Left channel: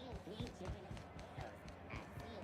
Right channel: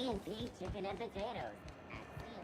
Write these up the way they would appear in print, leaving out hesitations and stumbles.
C&P chicken and potatoes at C&P.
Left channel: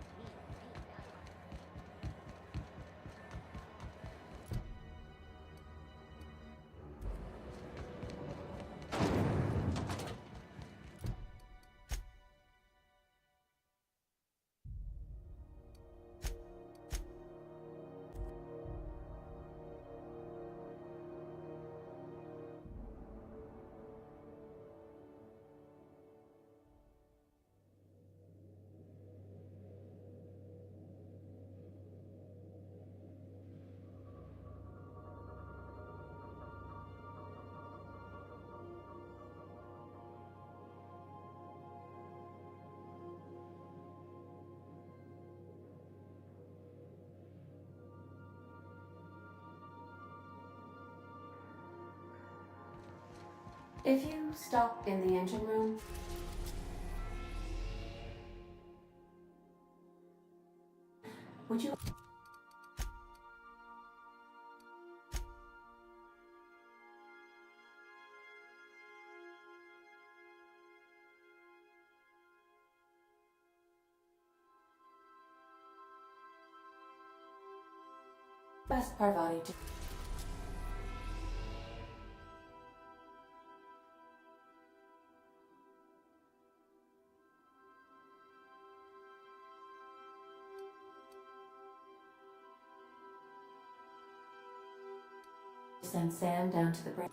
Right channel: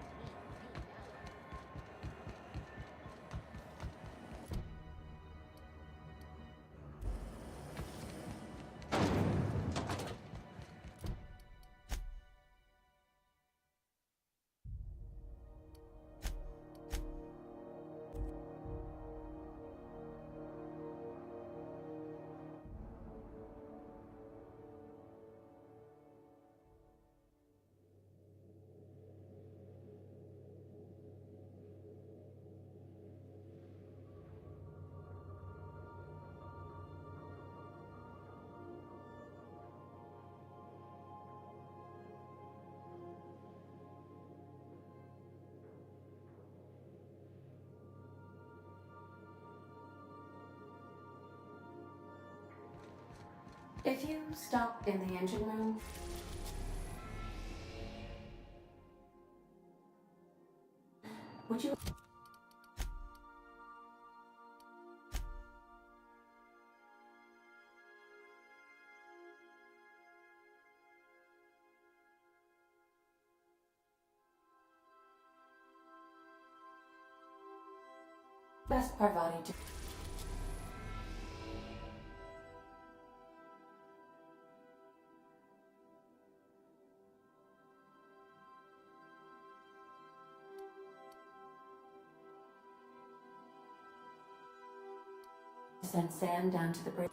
If you stop in the engine room, would you... Best Parvati to... Send Sam down to the bridge.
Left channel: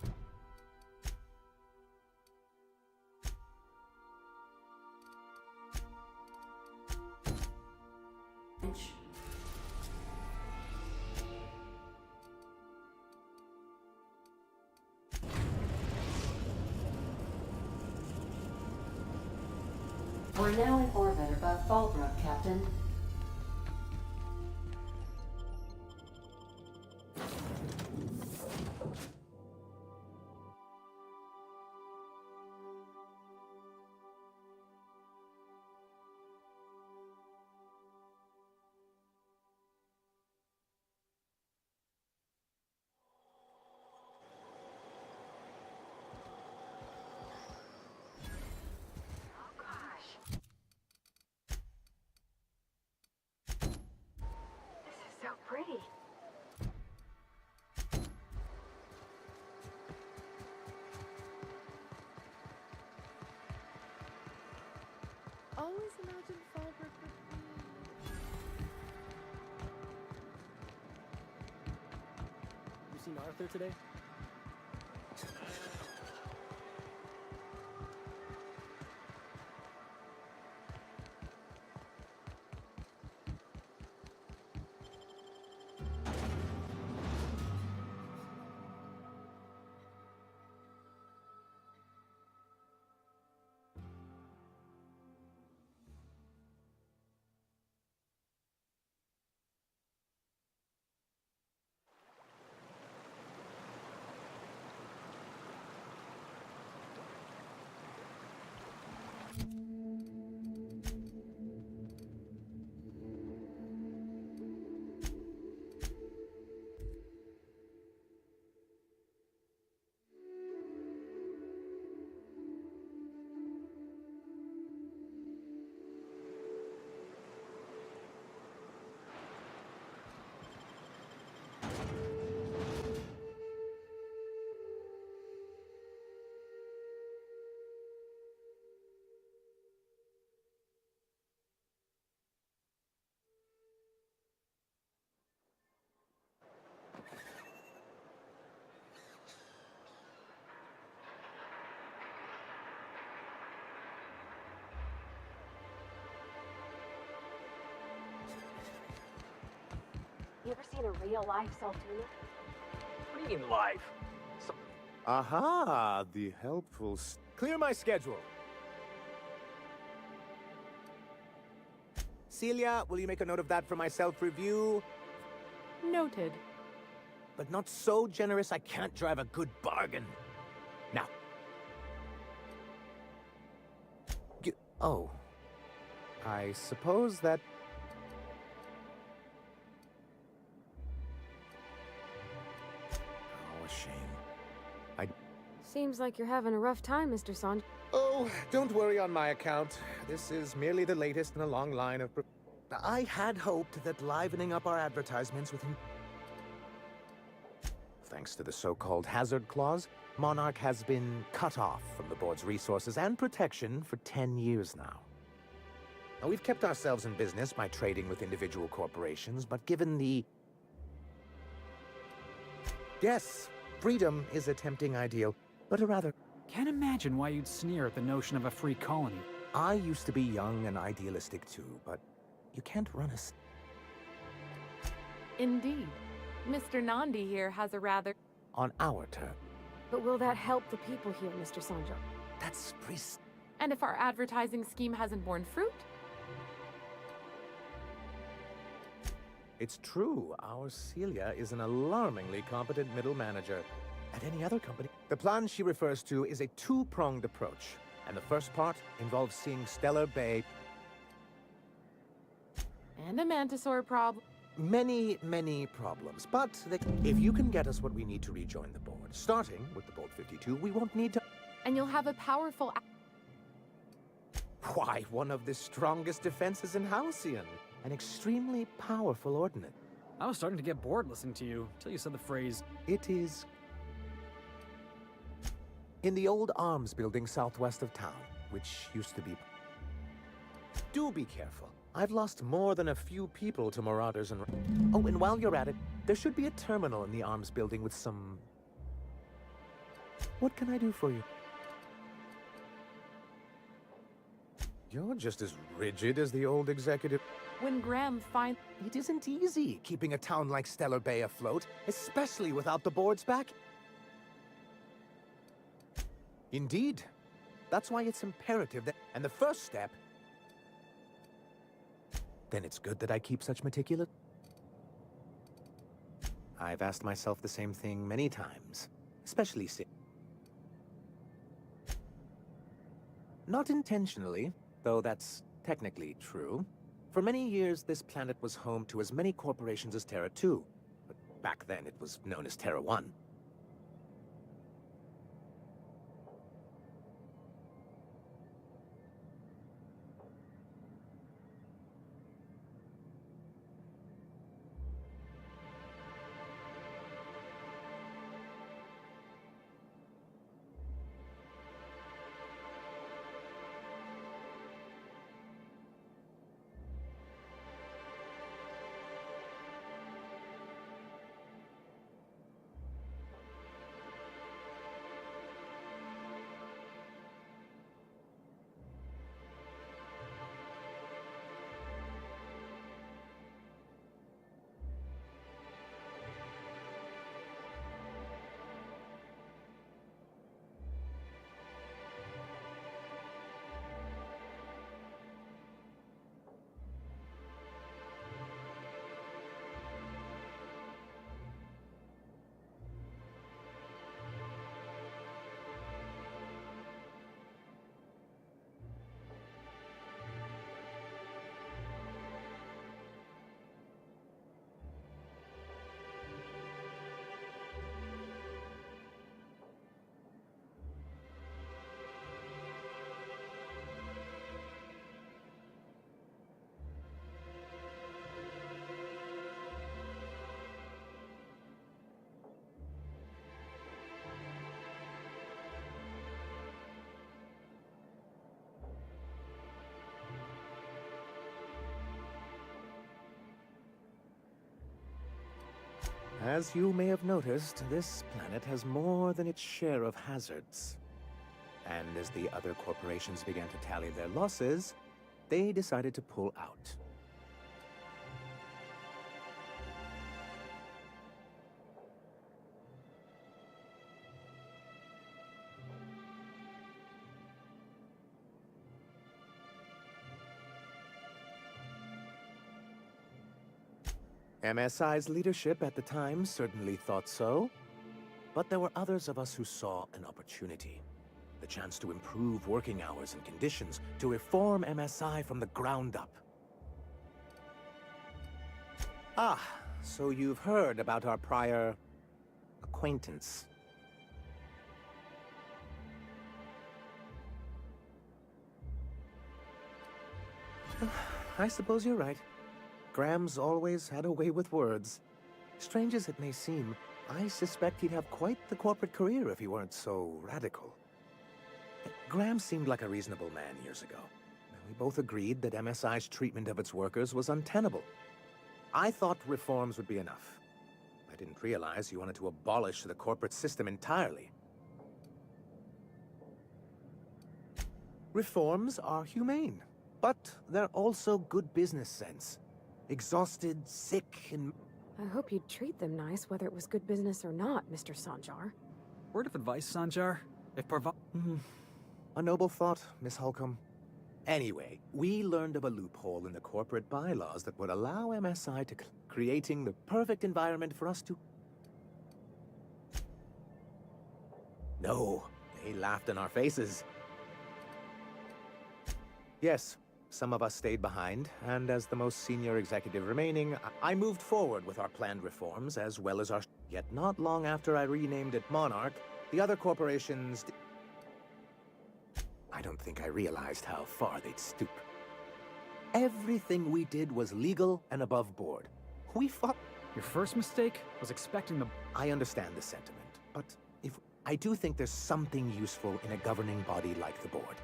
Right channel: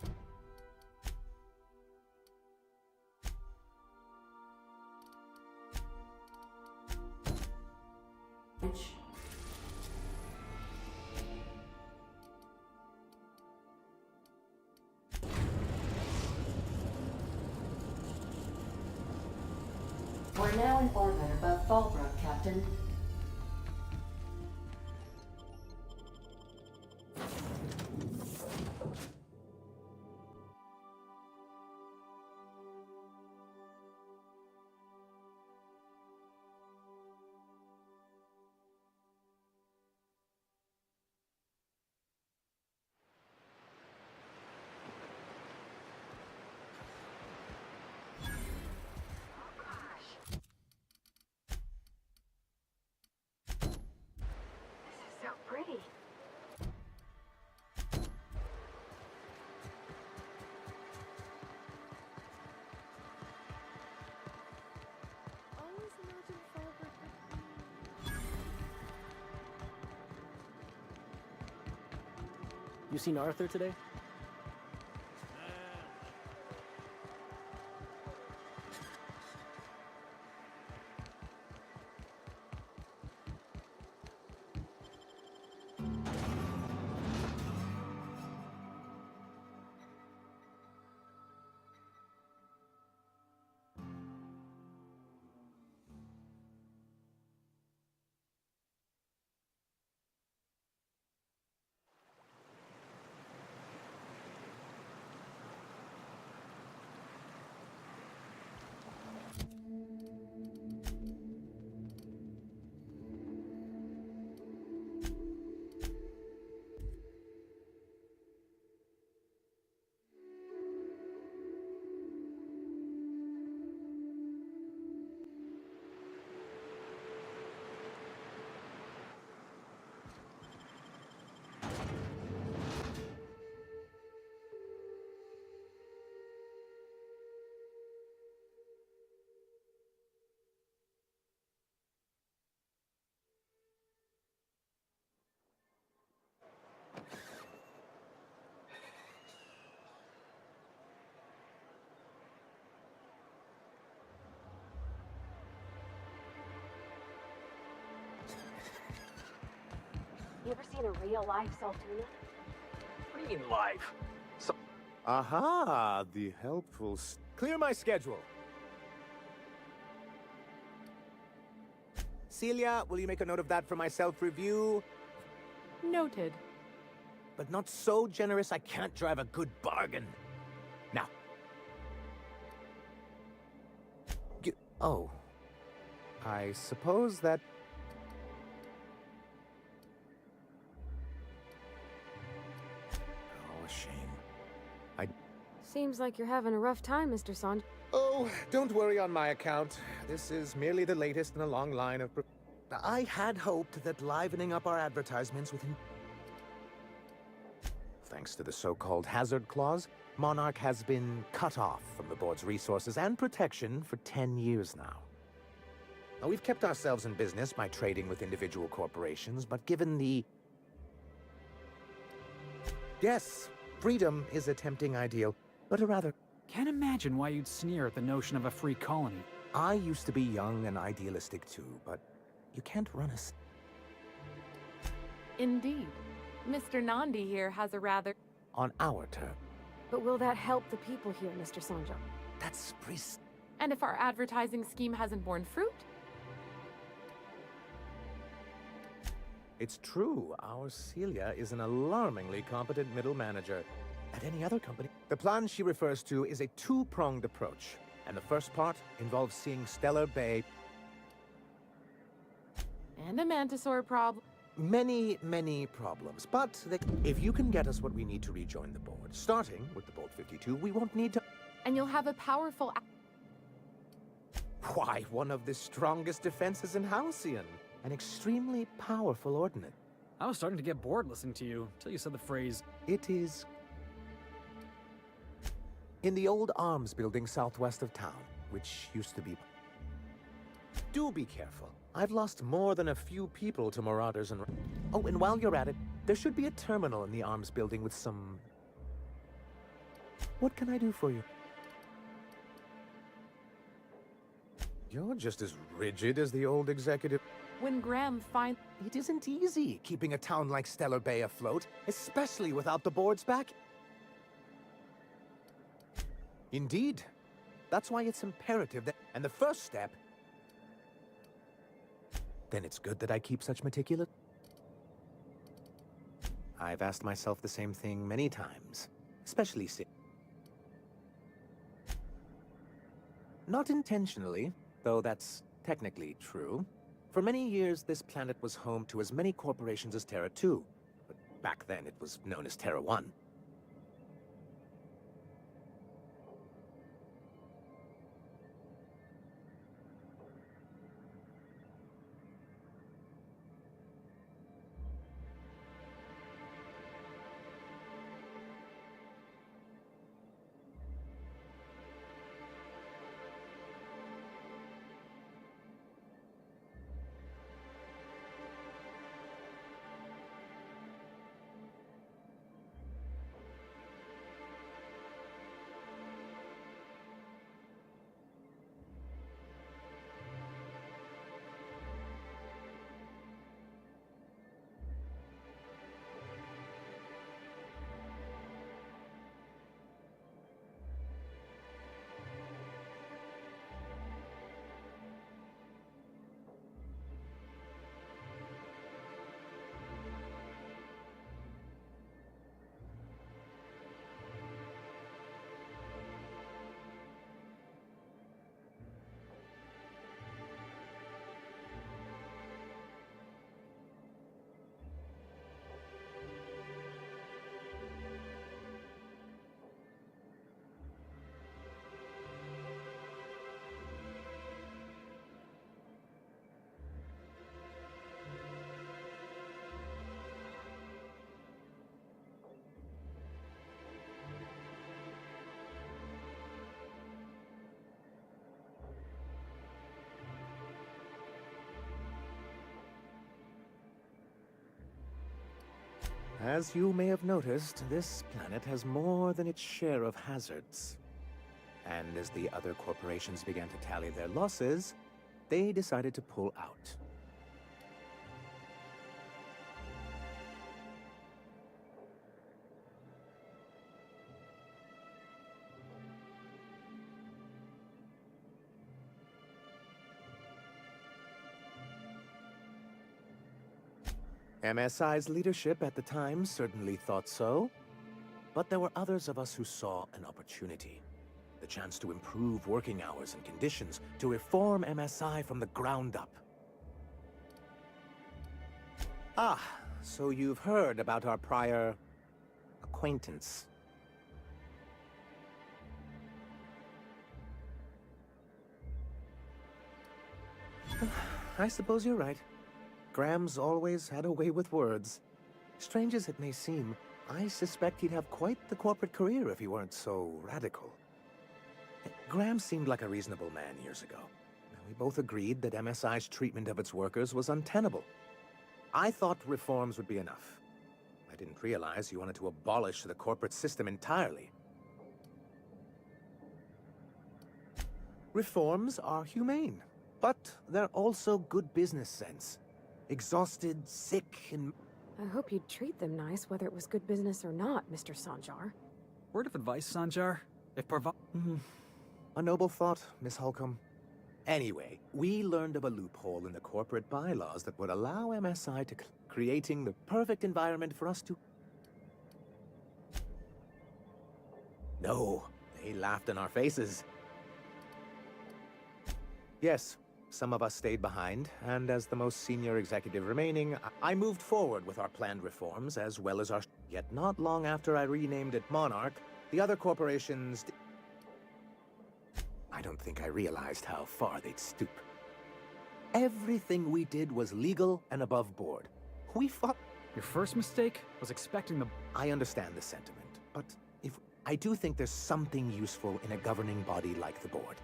We're now in orbit above Fallbrook, Captain. So pretty. Always imagine Fallbrook with me. You seen Arthur today? You ever seen a real life Saltuna? What do you mean live? Aha, the helpful... Clear my schedule. Celia, will you make a note of that for my self-review? Noted. But not so generous I can't drive a good bargain. Now. Oh. I suppose that... Oh, a shame. Seems like you're having a rough time, Mr. Sand. Oh, Oh, don't worry on my account. This is merely the latest in a long line of... I had hoped that livening up our advertisements with... Thanks to the so-called hazard clause, Monarch has been cut off from the board's resources and protection for 10 years now. Now, we've kept ourselves in business by trading with individual corporations, but given the... Yes, freedom is a tempting ideal, but a rather... Can't imagine why you'd sneer at the notion of a free colony. I used to be young and idealistic too, but you can't run us. Indeed. Mr. Nandi here has a rather... On our turn. But will that help the people here, Mr. Sanjo? That's And if our advertising scheme hasn't borne fruit? It's true, our Celia is an alarmingly competent middle manager. At any other company, the plan she refers to is a two-pronged approach. And the first part involves seeing Stellar Bay... And a Mantisaur problem. Many, many problems, but if you can get us what we need to rejoin the board, starting with the Bolt 52, we won't need to... And you'll have a powerful... Why, one of the strongest defenses in Halcyon. An extremely powerful ordnance. I was starting to get bored listening to you, till you said the phrase, It is... in the old arms building southwest of town, which used to be... Do be careful. I've lost more than a few people to marauders and... Oh, and while you're at it, there should be a terminal in the arms building with some... What can I do for you? You're just as rigid as the old executive... When Graham finds... It isn't easy keeping a town like Stellar Bay afloat, especially without the board's back. Indeed. That's why it's imperative that... And the first step... Then it's good that I keep such meticulous... I've asked myself the same thing many times, especially since... Not intentionally, though that's technically true. For many years, this planet was home to as many corporations as Terra 2, but back then it was known as Terra 1. As you may have noticed, this planet has more than its share of hazards. And as the other corporations began to tally their losses, they decided to pull out. MSI's leadership at the time certainly thought so, but there were others of us who saw an opportunity. The chance to improve working hours and conditions, to reform MSI from the ground up. Ah, so you've heard about our prior acquaintance. I suppose you're right. Graham's always had a way with words. Strange as it may seem, I suspect he'd have quite the corporate career if he weren't so radical. Graham seemed like a reasonable man years ago. We both agreed that MSI's treatment of its workers was untenable. I thought reforms would be enough. I didn't realize you wanted to abolish the corporate system entirely. Reforms are humane, but they're also good business sense. Exhausted, sick, and... I hope you'd treat them nice, whether it was good business or not, Mr. Sanjar. Word of advice, Sanjar? If A noble thought, Miss Holcomb. Anyway, we learned of a loophole in the corporate bylaws that would allow MSI to creating the perfect environment for us to... No, they laughed in our faces. Yes, some of us stayed behind, and as the most senior executive remaining, I moved forward with our planned reforms, as well as our... Yet not long after I renamed it Monarch, the other corporations... I don't think I realized how far they'd stoop. Everything we did was legal and above board. We fought... Your first mistake was expecting the... I understand the sentiment, but I do think there's something useful in a governing body like the board.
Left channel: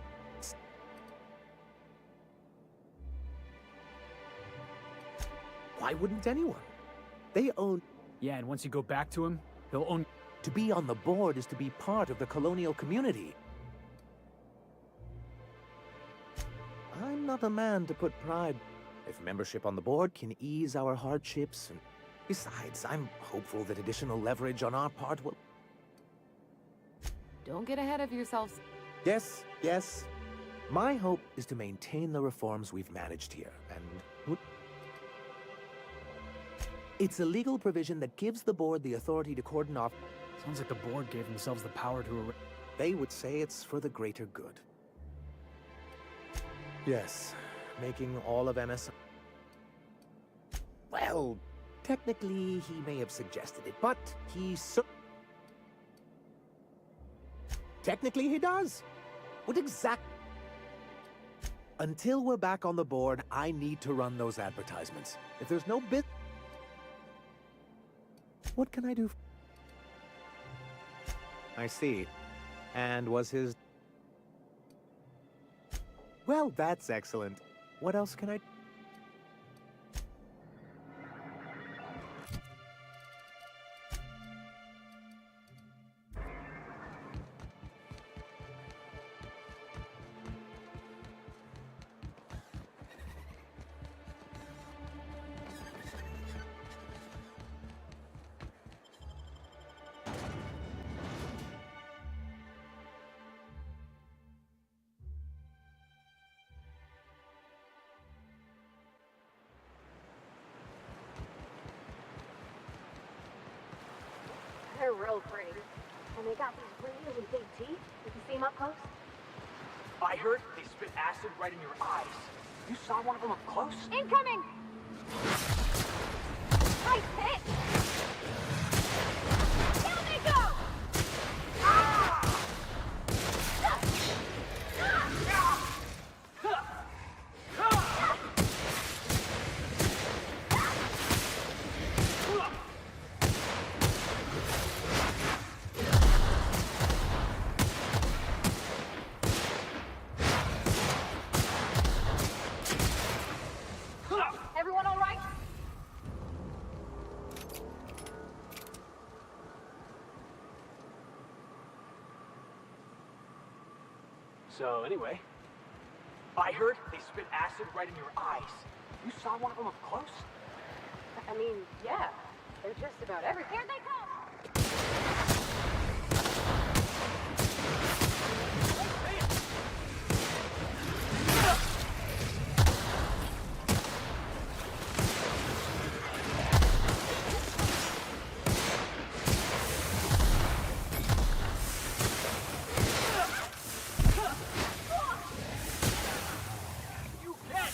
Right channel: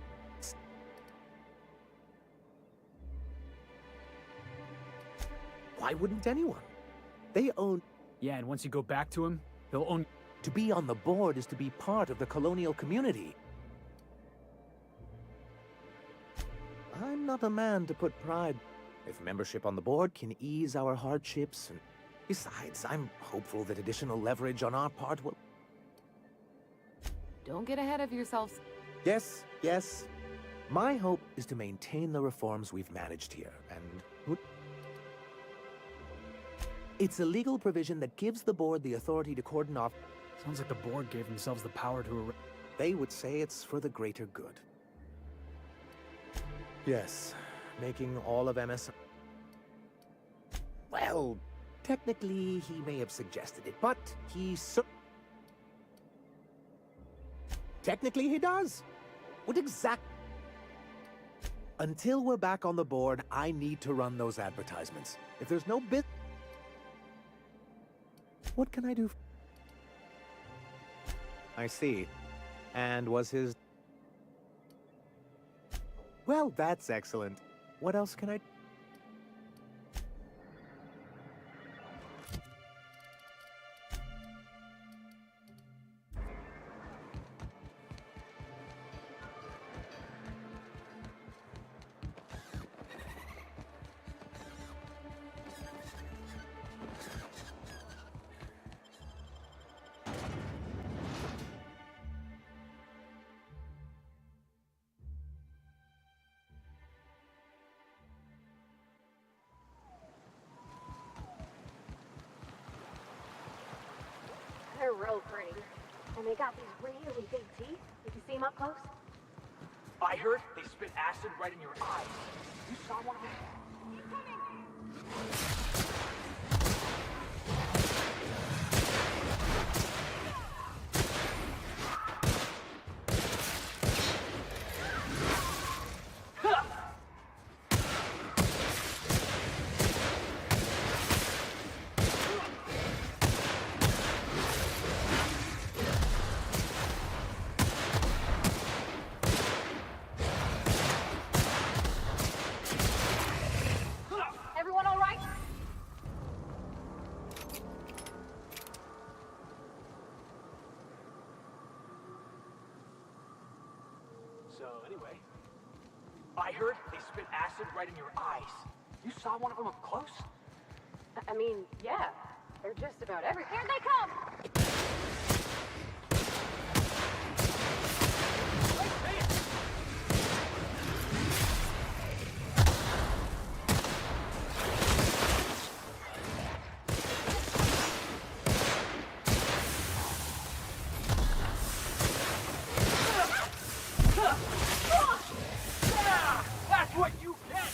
Why wouldn't anyone? They own... Yeah, and once you go back to him, he'll own... To be on the board is to be part of the colonial community. I'm not a man to put pride. If membership on the board can ease our hardships, and besides, I'm hopeful that additional leverage on our part will... Don't get ahead of yourselves. Yes, yes. My hope is to maintain the reforms we've managed here, and... It's a legal provision that gives the board the authority to cordon off... Sounds like the board gave themselves the power to... They would say it's for the greater good. Yes, making all of MS... Well, technically he may have suggested it, but technically he does. What exact... Until we're back on the board, I need to run those advertisements. If there's no bit... What can I do? I see. And was his... Well, that's excellent. What else can I... They're real pretty. And they got these really big teeth. You can see them up close? I heard they spit acid right in your eyes. You saw one of them up close? Incoming! Nice hit! Down they go! Everyone all right? So anyway, I heard they spit acid right in your eyes. You saw one of them up close? I mean, yeah. They're just about everywhere. Here they come! That's what you get!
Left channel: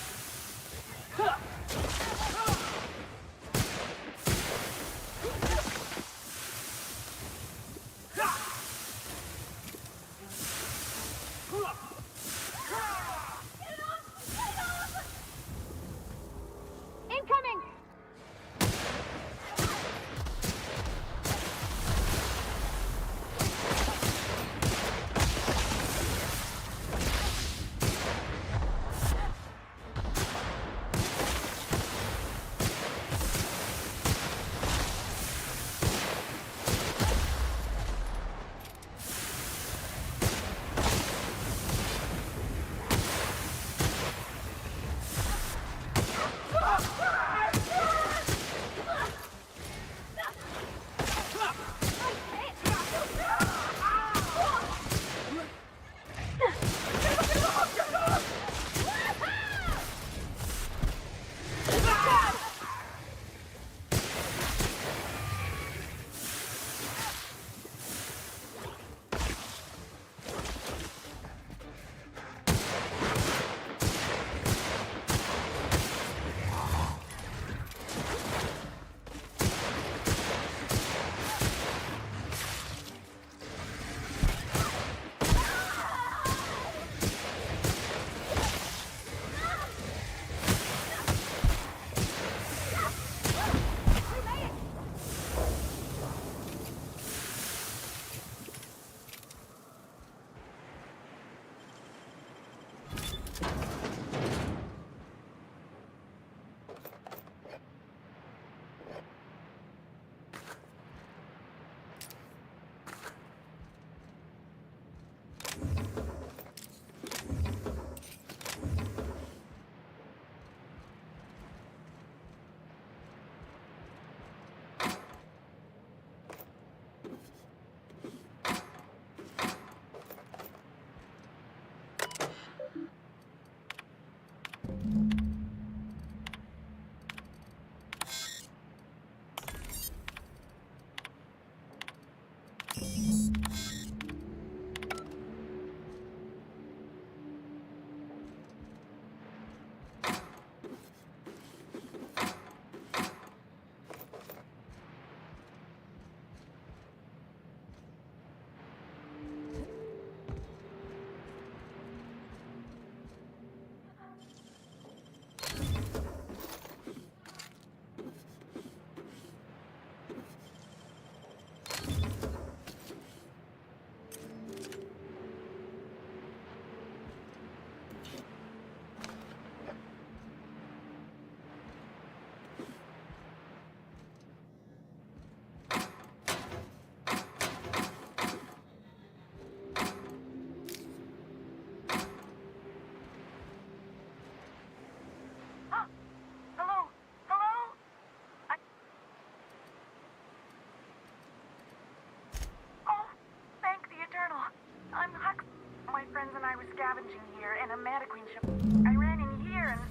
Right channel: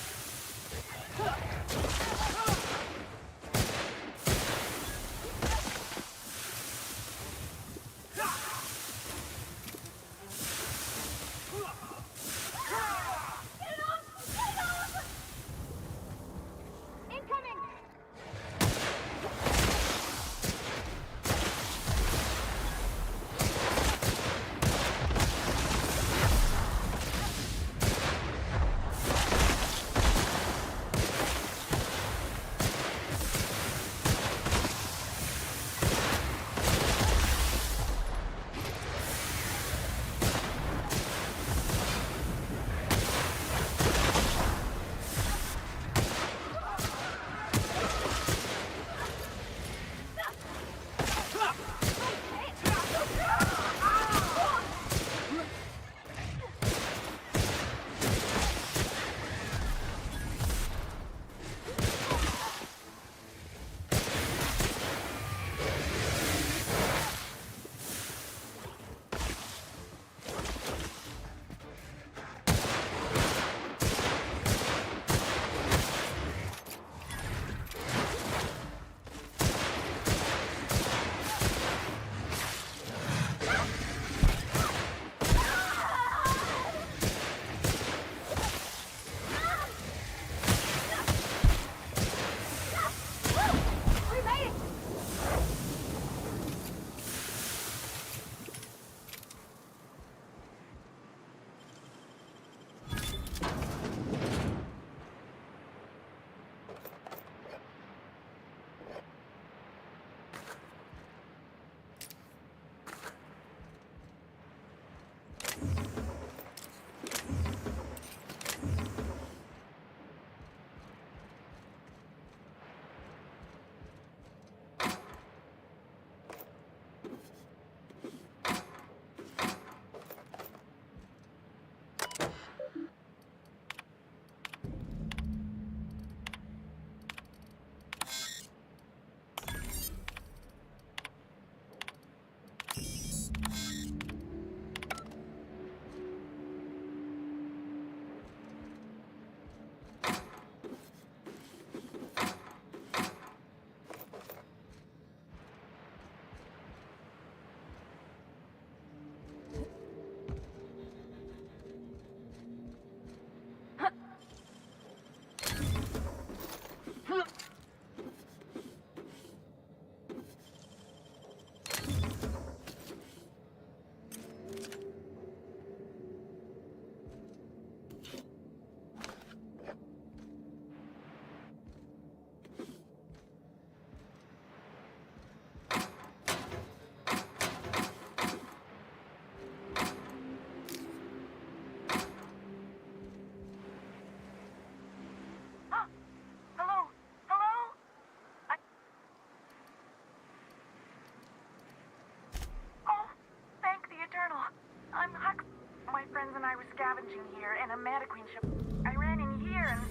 scavenging here, and a Meta Queen ship. I ran in here and...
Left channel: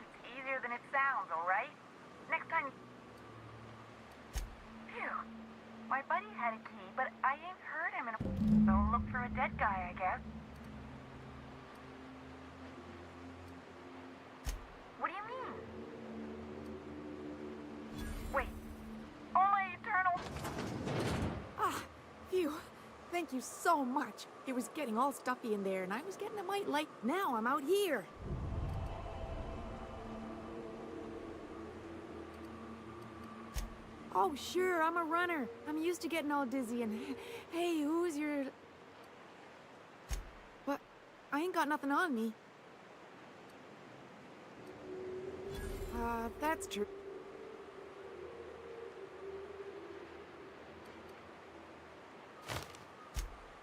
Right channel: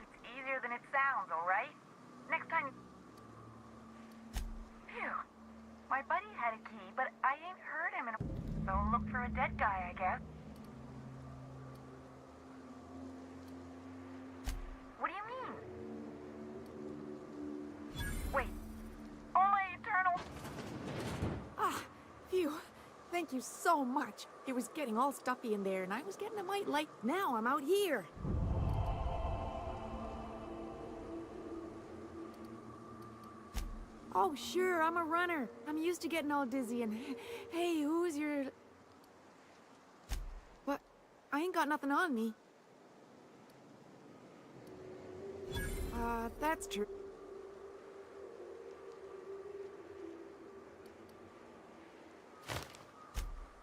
It's easier than it sounds, alright? Next time... Phew. My buddy had a key, but I ain't heard him in a... So look for a dead guy, I guess. What do you mean? Wait. Oh, my eternal... Ah, phew. Thank you so much. It was getting all stuffy in there, and I was getting a mite light. Now I'm out here. Oh, sure, I'm a runner. I'm used to getting all dizzy and... Hey, who's your... What? I ain't got nothing on me. That's true.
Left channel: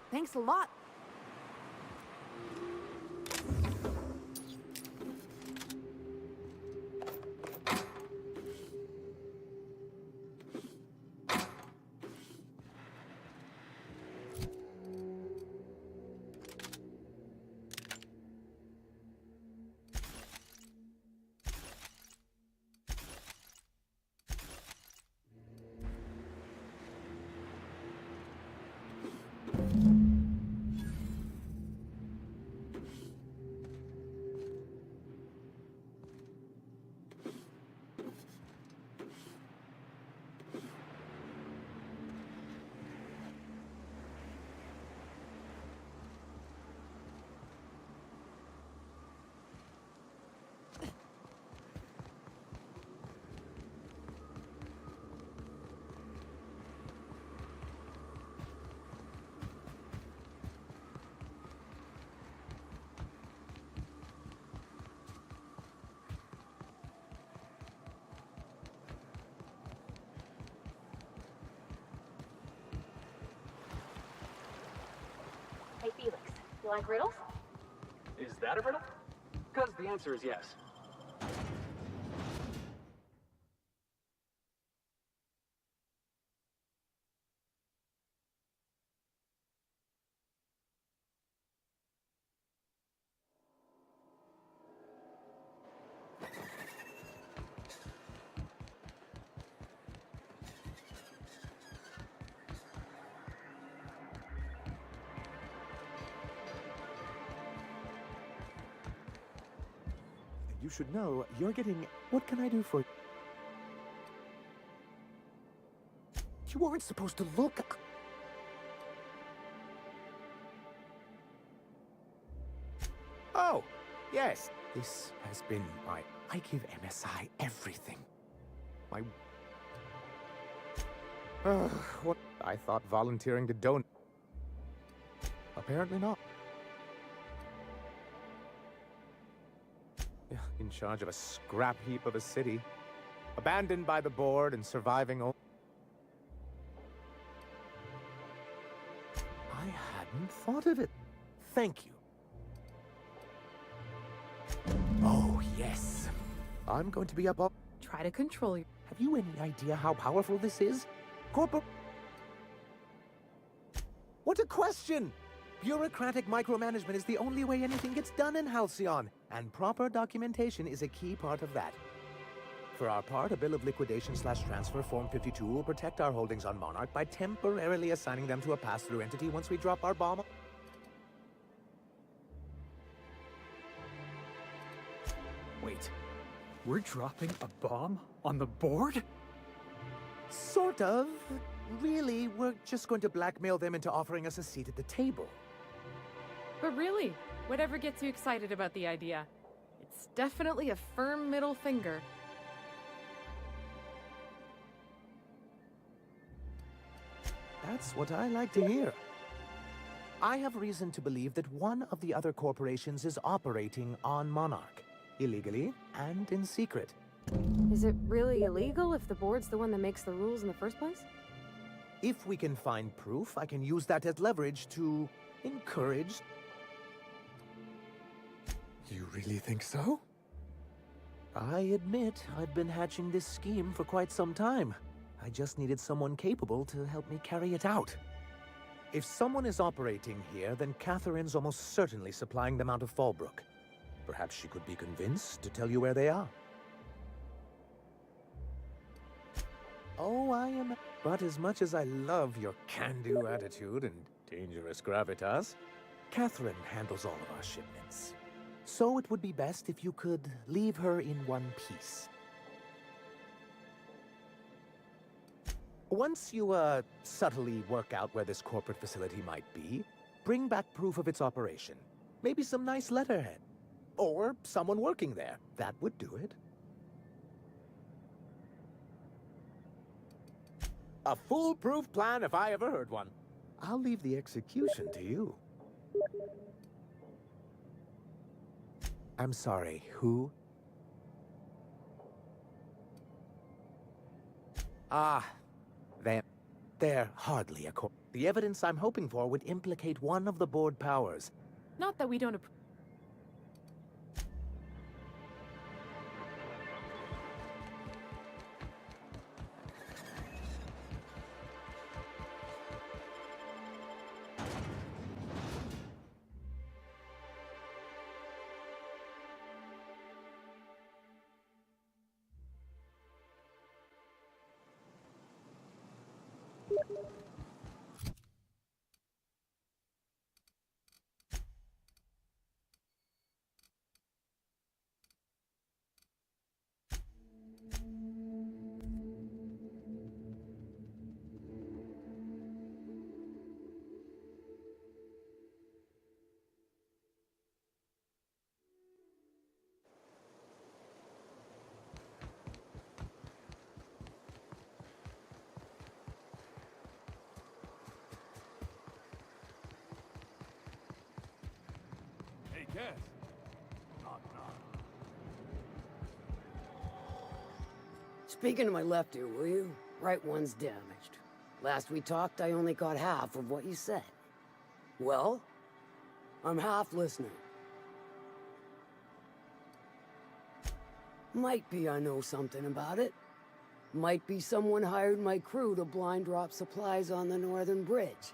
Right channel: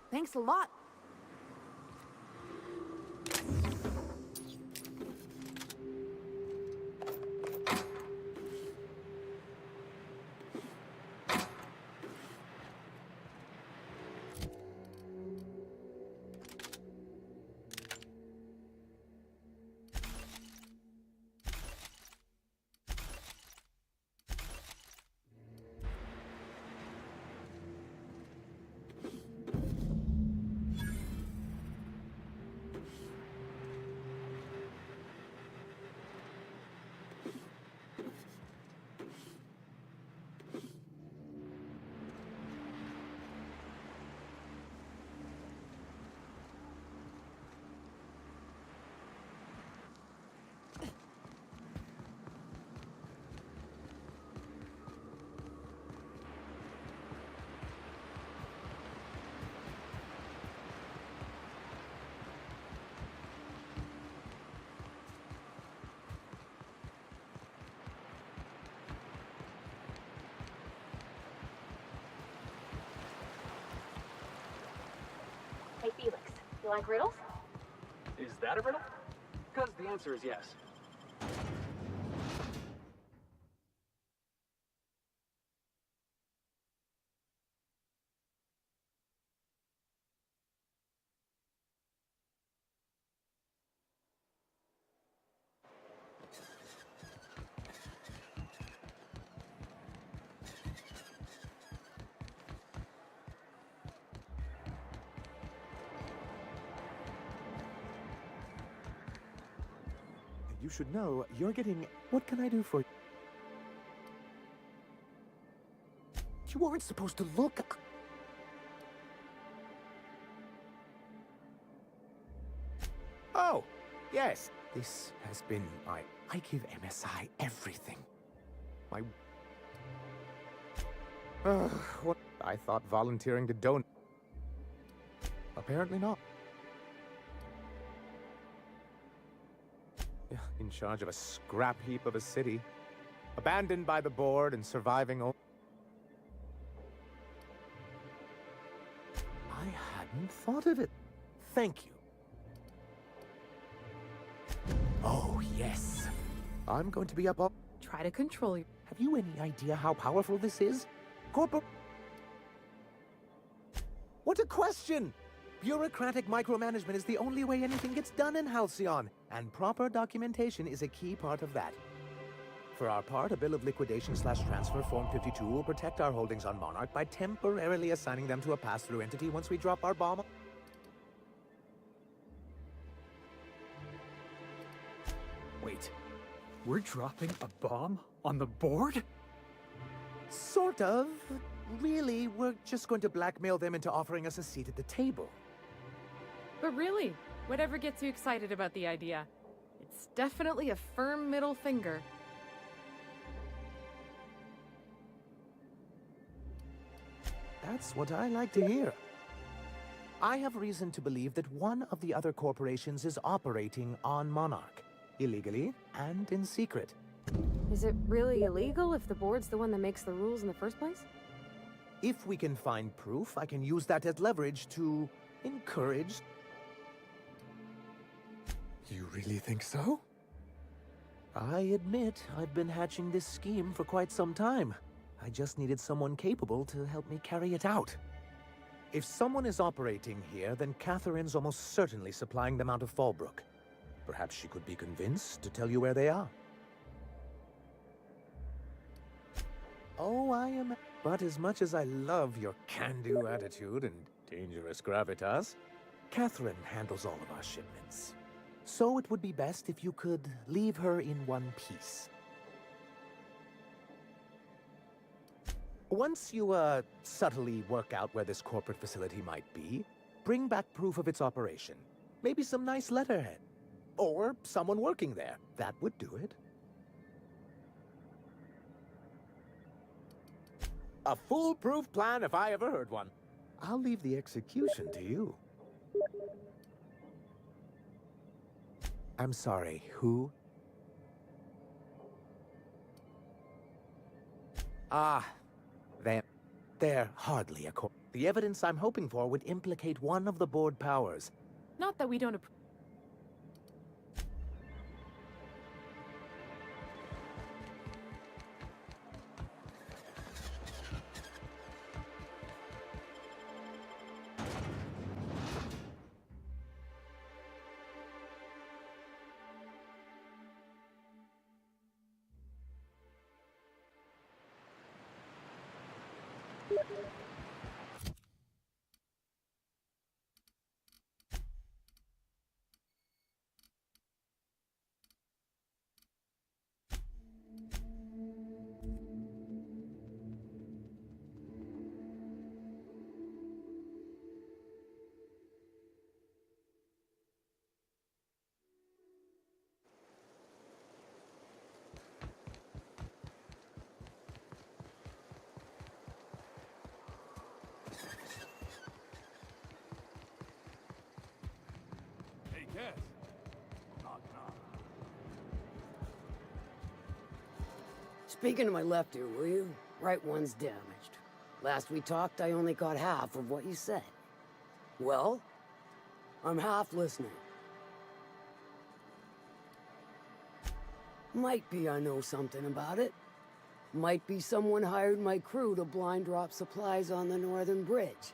Thanks a lot. Hey, Felix, you like riddles? Is that a riddle? Because the answer is yes. You should know, you're getting... What can I do for... You aren't supposed to look... Oh, yes. This has been my... I give MSI everything. My... What? I thought volunteering to donate... Apparently not. In charge of a scrap heap of a city. Abandoned by the board and surviving I hadn't thought of it. Thank you. Oh, yes. I'm going to be up all... Try to control you. Have you any idea how powerful this is? What a question! Bureaucratic micromanagement is the only way anything gets done in Halcyon, and proper documentation is a key part of that. For our part, a bill of liquidation/transfer Form 52 will protect our holdings on Monarch by temporarily assigning them to a pass-through entity once we drop our bomb. Wait, we're dropping a bomb on the board? Sort of. Really, we're just going to blackmail them into offering us a seat at the table. But really, whatever gets you excited about the idea, it's definitely a firm middle finger. That's what I like to hear. I have reason to believe that one of the other corporations is operating on Monarch, illegally and in secret. Is it really illegal if the board's the one that makes the rules in the first place? If we can find proof, I can use that as leverage to encourage... You really think so? I admit, I've been hatching this scheme for quite some time. I just needed someone capable to help me carry it out. If someone is operating here, then Catherine's almost certainly supplying them out of Fallbrook. Perhaps she could be convinced to tell you where they are. Oh, I am... But as much as I love your can-do attitude and dangerous gravitas, Catherine handles all of our shipments. So it would be best if you could leave her in one piece. Once you, subtly work out where this corporate facility might be, bring back proof of its operation. Maybe some nice letterhead. Or someone working there. That would do it. A foolproof plan if I ever heard one. I'll leave the execution to you. I'm sorry, who? Ah, they're hardly a corp. The evidence I'm hoping for would implicate one of the board powers. Not that we don't Yes. Knock, knock. Speaking to my left ear, will you? Right one's damaged. Last we talked, I only got half of what you said. Well, I'm half listening. Might be I know something about it. Might be someone hired my crew to blind drop supplies on the northern bridge.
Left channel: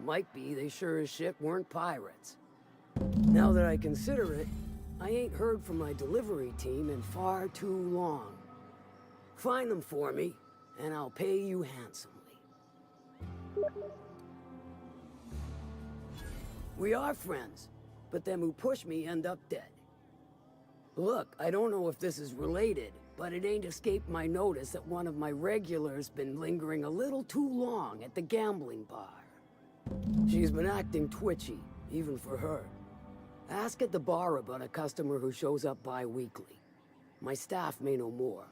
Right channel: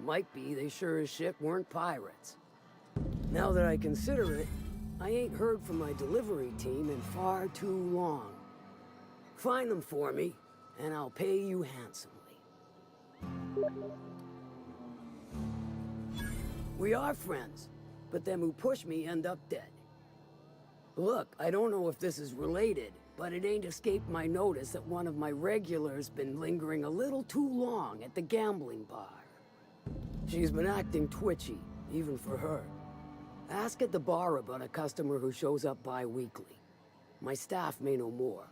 Might be they sure as shit weren't pirates. Now that I consider it, I ain't heard from my delivery team in far too long. Find them for me, and I'll pay you handsomely. We are friends, but them who push me end up dead. Look, I don't know if this is related, but it ain't escaped my notice that one of my regulars been lingering a little too long at the gambling bar. She's been acting twitchy, even for her. Ask at the bar about a customer who shows up bi-weekly. My staff may know more.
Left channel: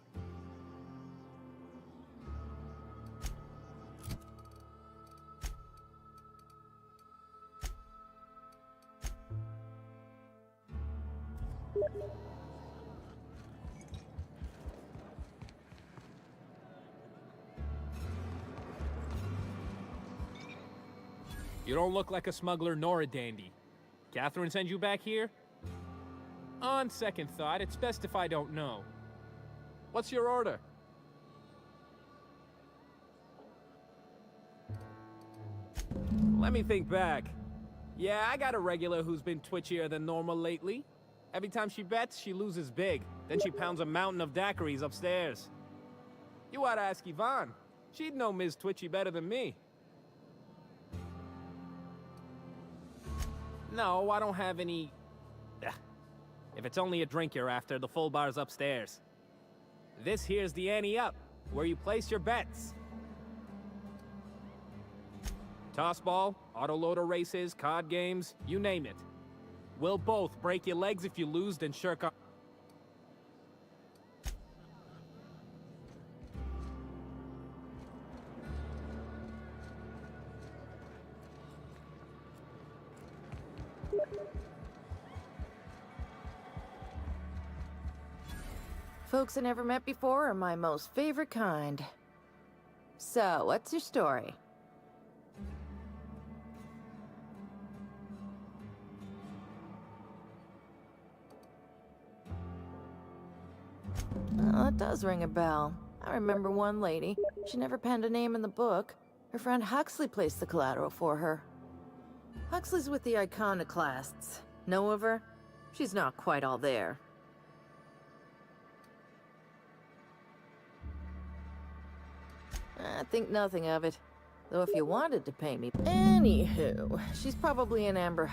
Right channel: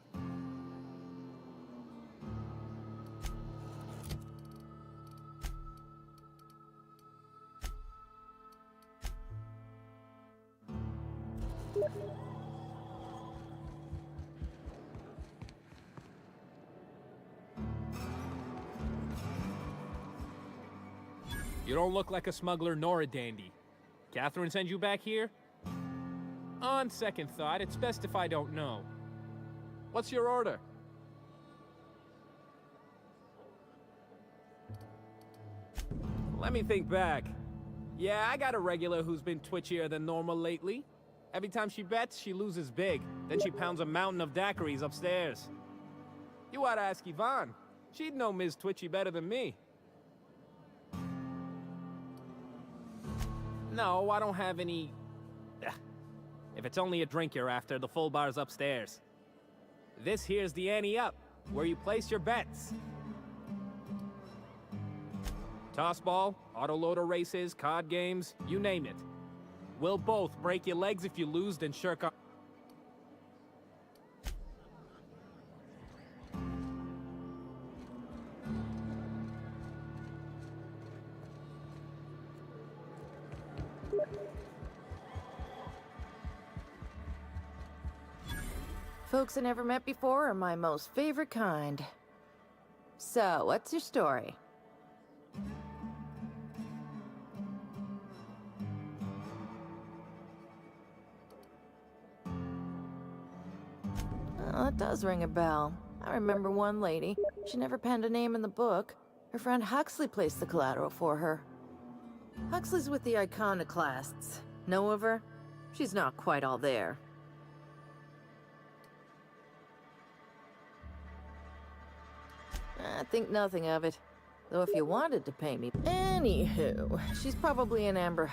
You don't look like a smuggler nor a dandy. Catherine send you back here? On second thought, it's best if I don't know. What's your order? Let me think back. Yeah, I got a regular who's been twitchier than normal lately. Every time she bets, she loses big. Then she pounds a mountain of daiquiris upstairs. You oughta ask Yvonne. She'd know Ms. Twitchy better than me. No, I don't have any... If it's only a drink you're after, the full bar's upstairs. This here's the ante up, where you place your bets. Tossball, autoloader races, card games, you name it. We'll both break your legs if you lose, then shirk off. Folks I never met before are my most favorite kind. So, what's your story? Oh, it does ring a bell. I remember one lady. She never penned a name in the book. Her friend Huxley placed the collateral for her. Huxley's with the iconoclasts. Know of her? She's not quite all there. I think nothing of it. Though if you wanted to pay me... Anywho, she's probably in Amber...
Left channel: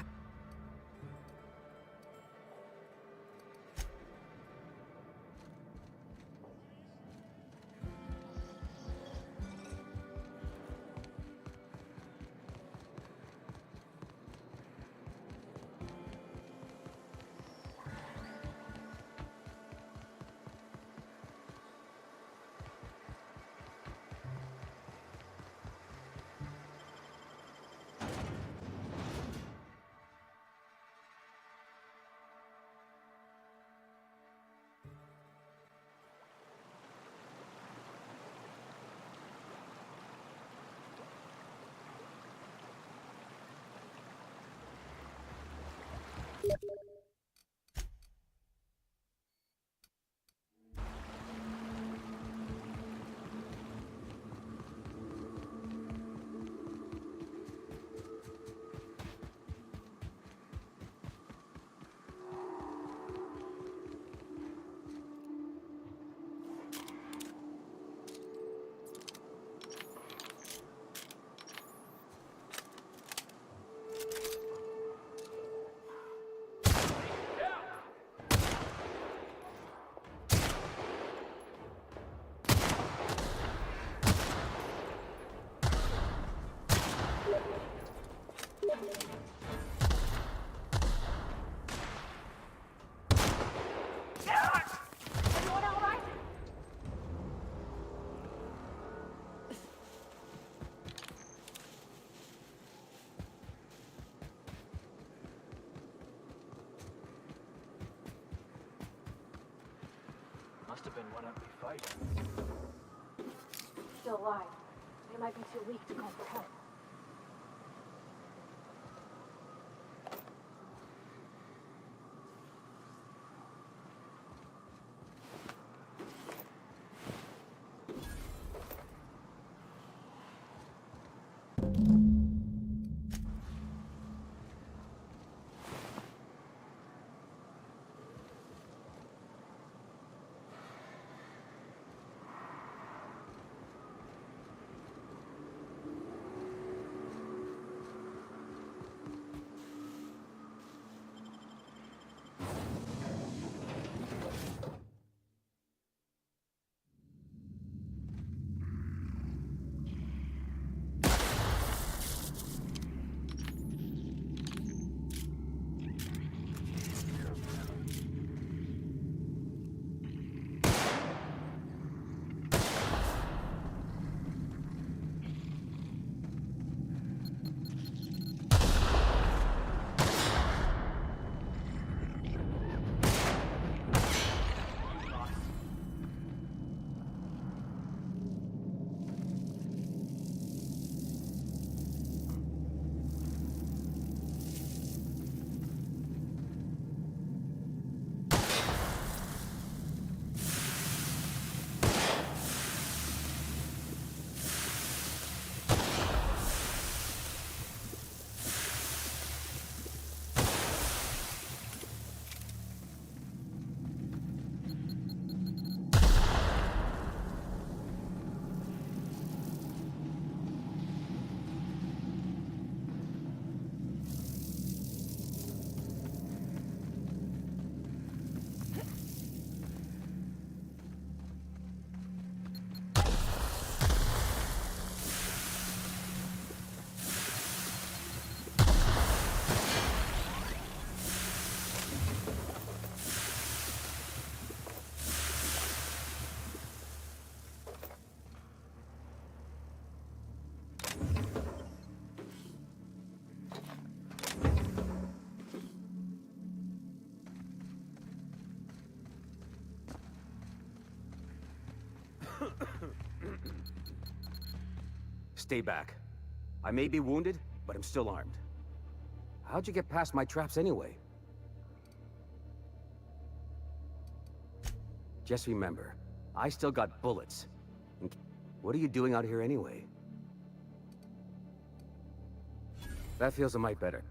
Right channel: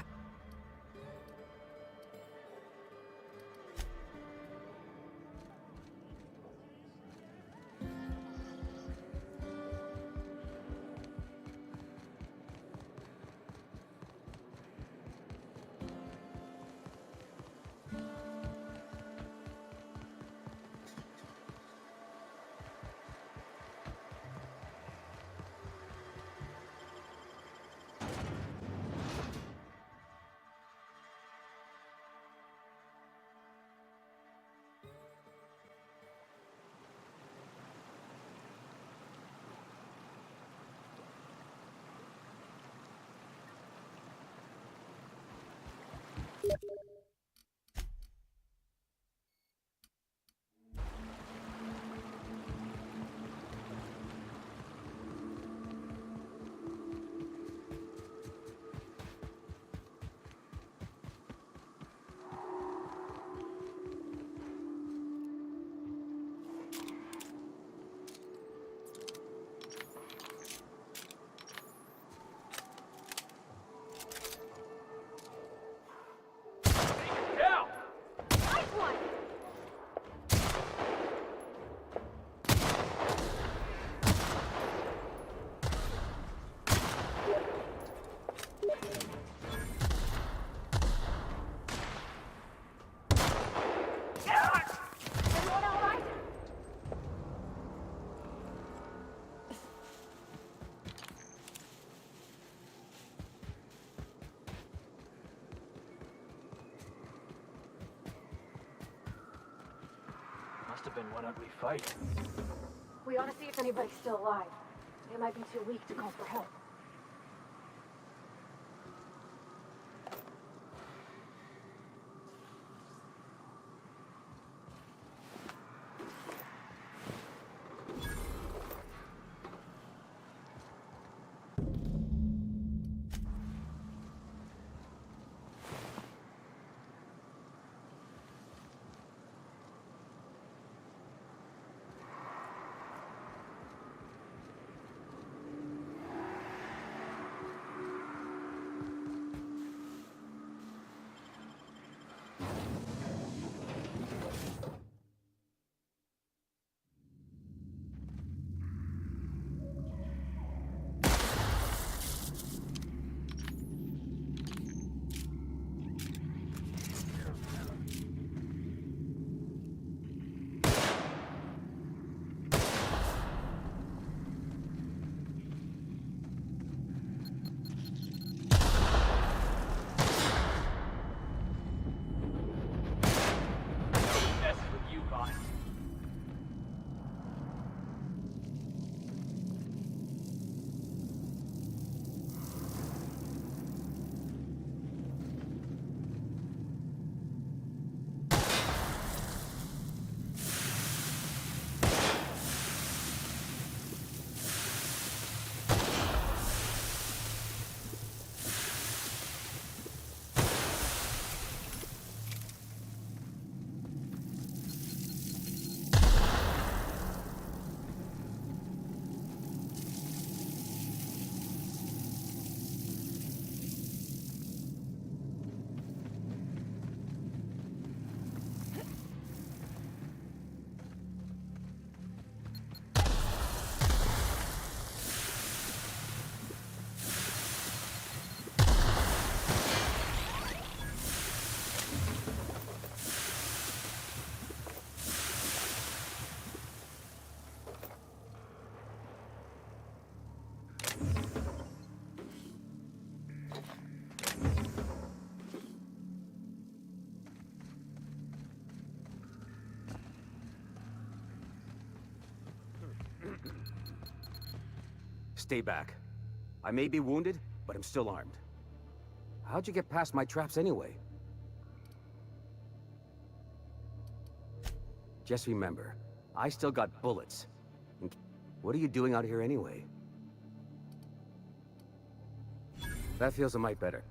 Must have been one ugly fight. We ought to see if anybody's still alive. They might be too weak to call for help. Stay back. I may be wounded, but I'm still armed. How'd you get past my traps anyway? Just remember, I still got bullets. What are you doing out here anyway? That feels a mite better.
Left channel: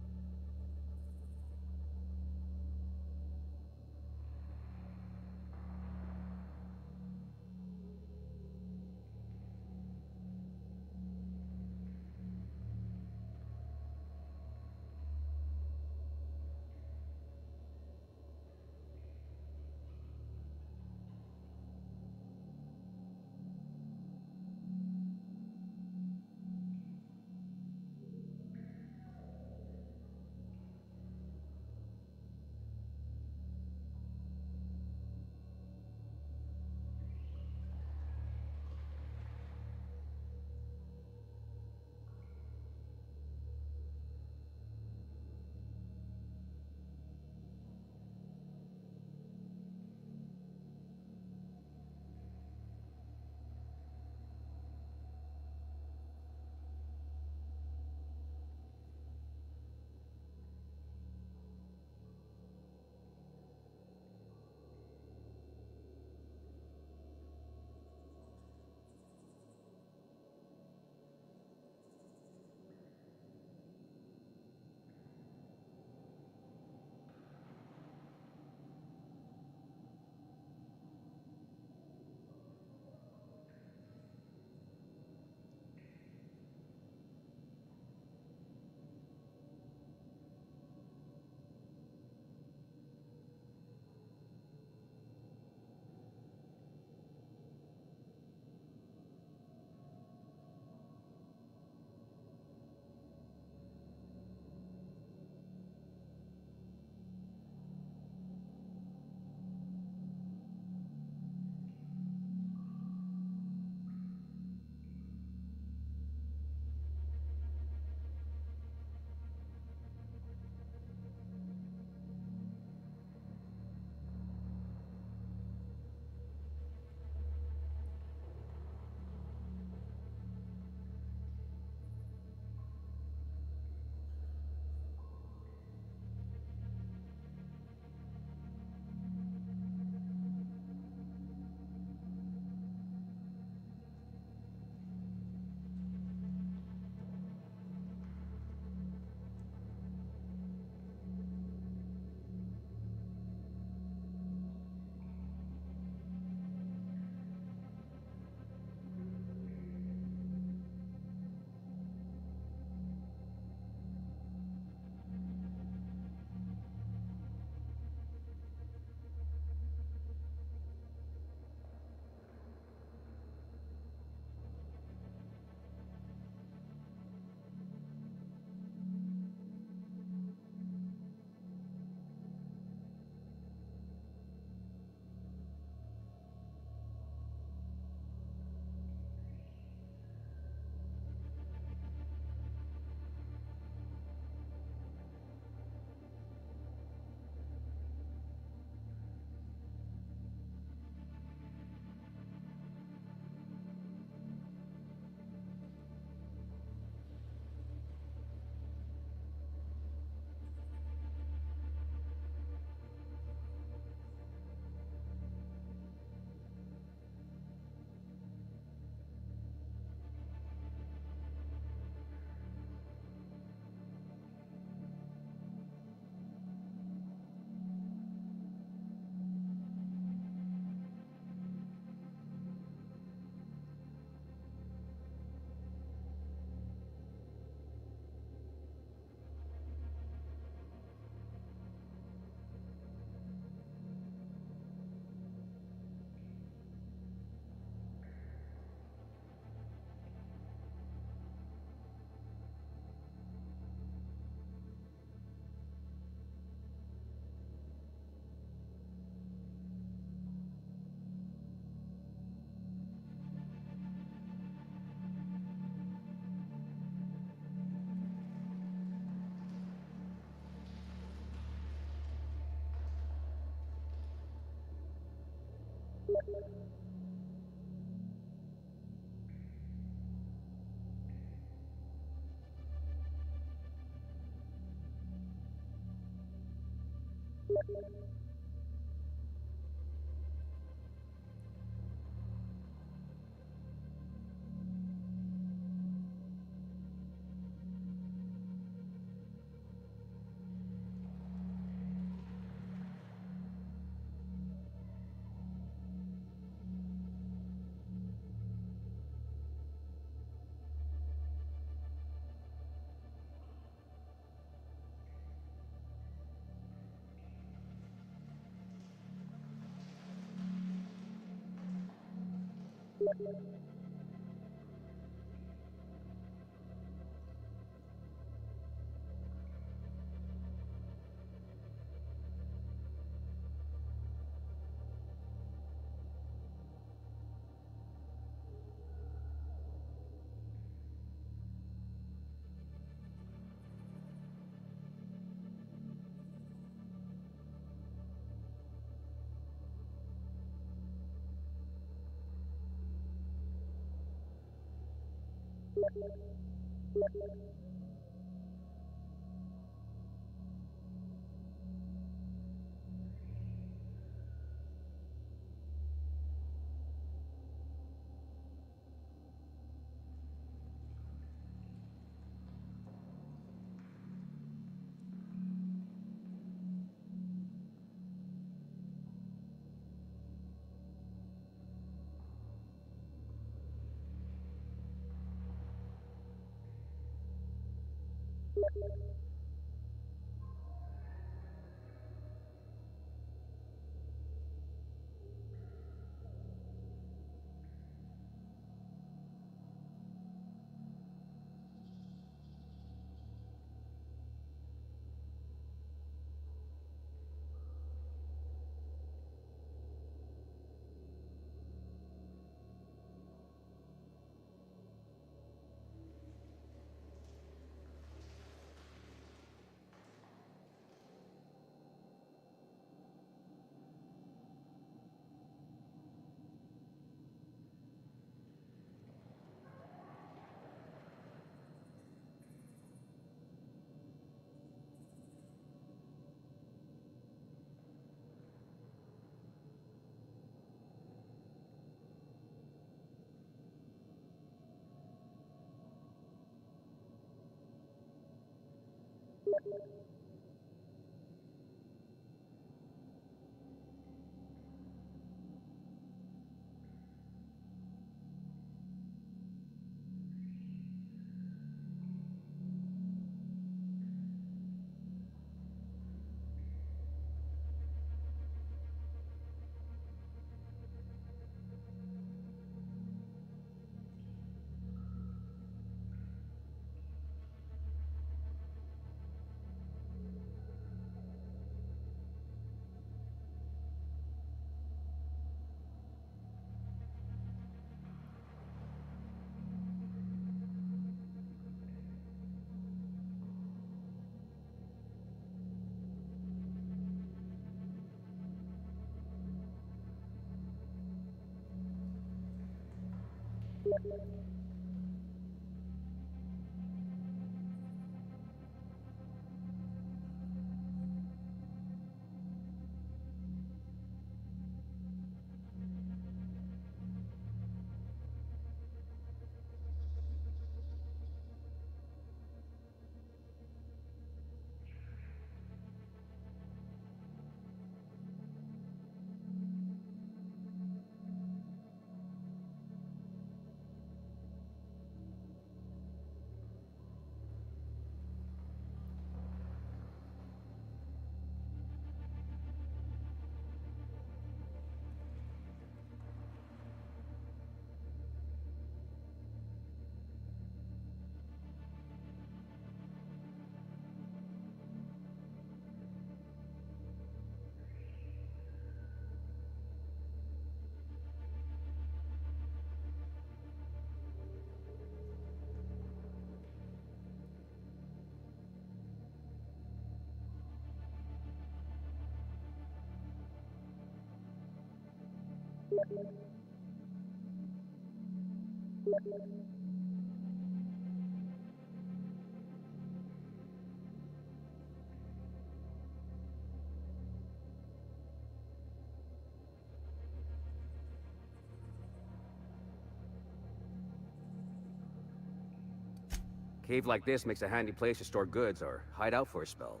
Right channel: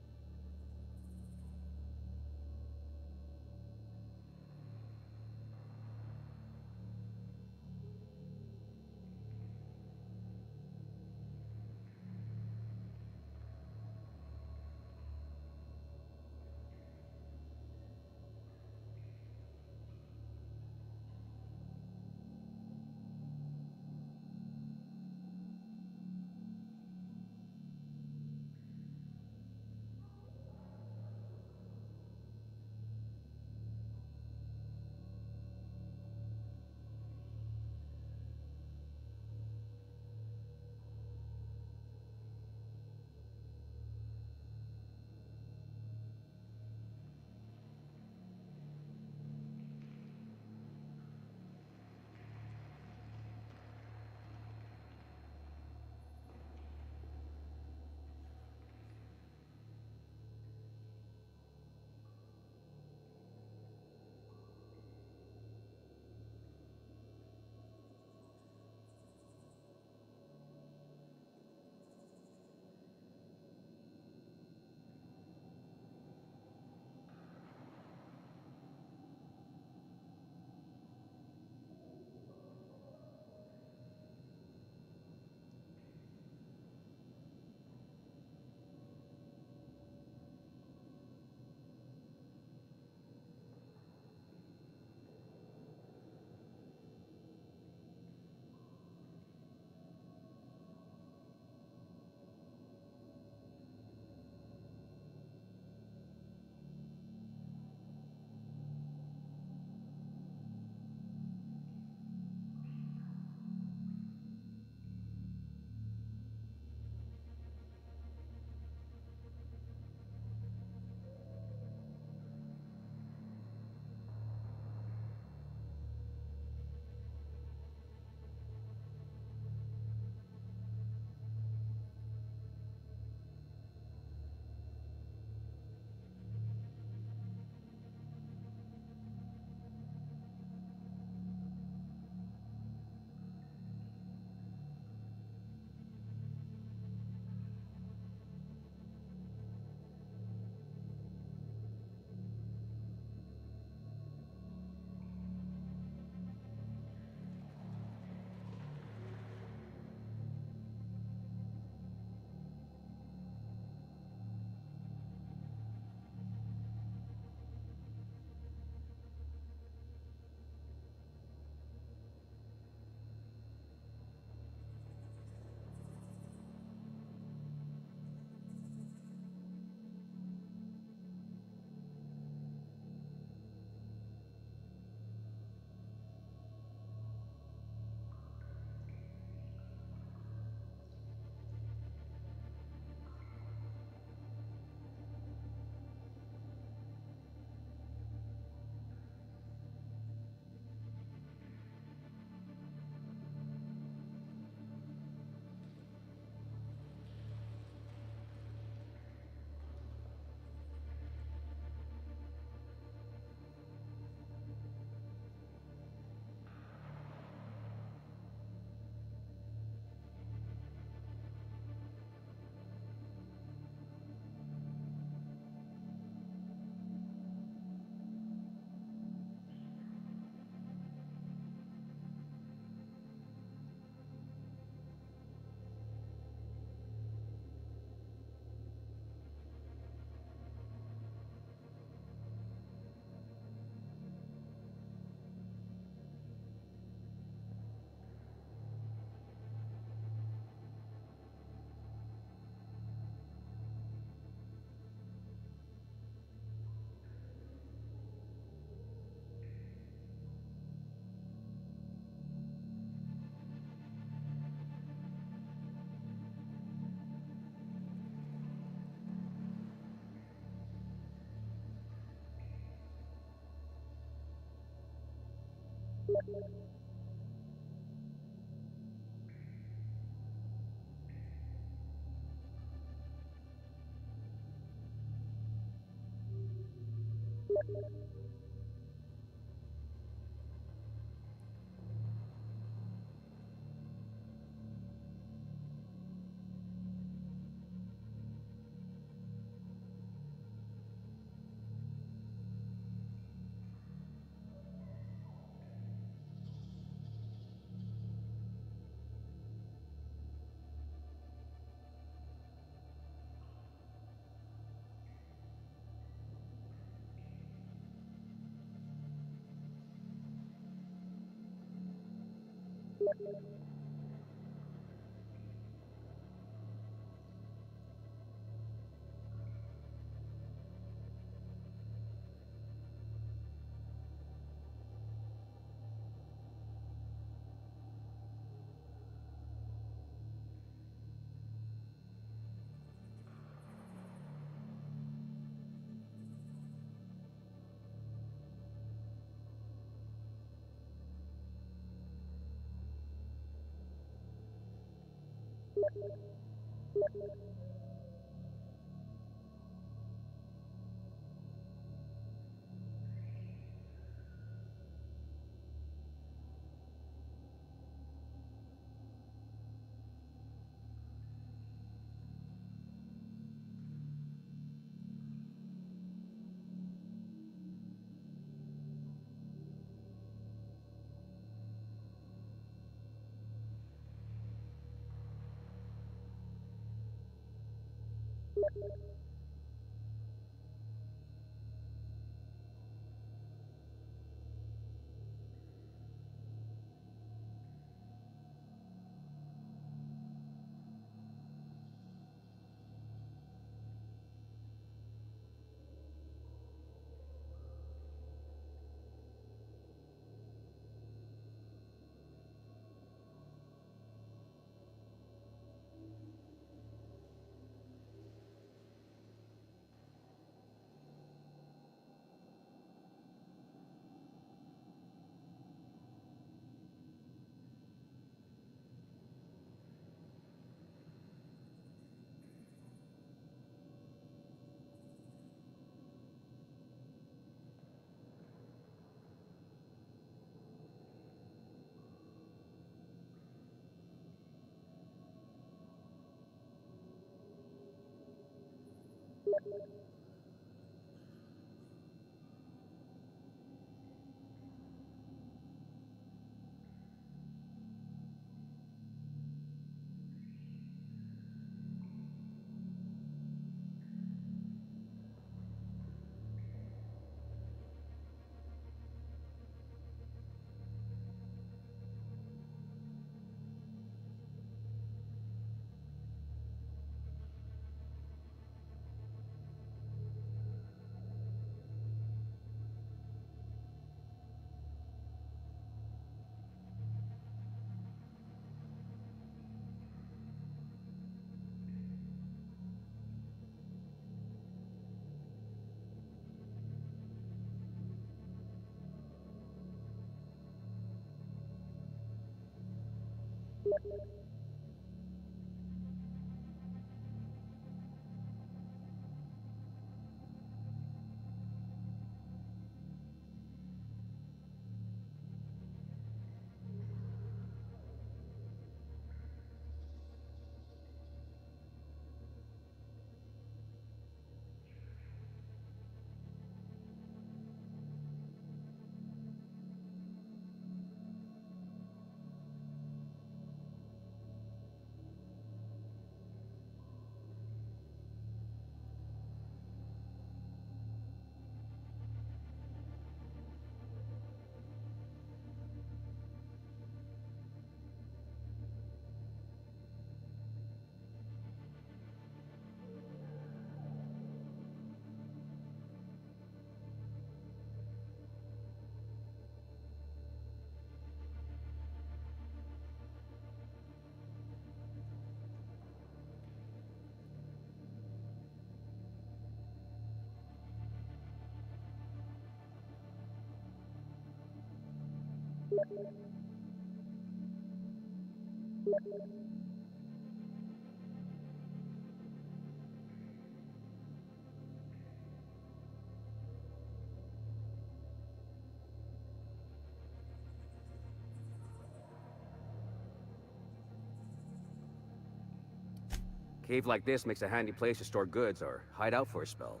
Cave like this makes a handy place to store goods or hide out for a spell.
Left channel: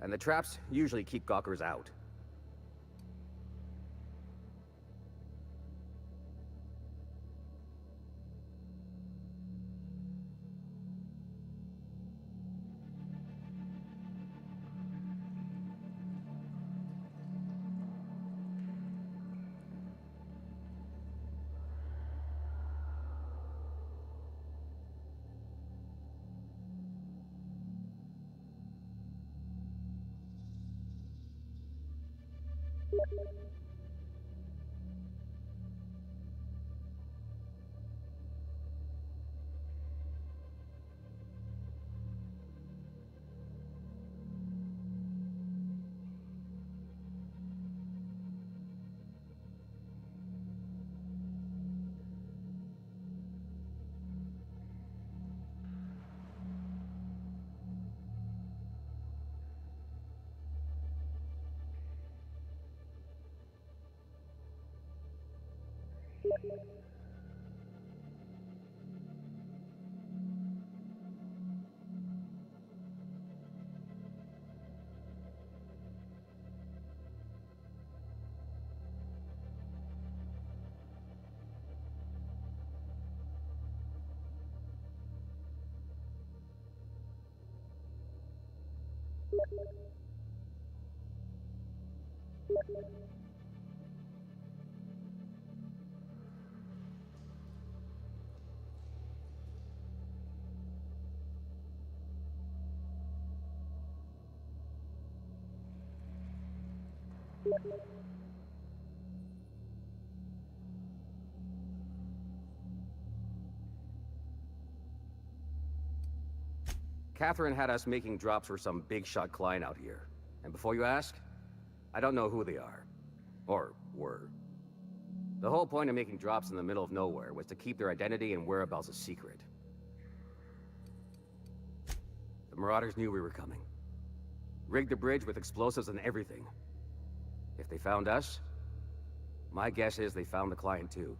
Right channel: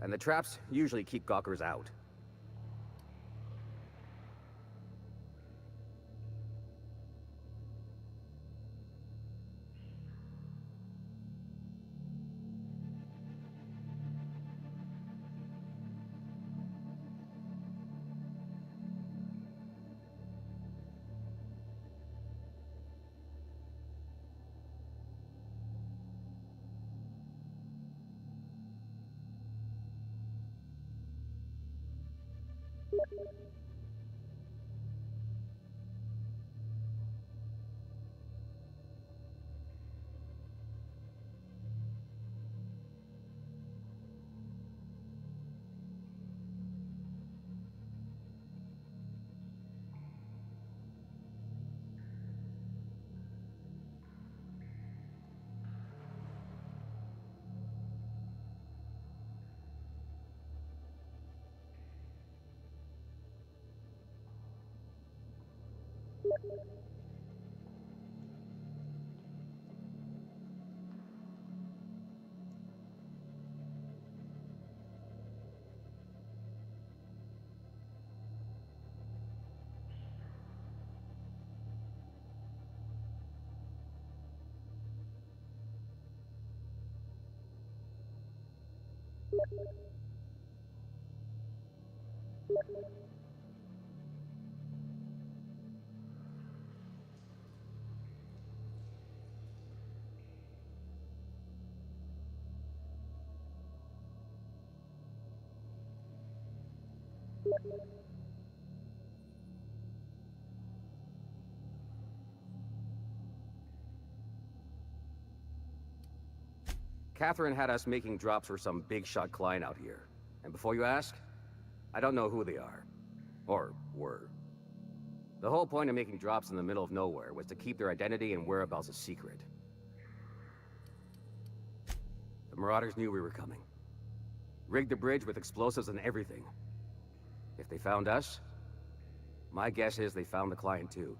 And the traps usually keep gawkers out. Catherine had us making drops for some big-shot client out here. And before you ask, I don't know who they are. Or were. The whole point of making drops in the middle of nowhere was to keep their identity and whereabouts a secret. The Marauders knew we were coming. Rigged the bridge with explosives and everything. If they found us, my guess is they found the client too.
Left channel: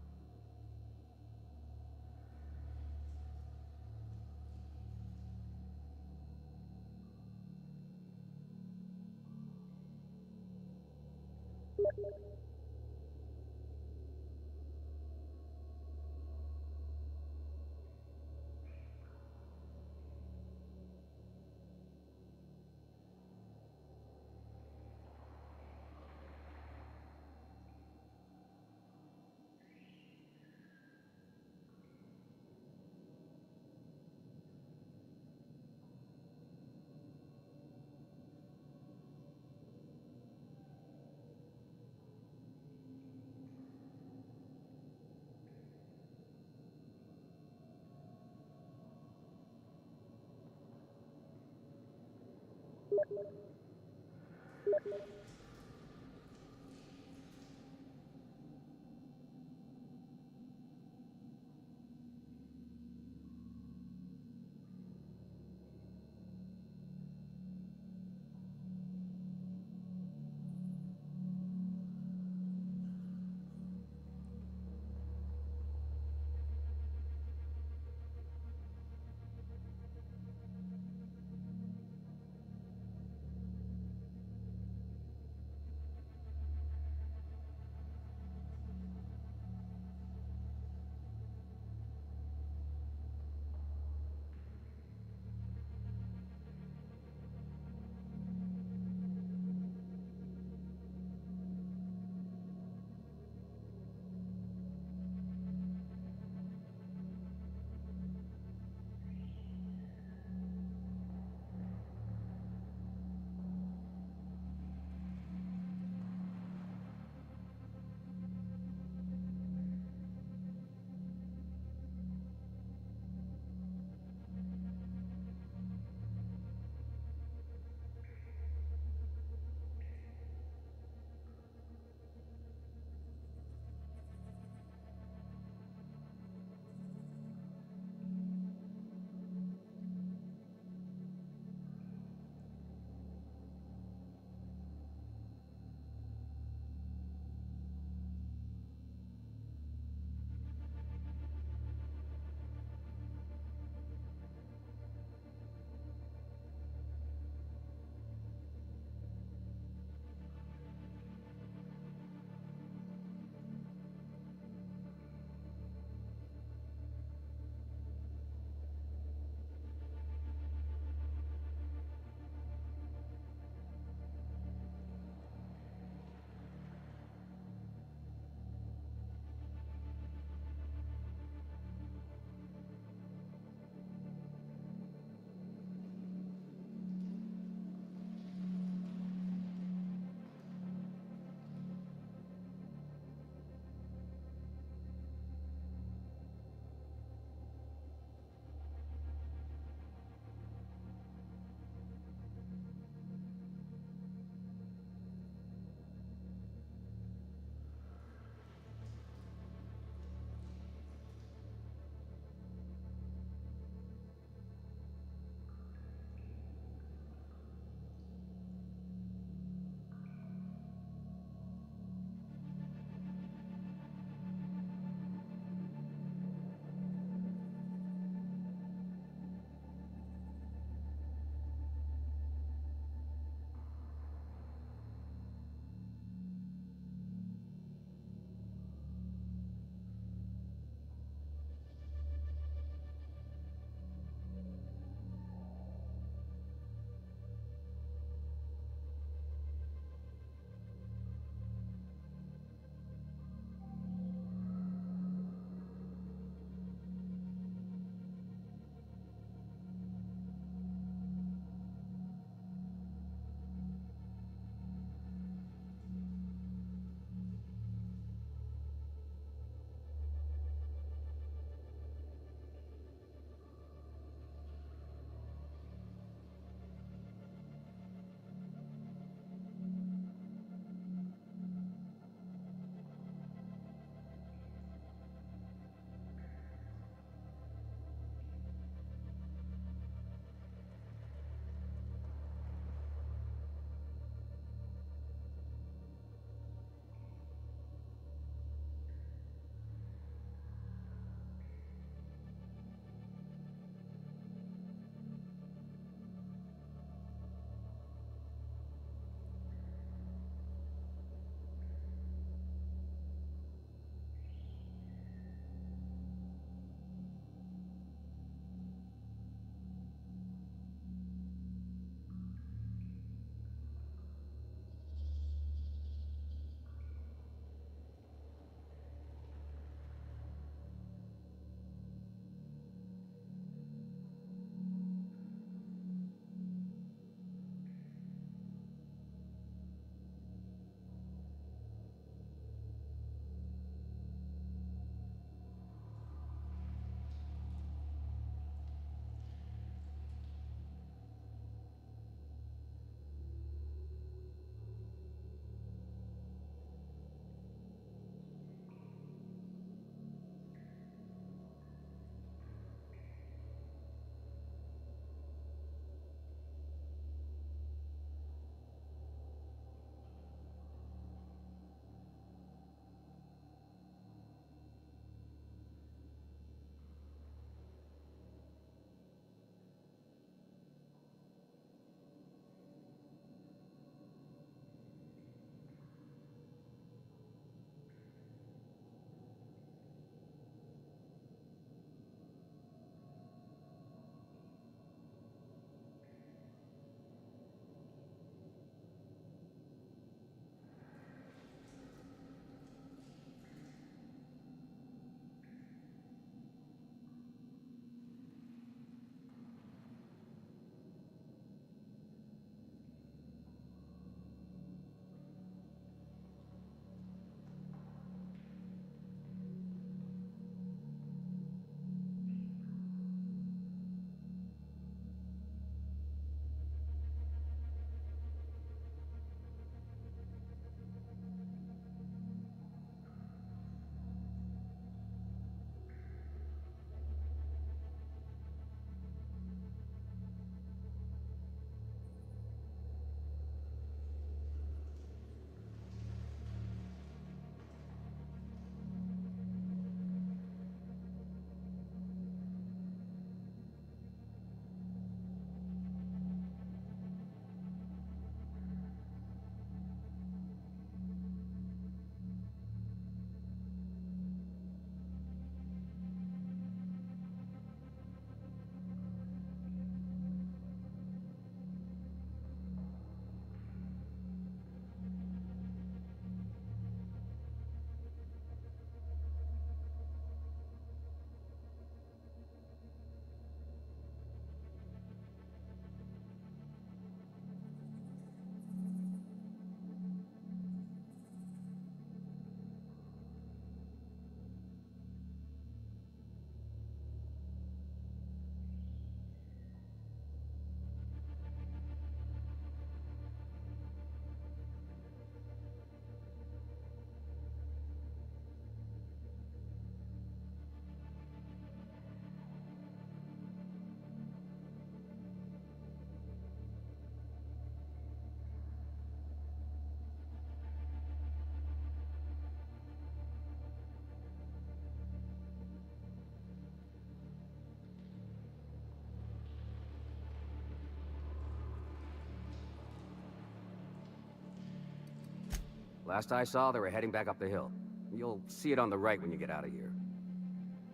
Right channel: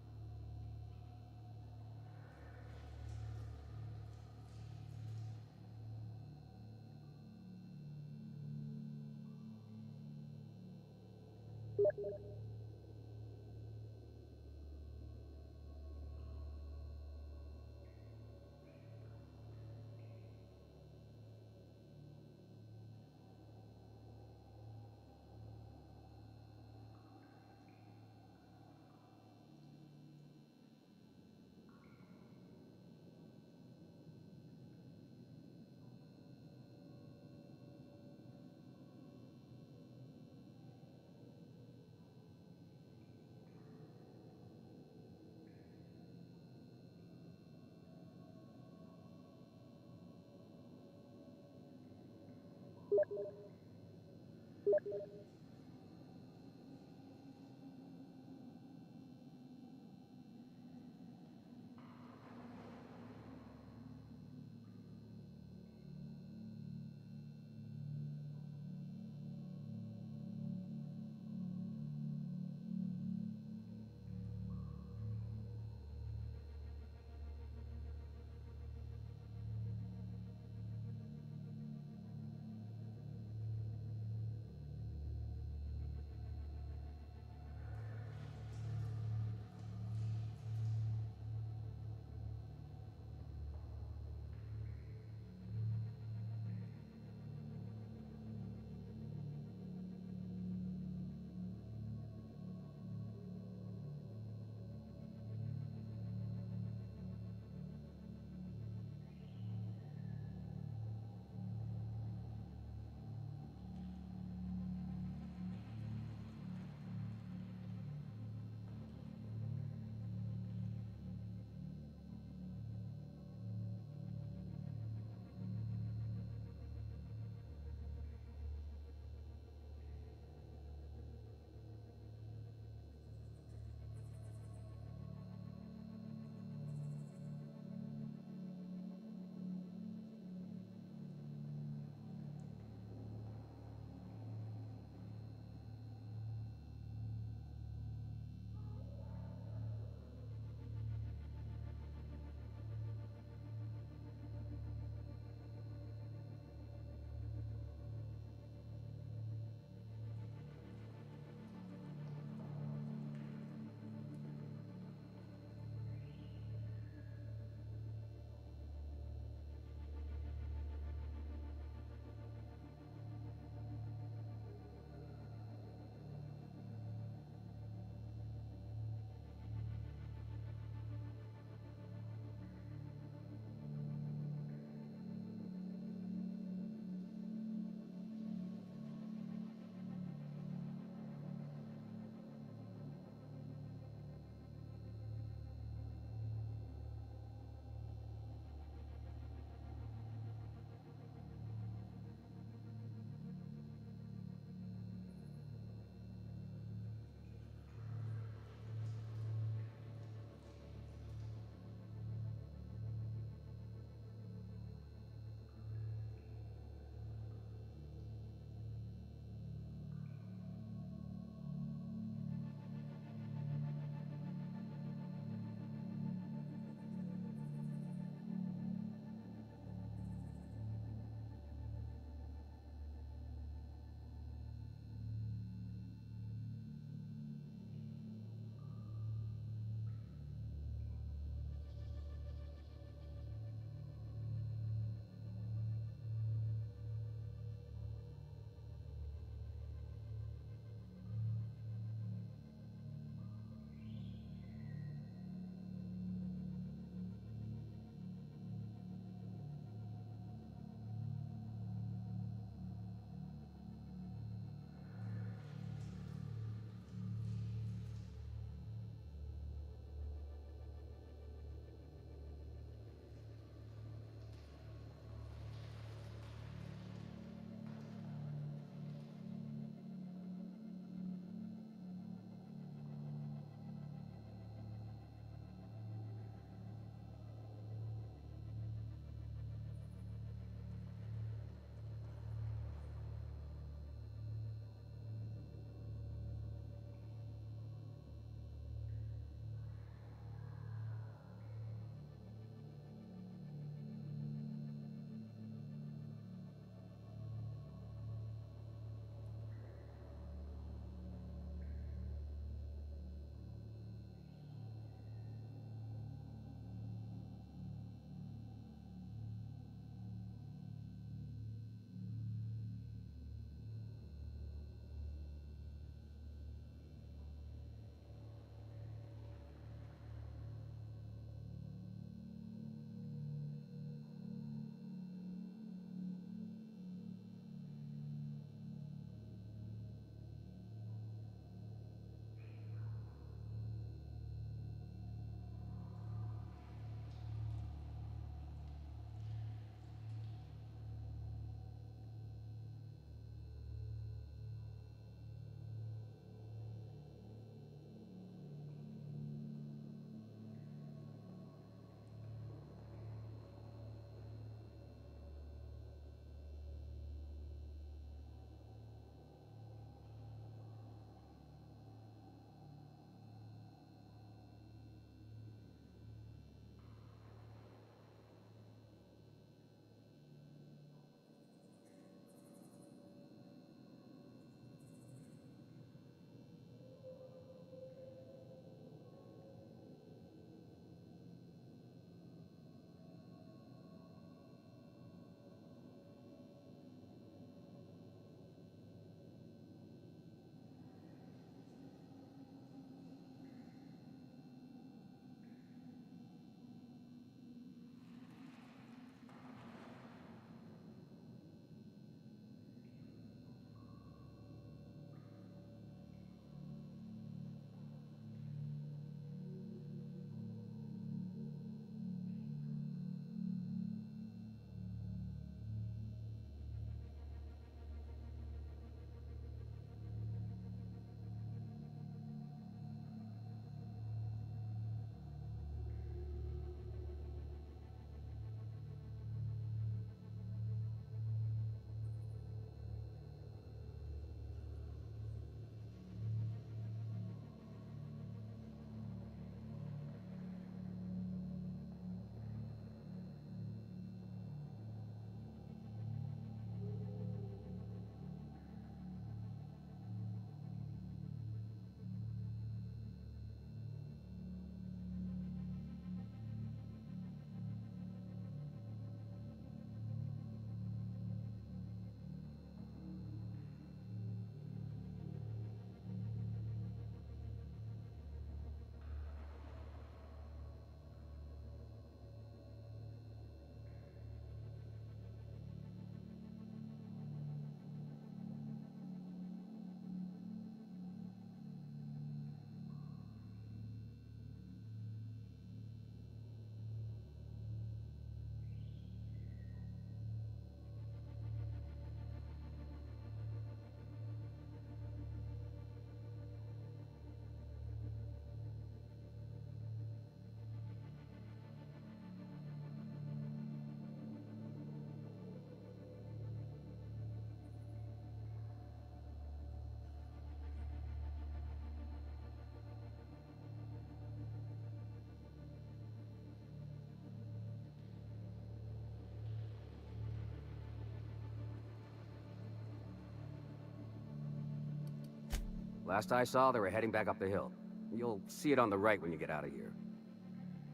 Last I saw, they were heading back up the hill. You'll see it on the right when you get out of here.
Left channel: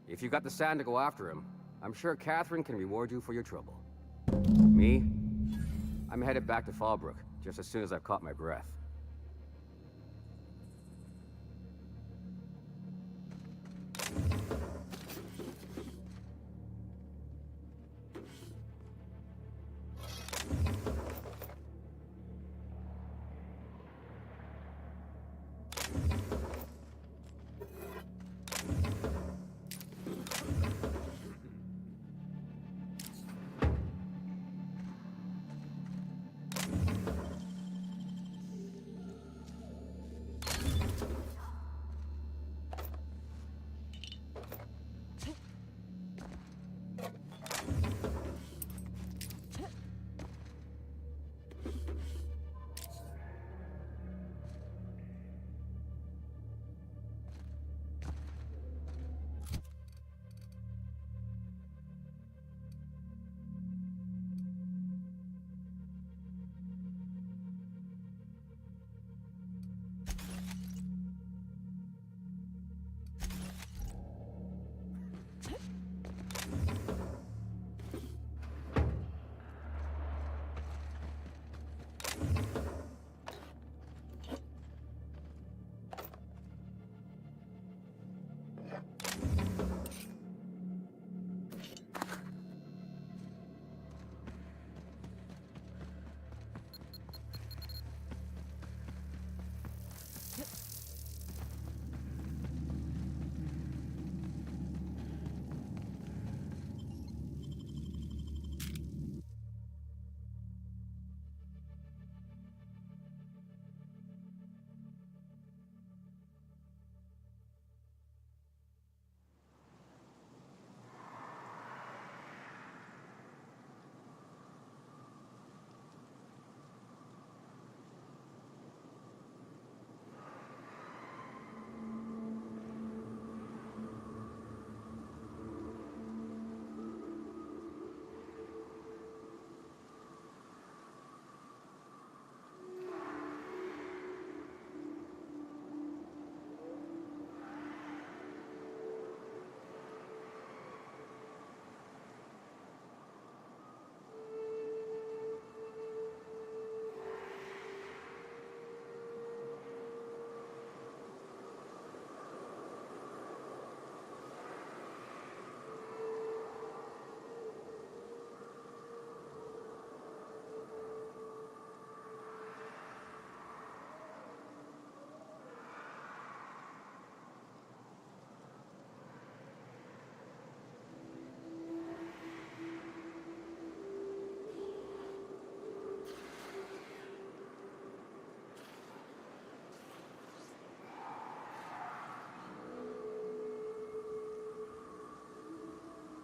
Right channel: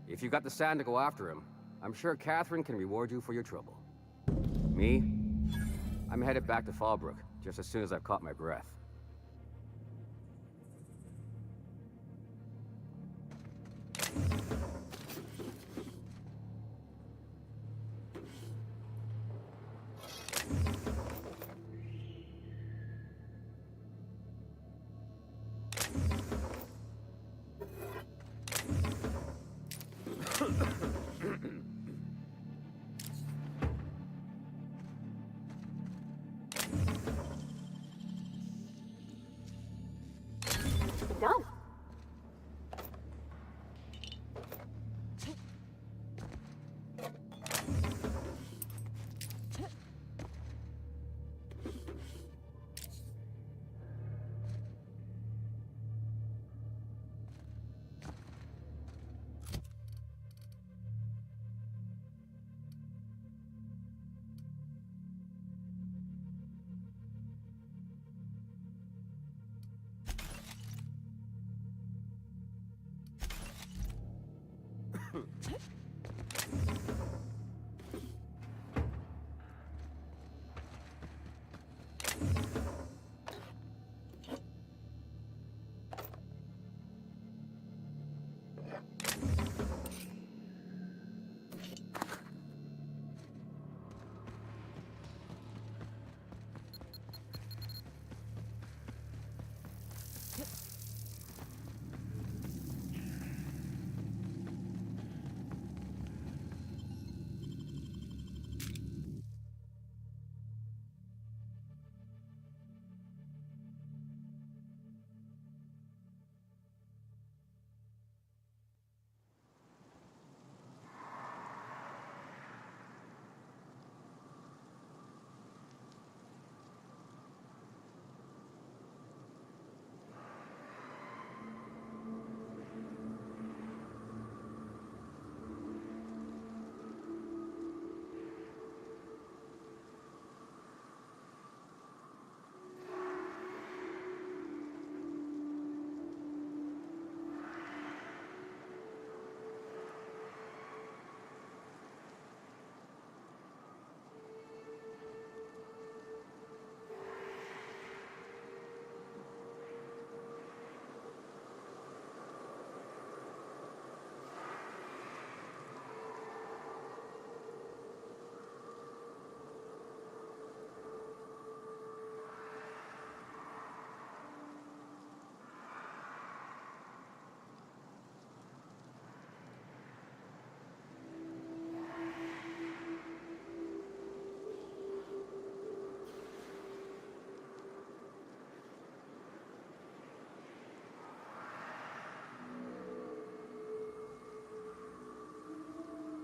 If you got the sand to go after him, I'm sure Catherine can reward you for your trouble. Me? I'm headed back to Fallbrook, just as soon as I've caught my breath. No.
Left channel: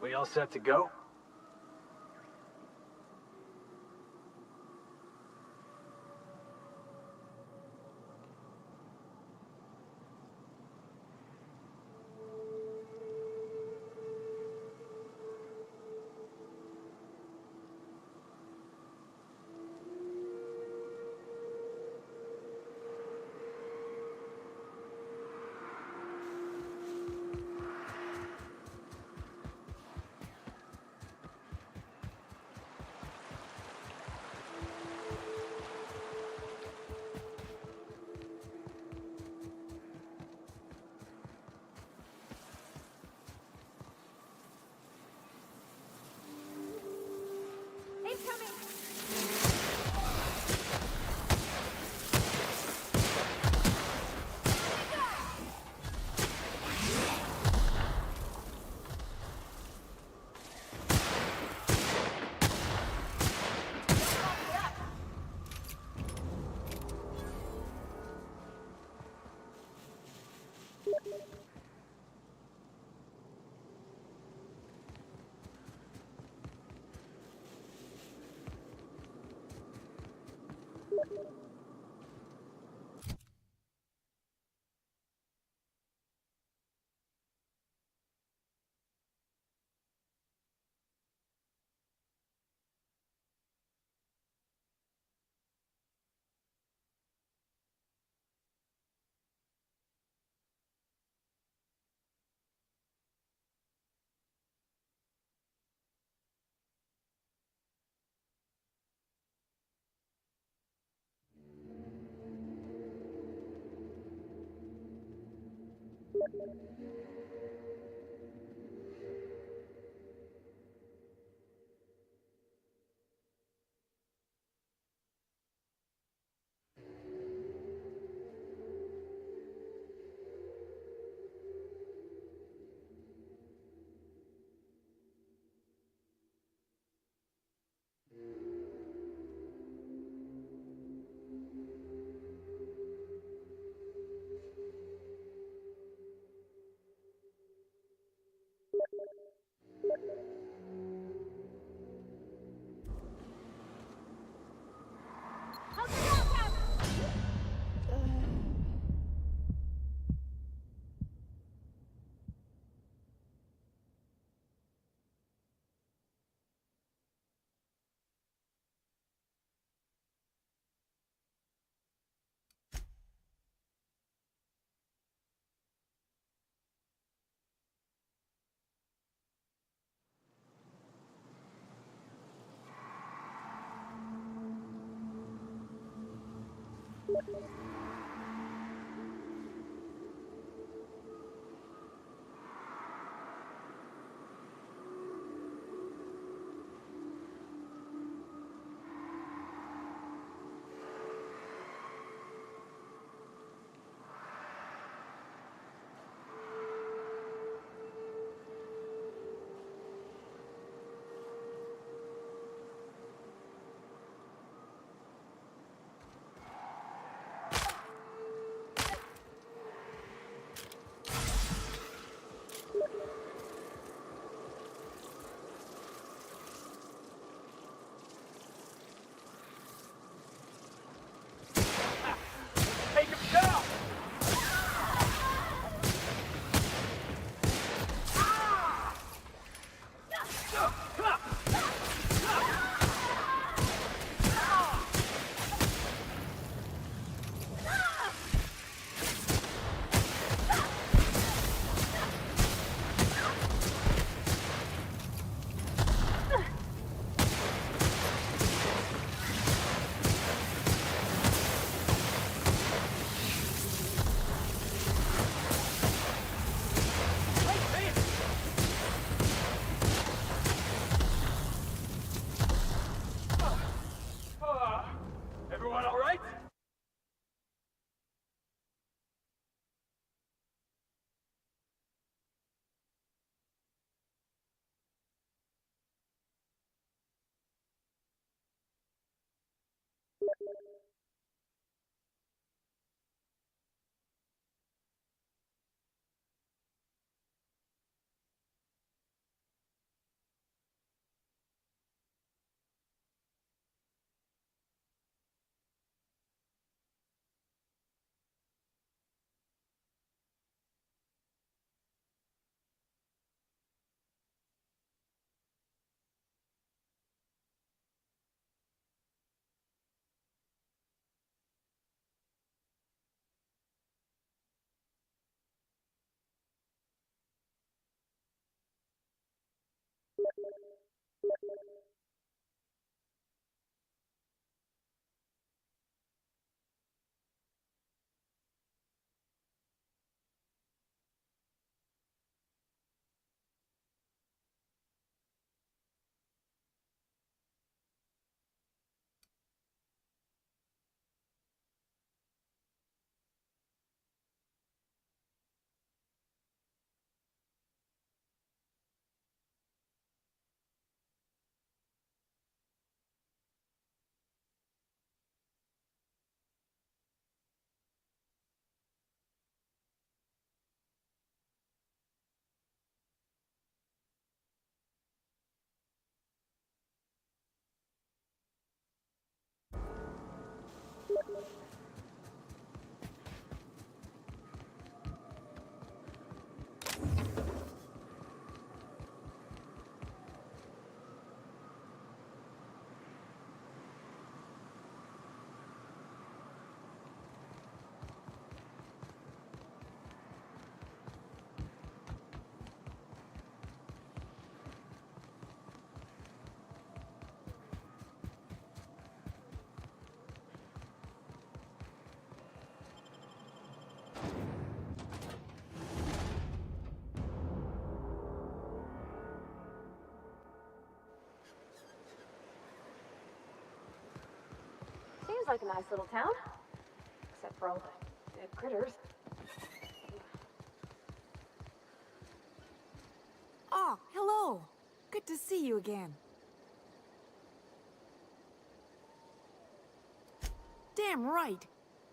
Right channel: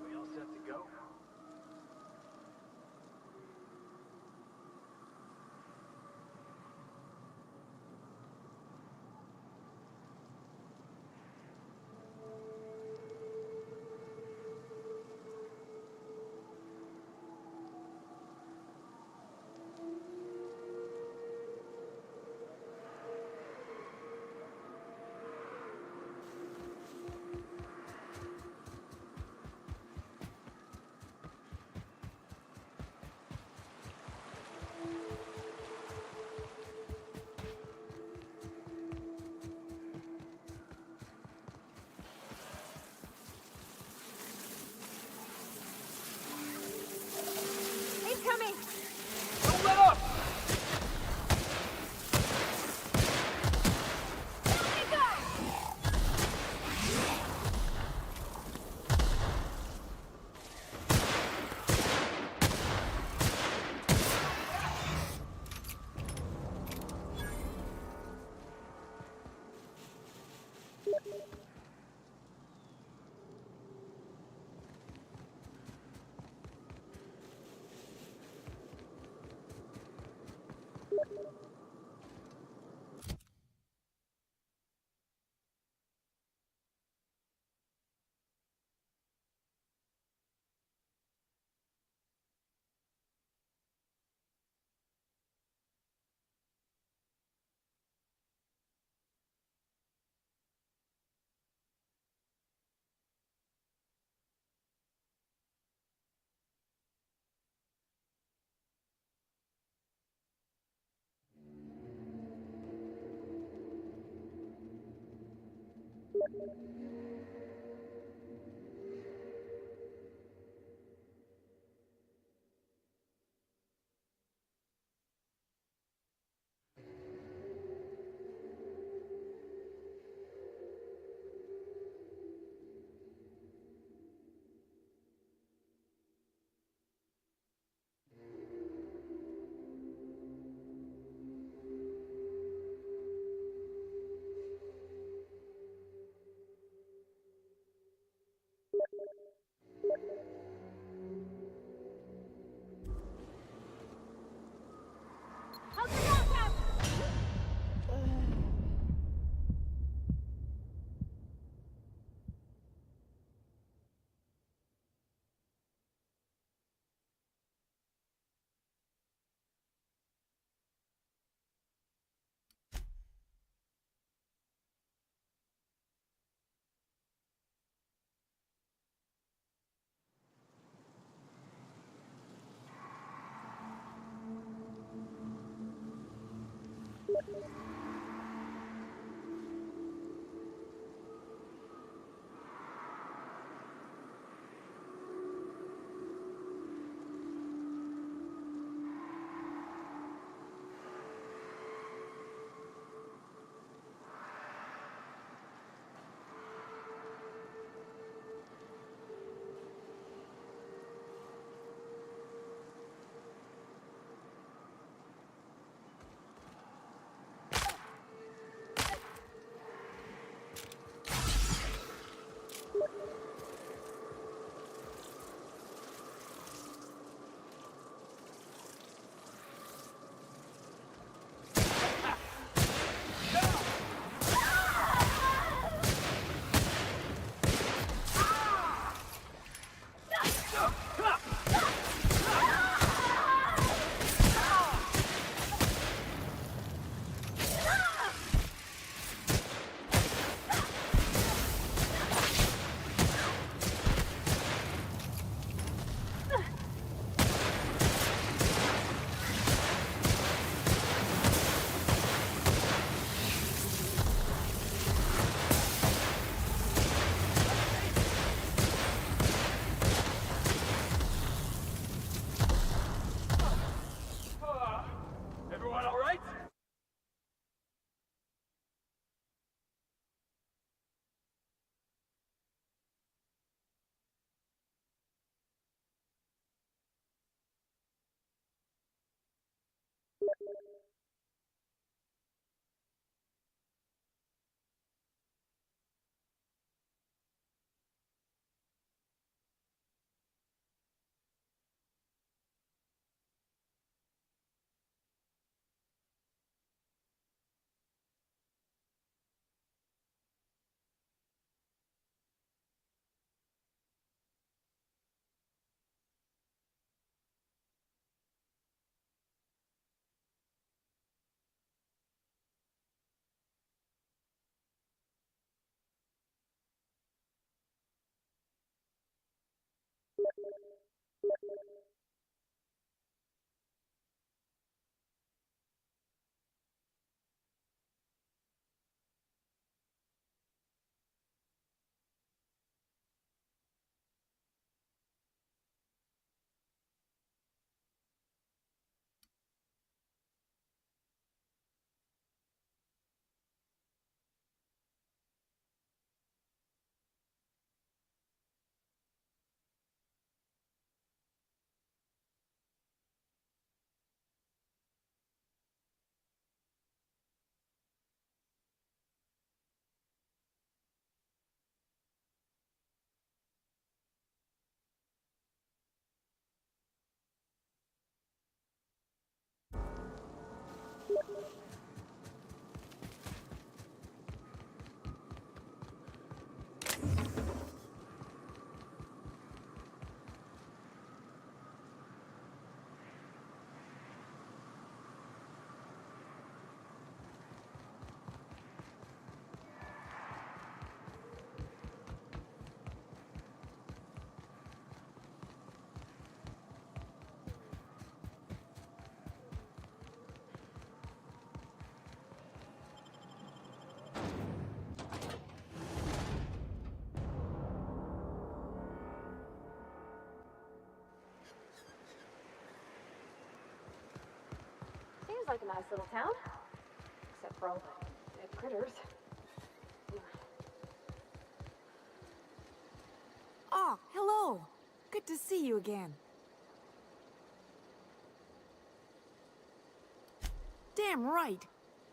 We all set to go? Incoming! like a nice little town. Except for all the dead critters. Oh, hello. Good to see you again. Damn right.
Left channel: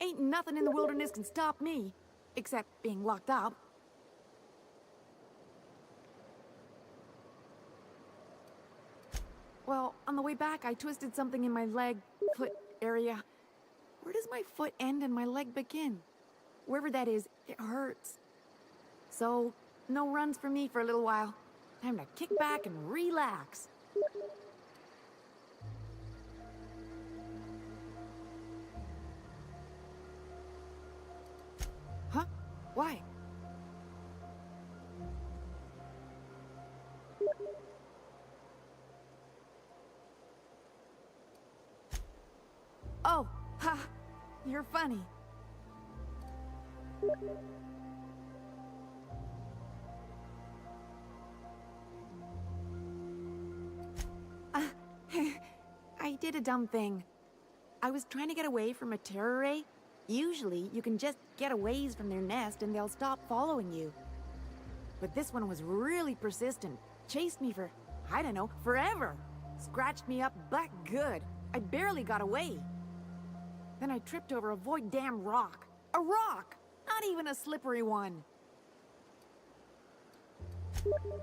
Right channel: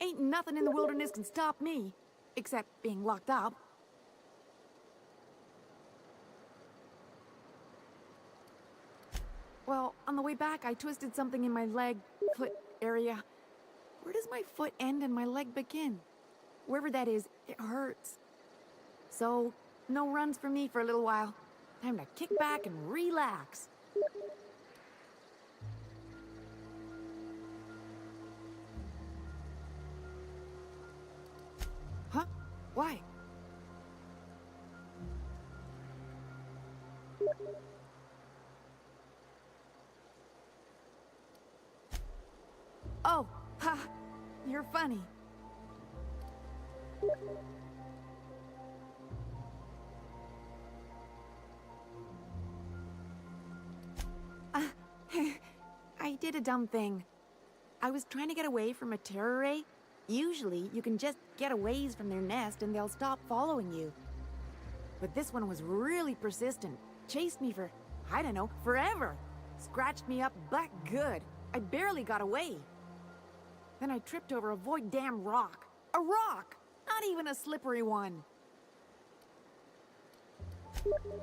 Ain't nothing in the wilderness can stop me. Except being locked up. Well, on the way back, I twisted something in my leg, foot area. Where does my foot end and my leg begin? Wherever that is, it hurts. So, no runs for me for a little while. Time to kick back and relax. Huh? Why? Oh, ha! You're funny. I did a dumb thing. I was trying to get away from a terror ray. Usually, you can just get a ways from their nest and they'll stop following you. But this one was really persistent. Chased me for, I don't know, forever. Scratched me up back good. I barely got away. Then I tripped over a void damn rock. A rock! Not even a slippery one.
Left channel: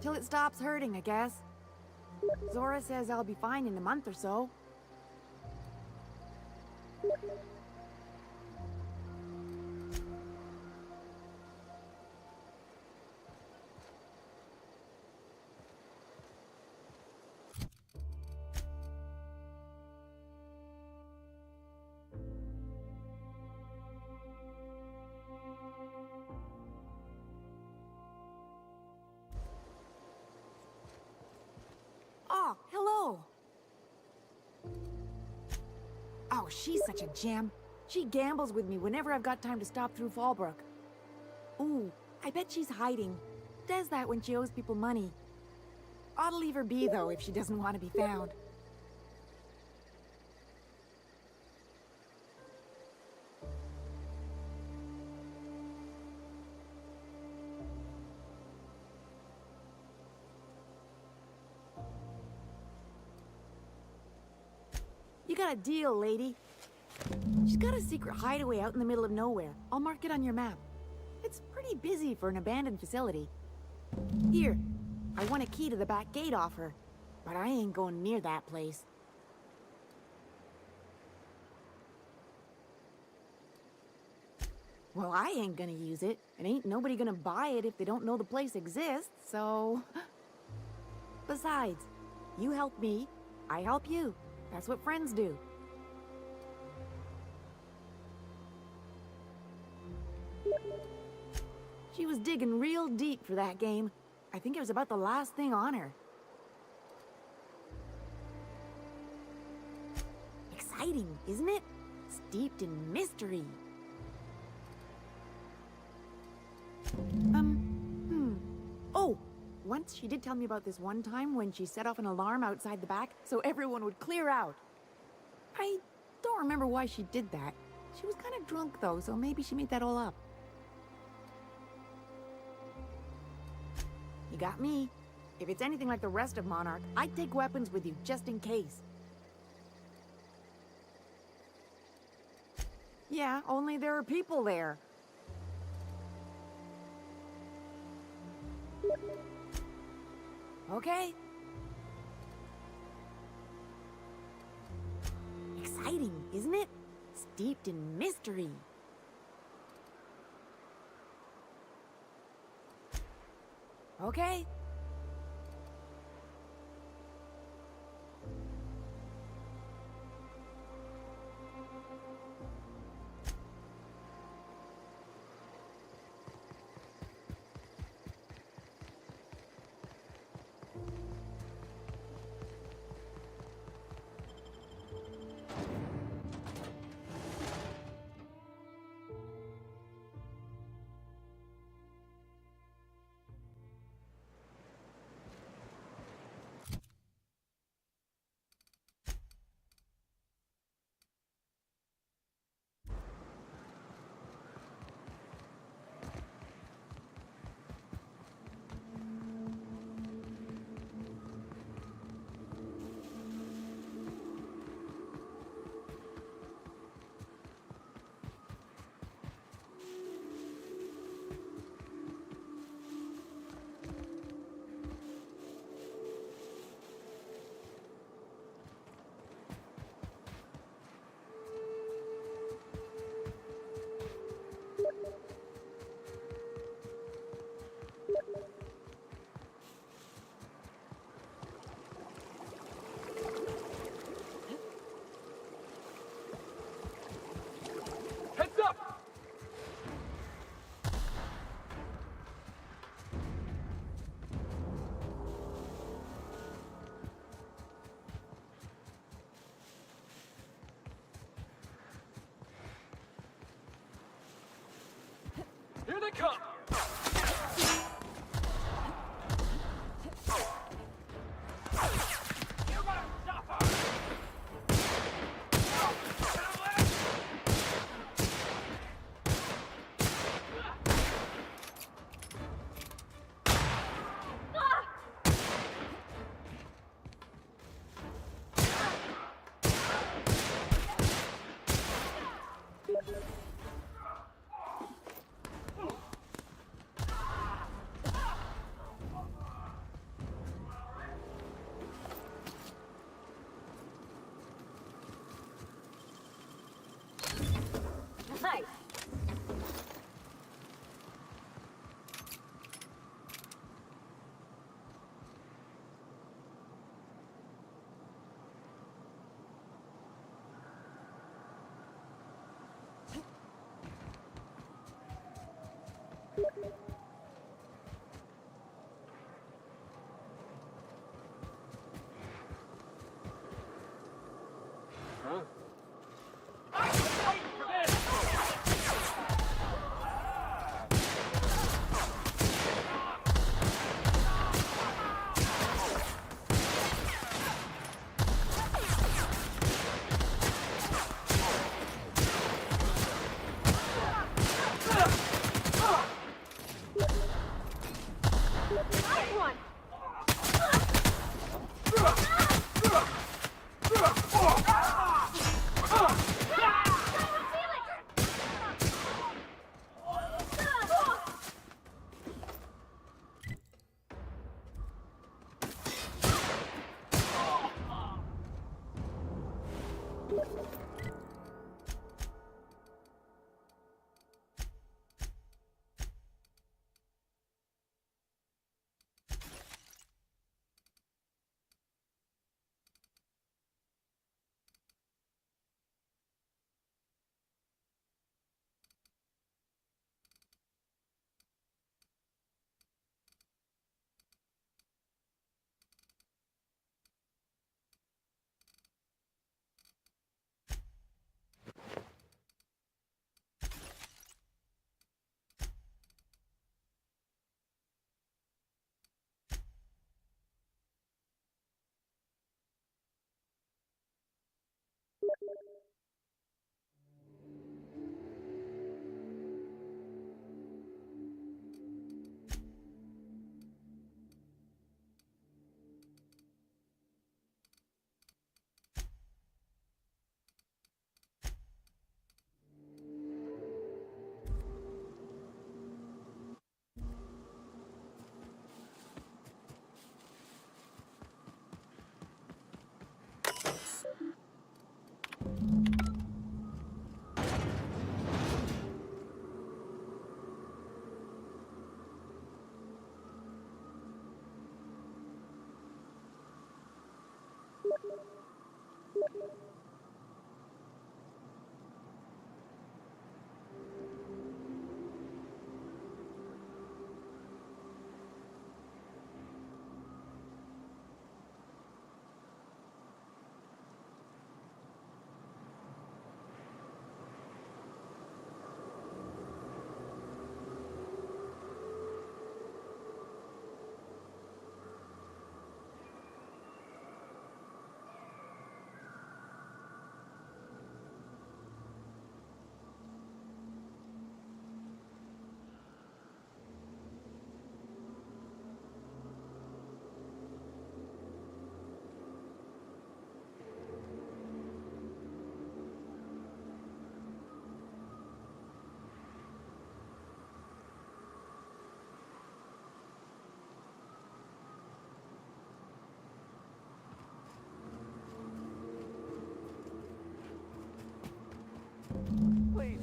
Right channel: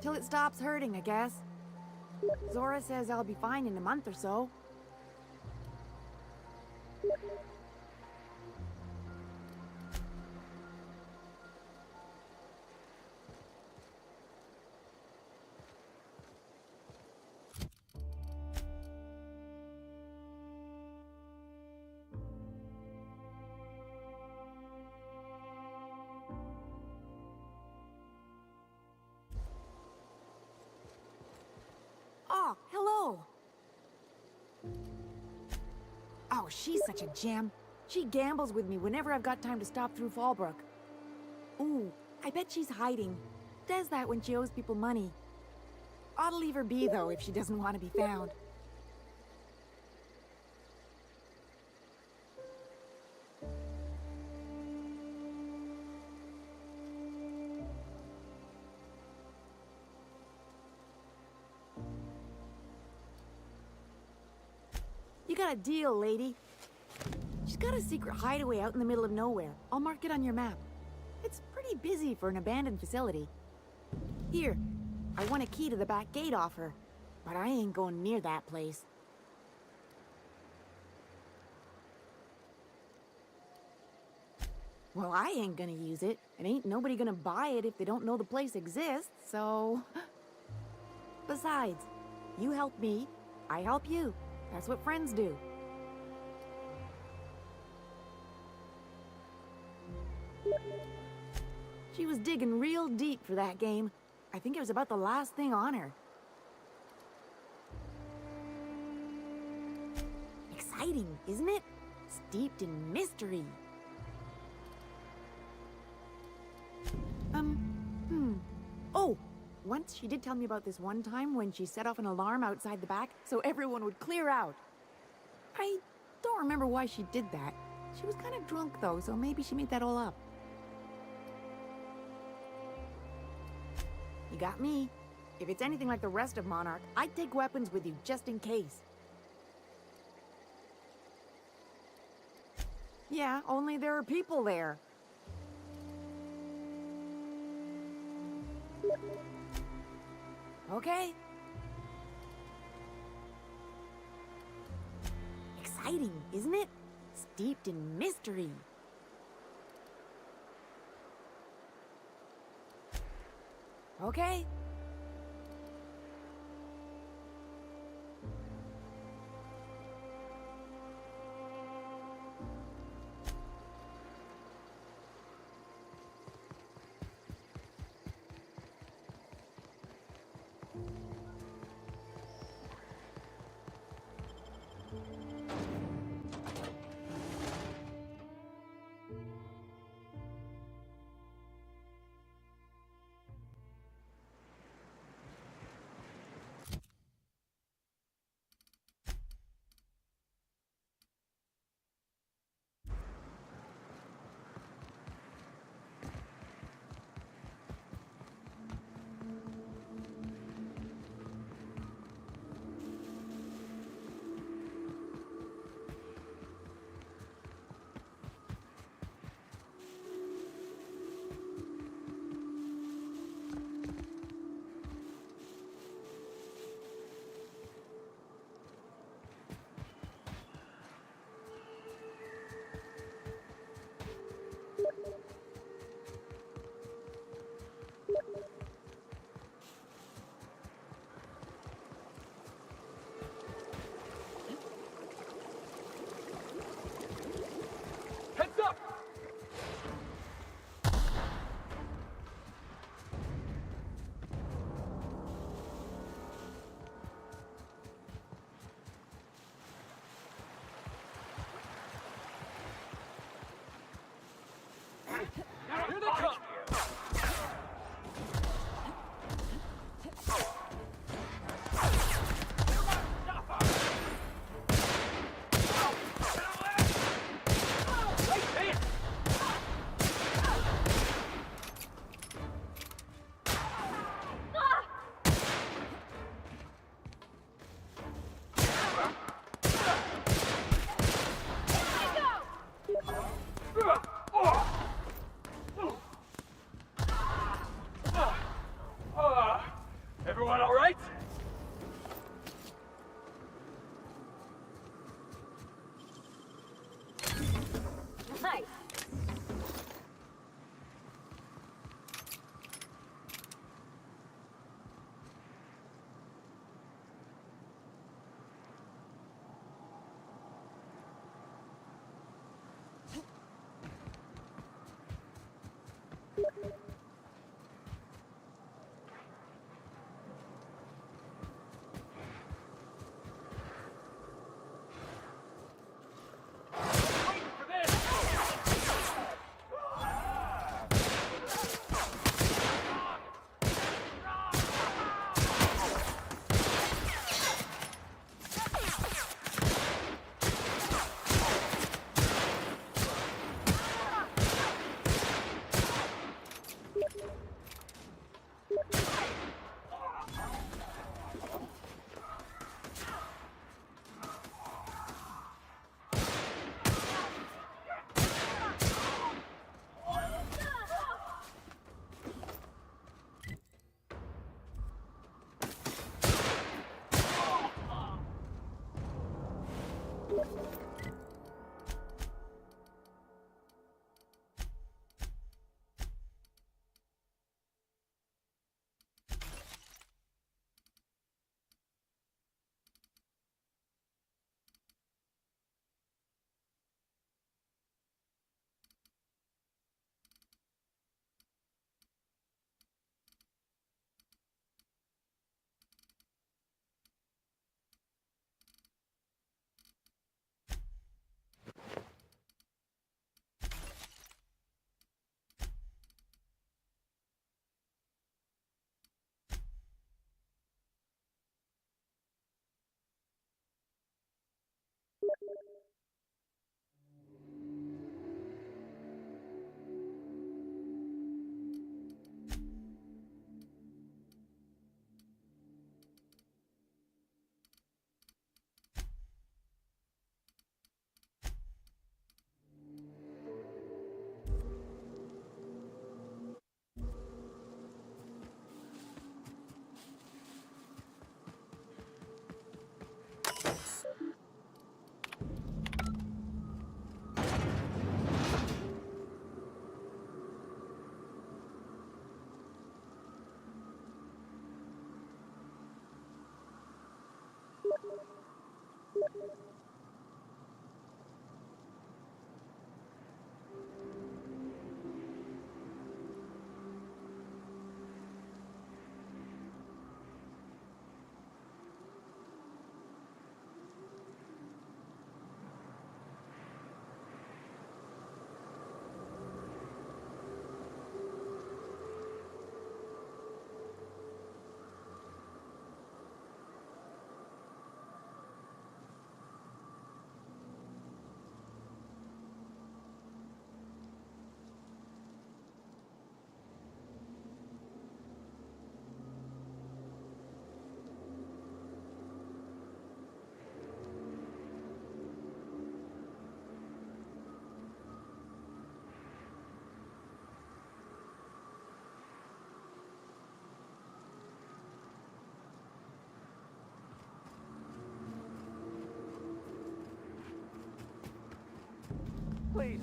Till it stops hurting, I guess. Zora says I'll be fine in a month or so. Oh, hello. Oh, she's such a gem. She gambles with me whenever I've got time to stop through Fallbrook. Ooh, I bet she's hiding. Does that when she owes people money. Ought to leave her be, though, if she doesn't want to be found. You got a deal, lady. She's got a secret hideaway out in the middle of nowhere. I'll mark it on your map. It's pretty busy for an abandoned facility. Here, I want a key to the back gate off her, but I ain't going near that place. Well, I ain't gonna use it, and ain't nobody gonna buy it if they don't know the place exists, so... Besides, you help me, I help you. That's what friends do. She was digging real deep for that game. I think it was about the last thing on her. Exciting, isn't it? Steeped in mystery. Oh, once she did tell me about this one time when she set off an alarm outside the back so everyone would clear out. I don't remember why she did that. She was kind of drunk though, so maybe she made that all up. You got me. If it's anything like the rest of Monarch, I'd take weapons with you just in case. Yeah, only there are people there. Okay. Exciting, isn't it? Steeped in mystery. Okay. they come! Everyone all right? Nice. Please,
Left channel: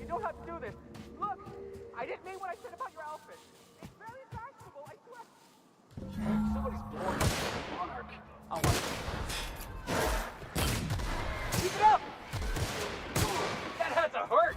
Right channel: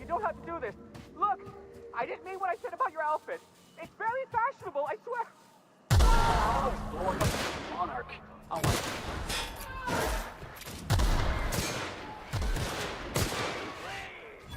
you don't have to do this. Look, I didn't mean what I said about your outfit. It's very fashionable, I swear. Oh, monarch. Oh my. Keep it up! That had to hurt.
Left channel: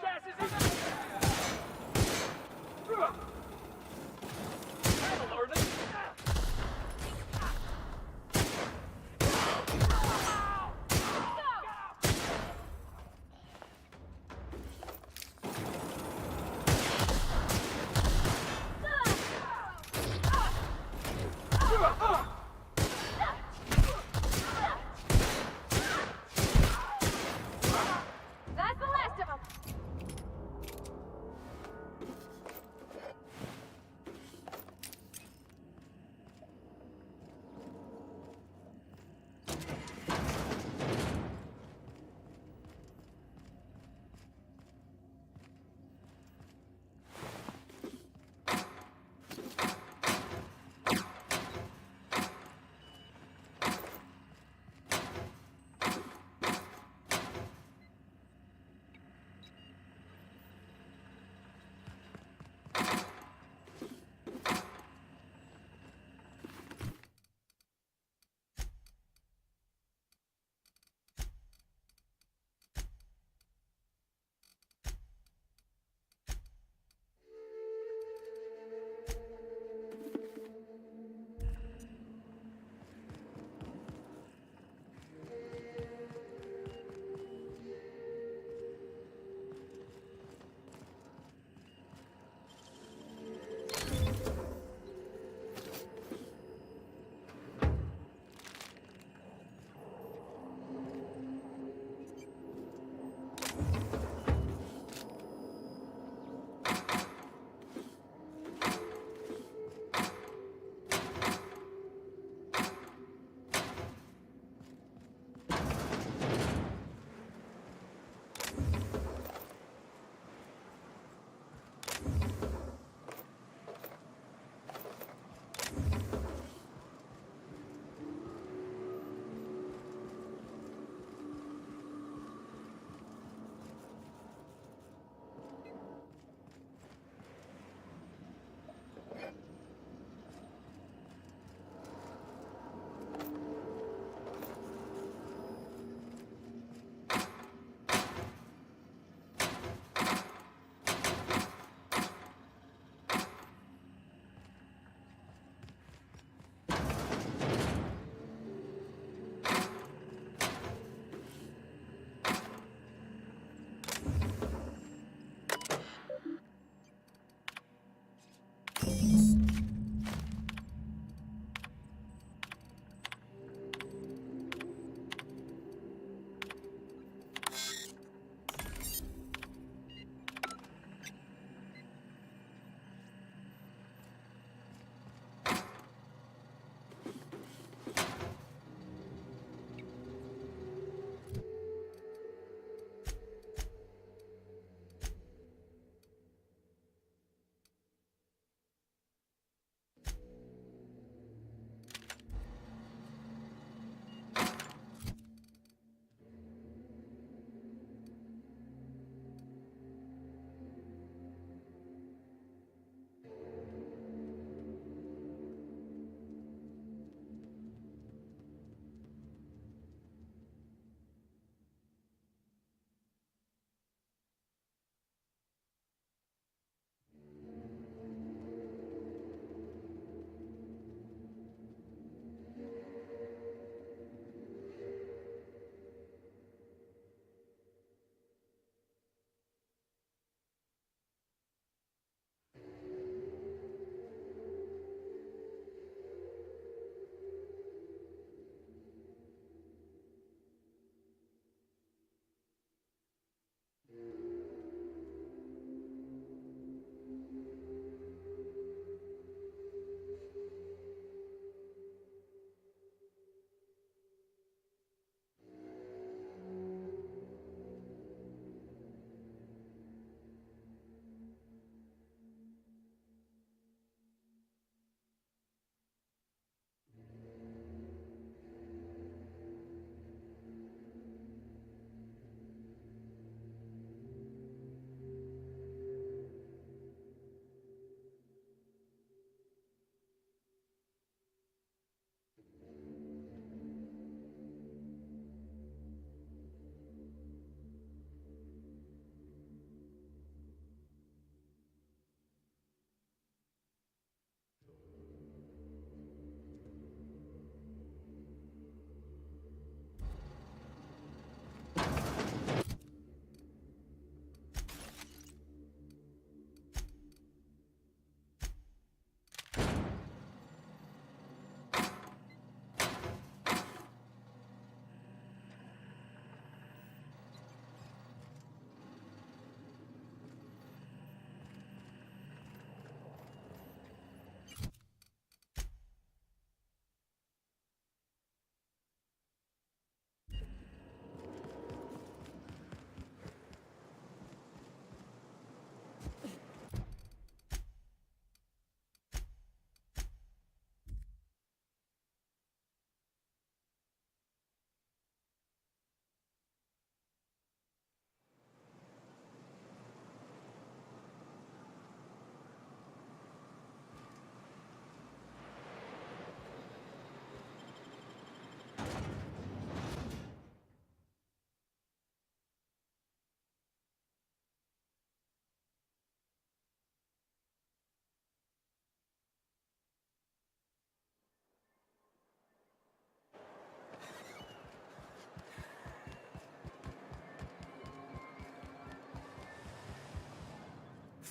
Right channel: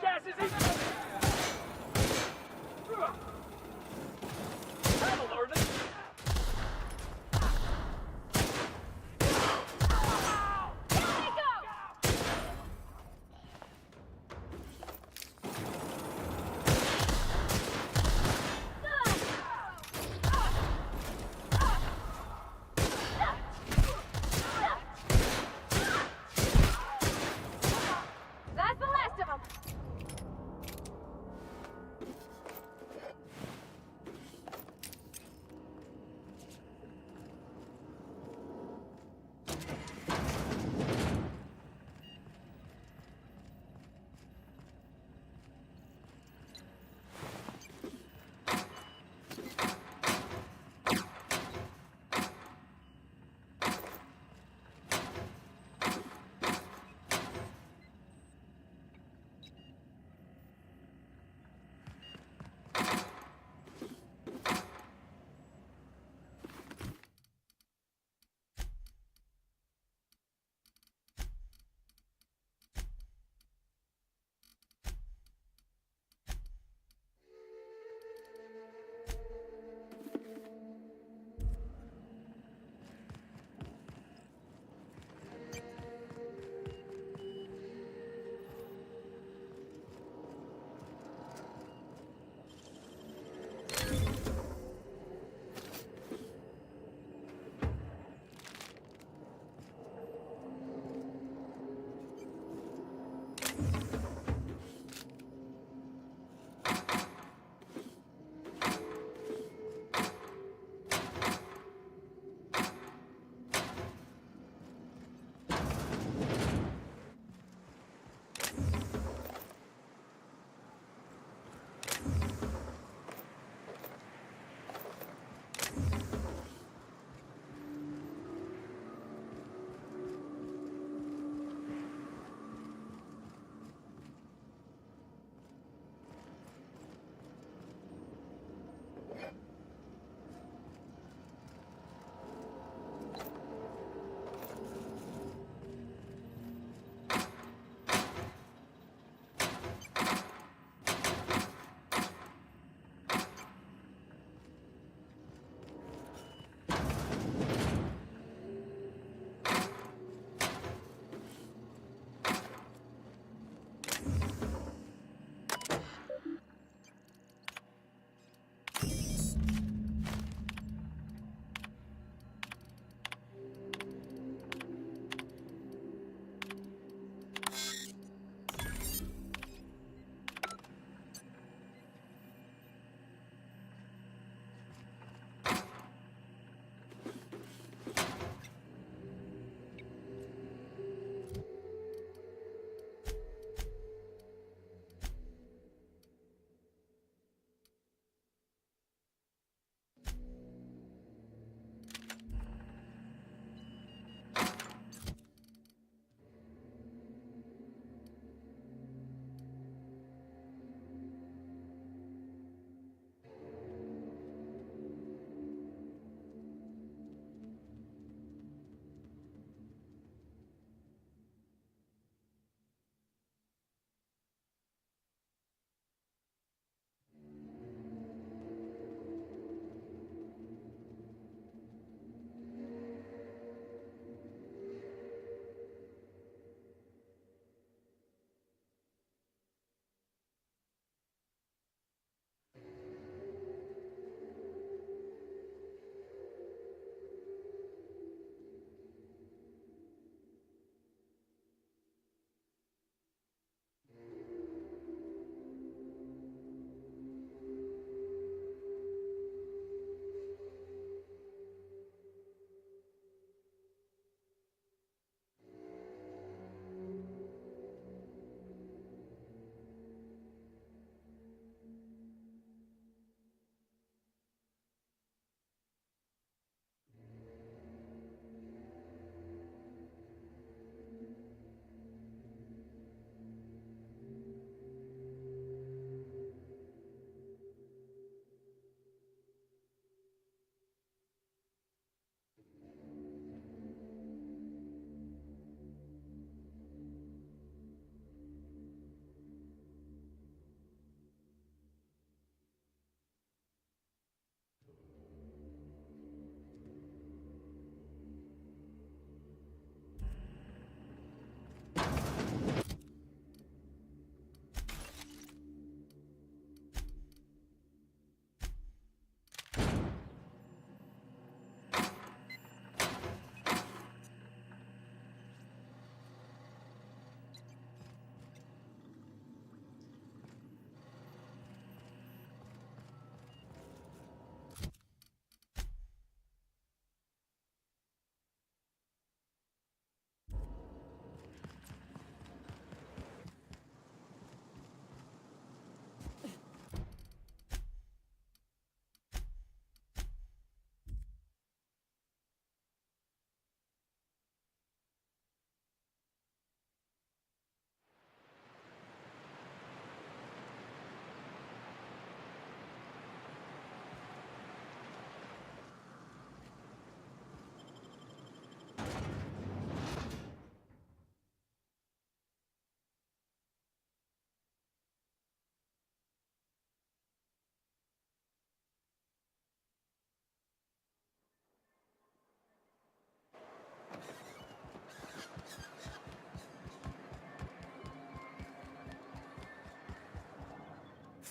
jackasses! That'll learn it!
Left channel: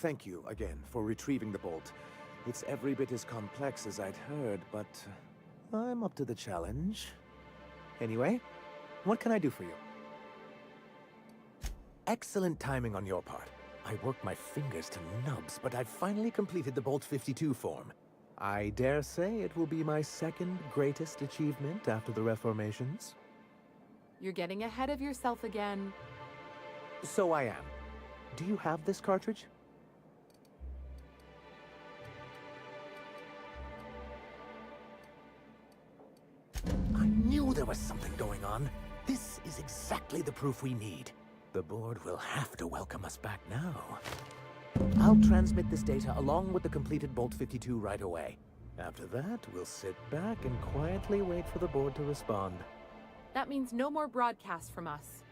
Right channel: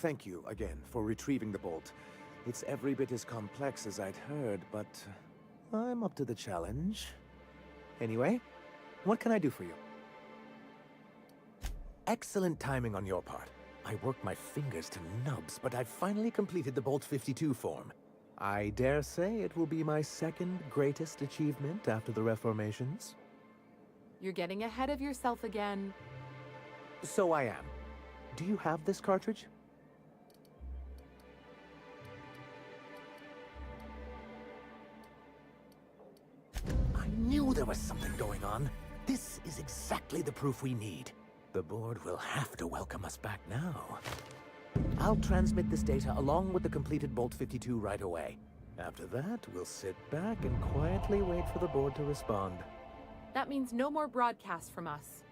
thank you again for retrieving the bolt. It's every bit as complex as I'd heard, but I'm up to the challenge. Anyway, what can I do for you? Excellent timing on your part. I worked my fingers to nubs, but I've finally completed the Bolt 52 form. I dare say it will be my second greatest achievement after the Reformations. You're getting ahead of yourself again. So I am. Do you have this cartridge? I knew there was something going on. This is exactly the proof we need. The board will have to welcome us back now. I'll transmit this data along with the completed Bolt 52 right away. After that, we'll sit back and quietly wait for the board to respond. That means no more broadcasts from us.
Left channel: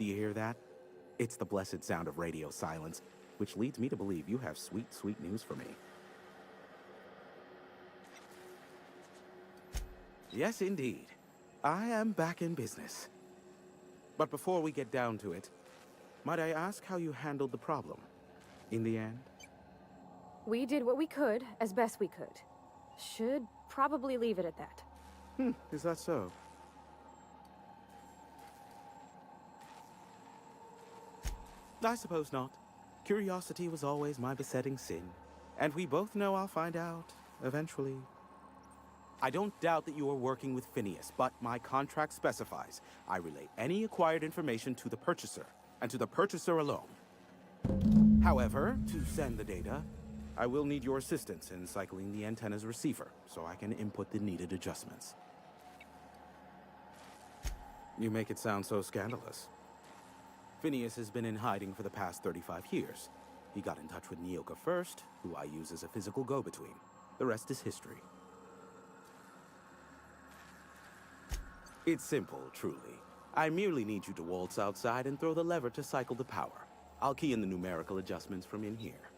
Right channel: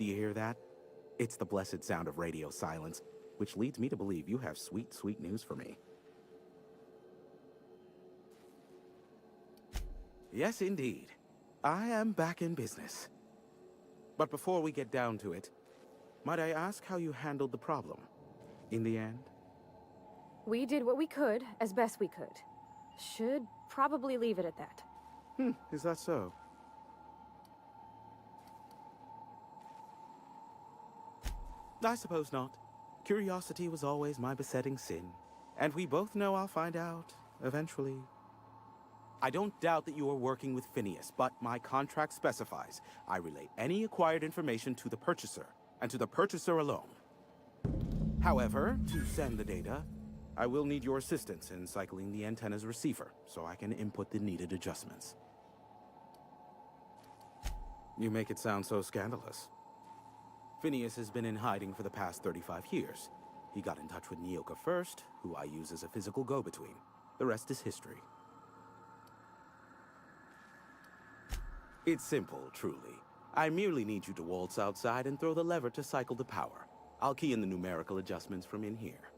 Do you hear that? It's the blessed sound of radio silence, which leads me to believe you have sweet, sweet news for me. Yes, indeed. I am back in business. But before we get down to it, might I ask how you handled the problem? In the end? We did what we could, as best we could. Should probably leave it at that. Is that so? I suppose not. Curiosity was always my besetting sin. And we both know I'll find out, eventually. I don't doubt that you are working with Phineas, but my contract specifies I relay any acquired information to the purchaser, and to the purchaser alone. However, to send the data, I will need your assistance in cycling the antenna's receiver, so I can input the needed adjustments. You make it sound so scandalous. Phineas has been in hiding for the past 35 years. He got in touch with Nyoka first, who I use as a physical go-between. The rest is history. It's simple, truly. I merely need you to waltz outside and throw the lever to cycle the power. I'll key in the numerical adjustments from in here.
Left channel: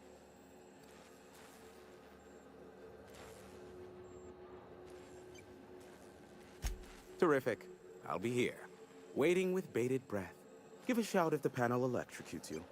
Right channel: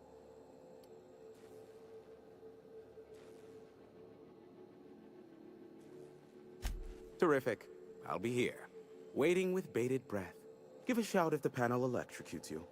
Terrific. I'll be here, waiting with bated breath. Give a shout if the panel electrocutes you.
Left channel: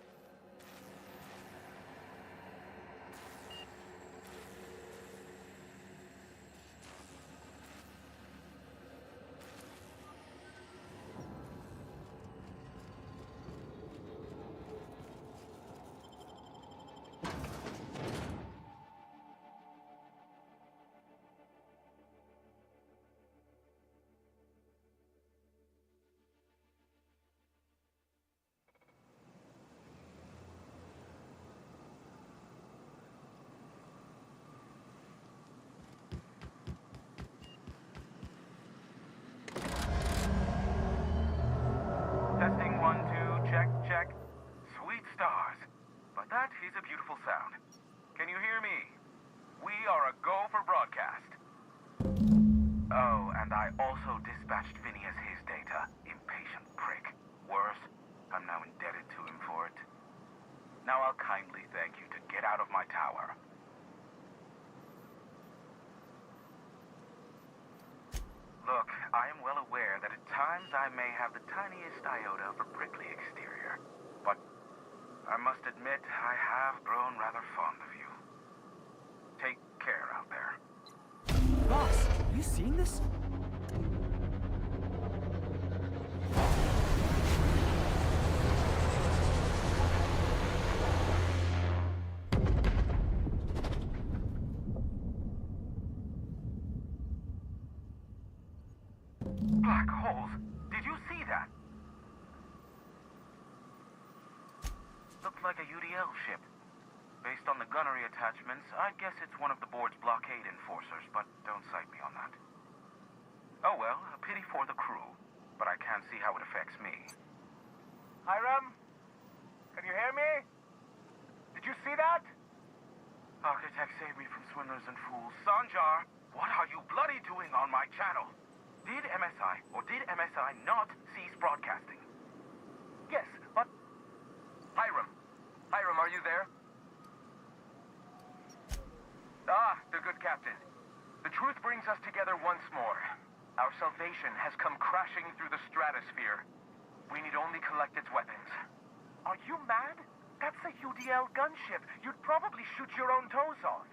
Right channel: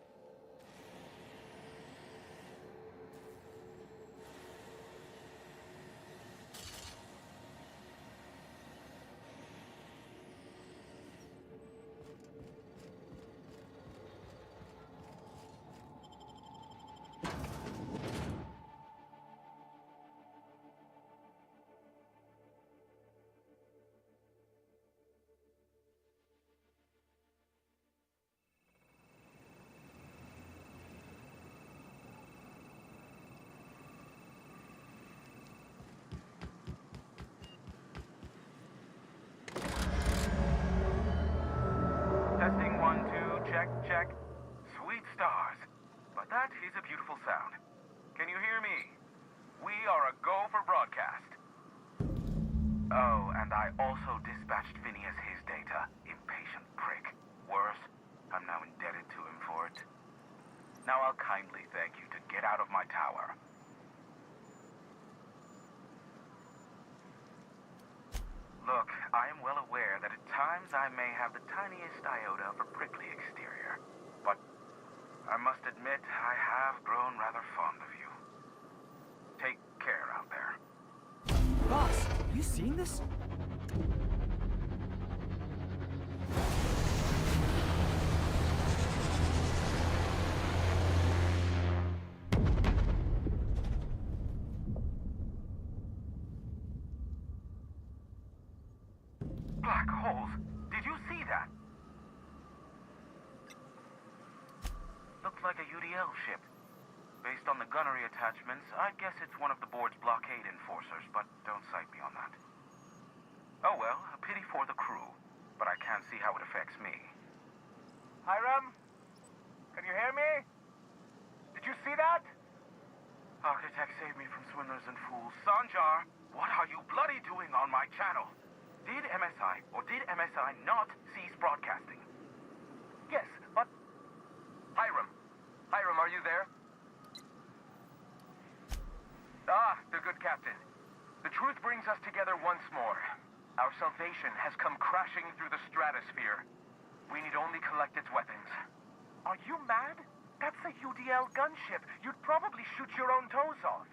Testing 1, 2, check, check. Sweet stars. But that is a beautiful sound. Can you hear me? We are a go for broadcast. Oh, and I also dispatched Phineas his data. Impatient prick. Worse, I'm now indebted to him for it. Now I'll kindly thank you to get out of my tower. Look, I am well aware that at times I may have the tiniest iota of a prickly exterior, but I must admit I have grown rather fond of you. Take care out there. Boss, you seen this? Black holes. Did you see that? Looked like a UDL ship. Based on the gunnery attachments, I'd guess it's one of the board's blockade enforcers, but don't cite me on that. Oh well, a pity for the crew, but I can't see how it affects me. Hiram? Can you hear me? Did you see that? Architect, save me from swindlers and fools. Sanjar, what are you bloody doing on my channel? Did MSI, or did MSI not cease broadcasting? Yes, but... Hiram. Hiram, are you there? Ah, the good captain. The truth brings us together once more. Our salvation has come crashing through the stratosphere. We need only collect its weapons. Are you mad? That's a UDL gunship. You'd probably shoot your own toes off.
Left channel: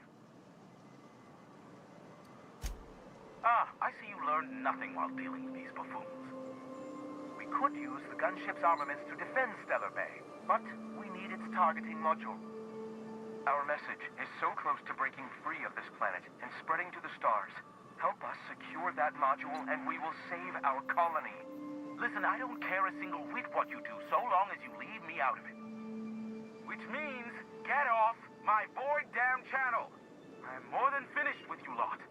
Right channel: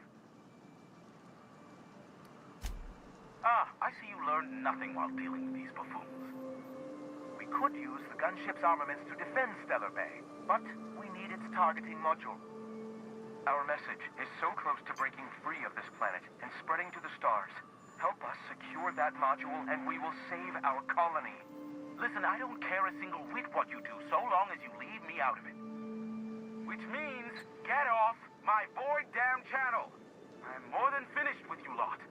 Ah, I see you learned nothing while dealing with these buffoons. We could use the gunship's armaments to defend Stellar Bay, but we need its targeting module. Our message is so close to breaking free of this planet and spreading to the stars. Help us secure that module and we will save our colony. Listen, I don't care a single whit what you do so long as you leave me out of it. Which means, get off my bored damn channel. I'm more than finished with you lot.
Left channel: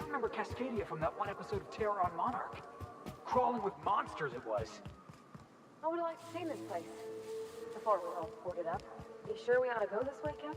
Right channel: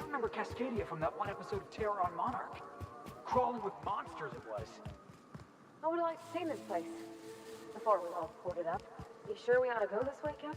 I remember Cascadia from that one episode of Terror on Monarch. Crawling with monsters it was. I would have liked to see this place before it was all boarded up. You sure we ought to go this way, Captain?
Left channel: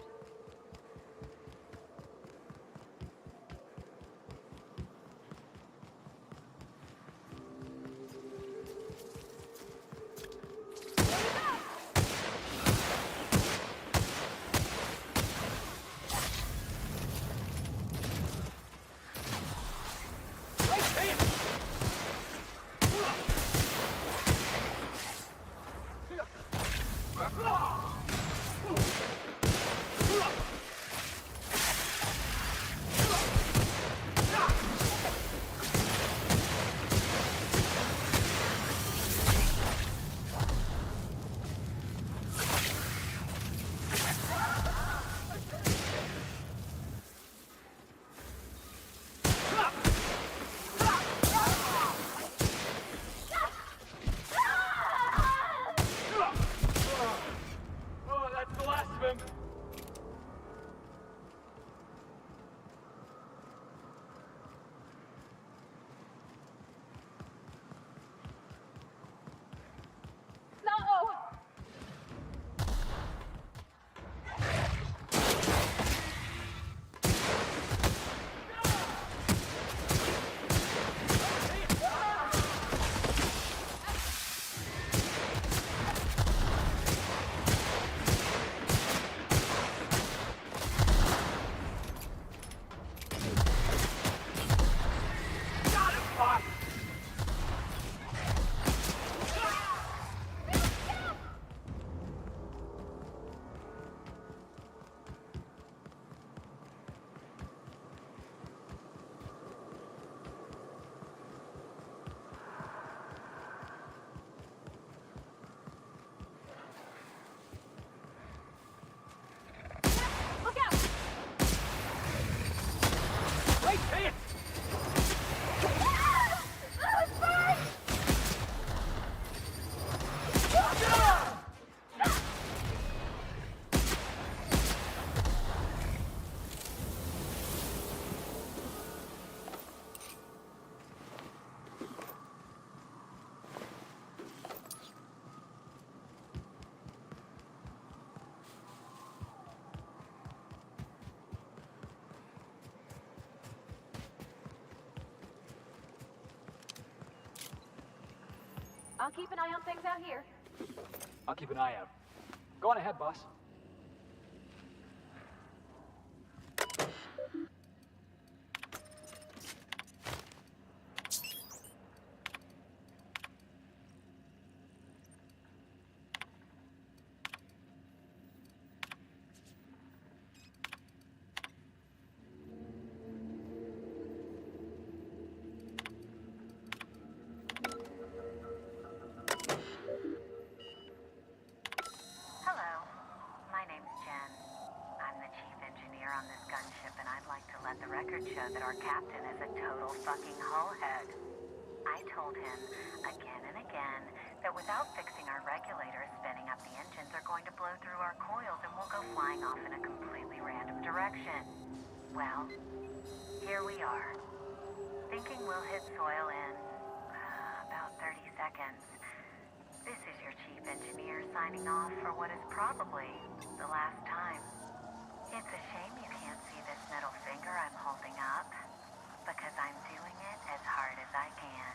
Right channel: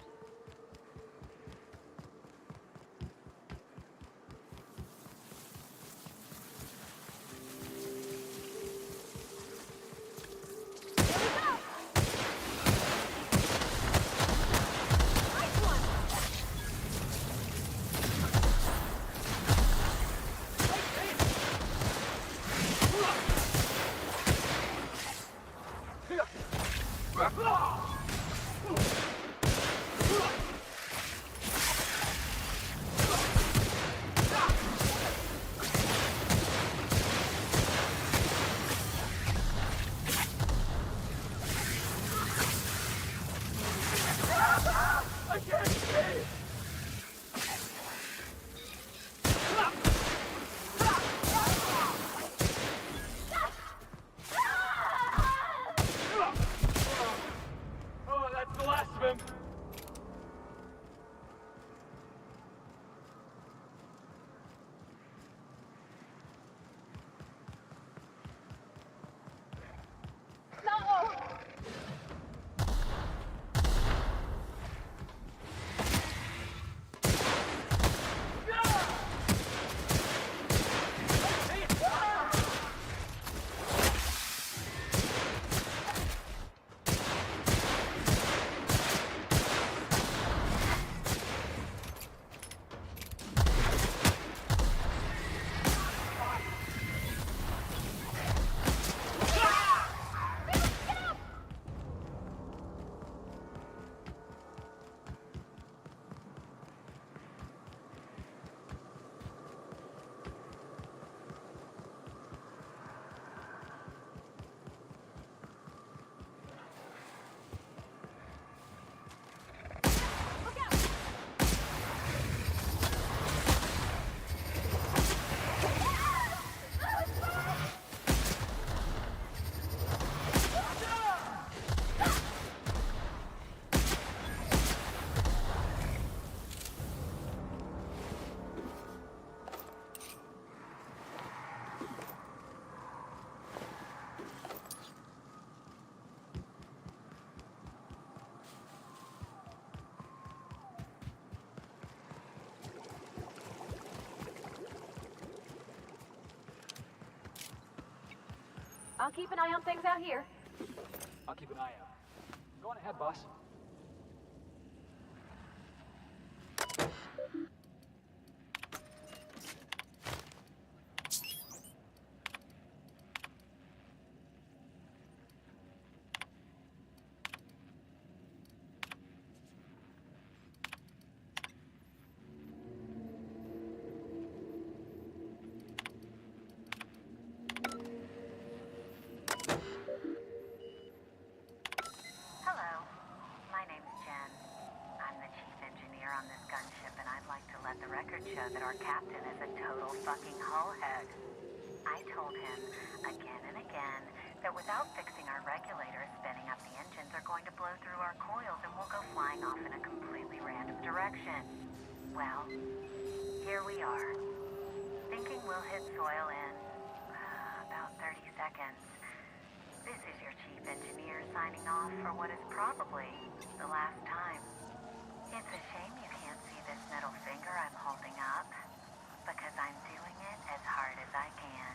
I'll keep an eye on things out here. I'll keep an eye out. Go on ahead, boss. Show that our captain is a total fucking hullhead. I told him again and again that without fixing our regulators, spinning up the engines are going to blow through our coils and we'll go flying off in a completely random direction. Well, here we are. Thinking we'll hit soil in about 30 seconds. This is your chief engineer signing off for what is probably the last time. It's a shame you can't see this middle finger I'm holding up, because I'm doing it as hard as I can.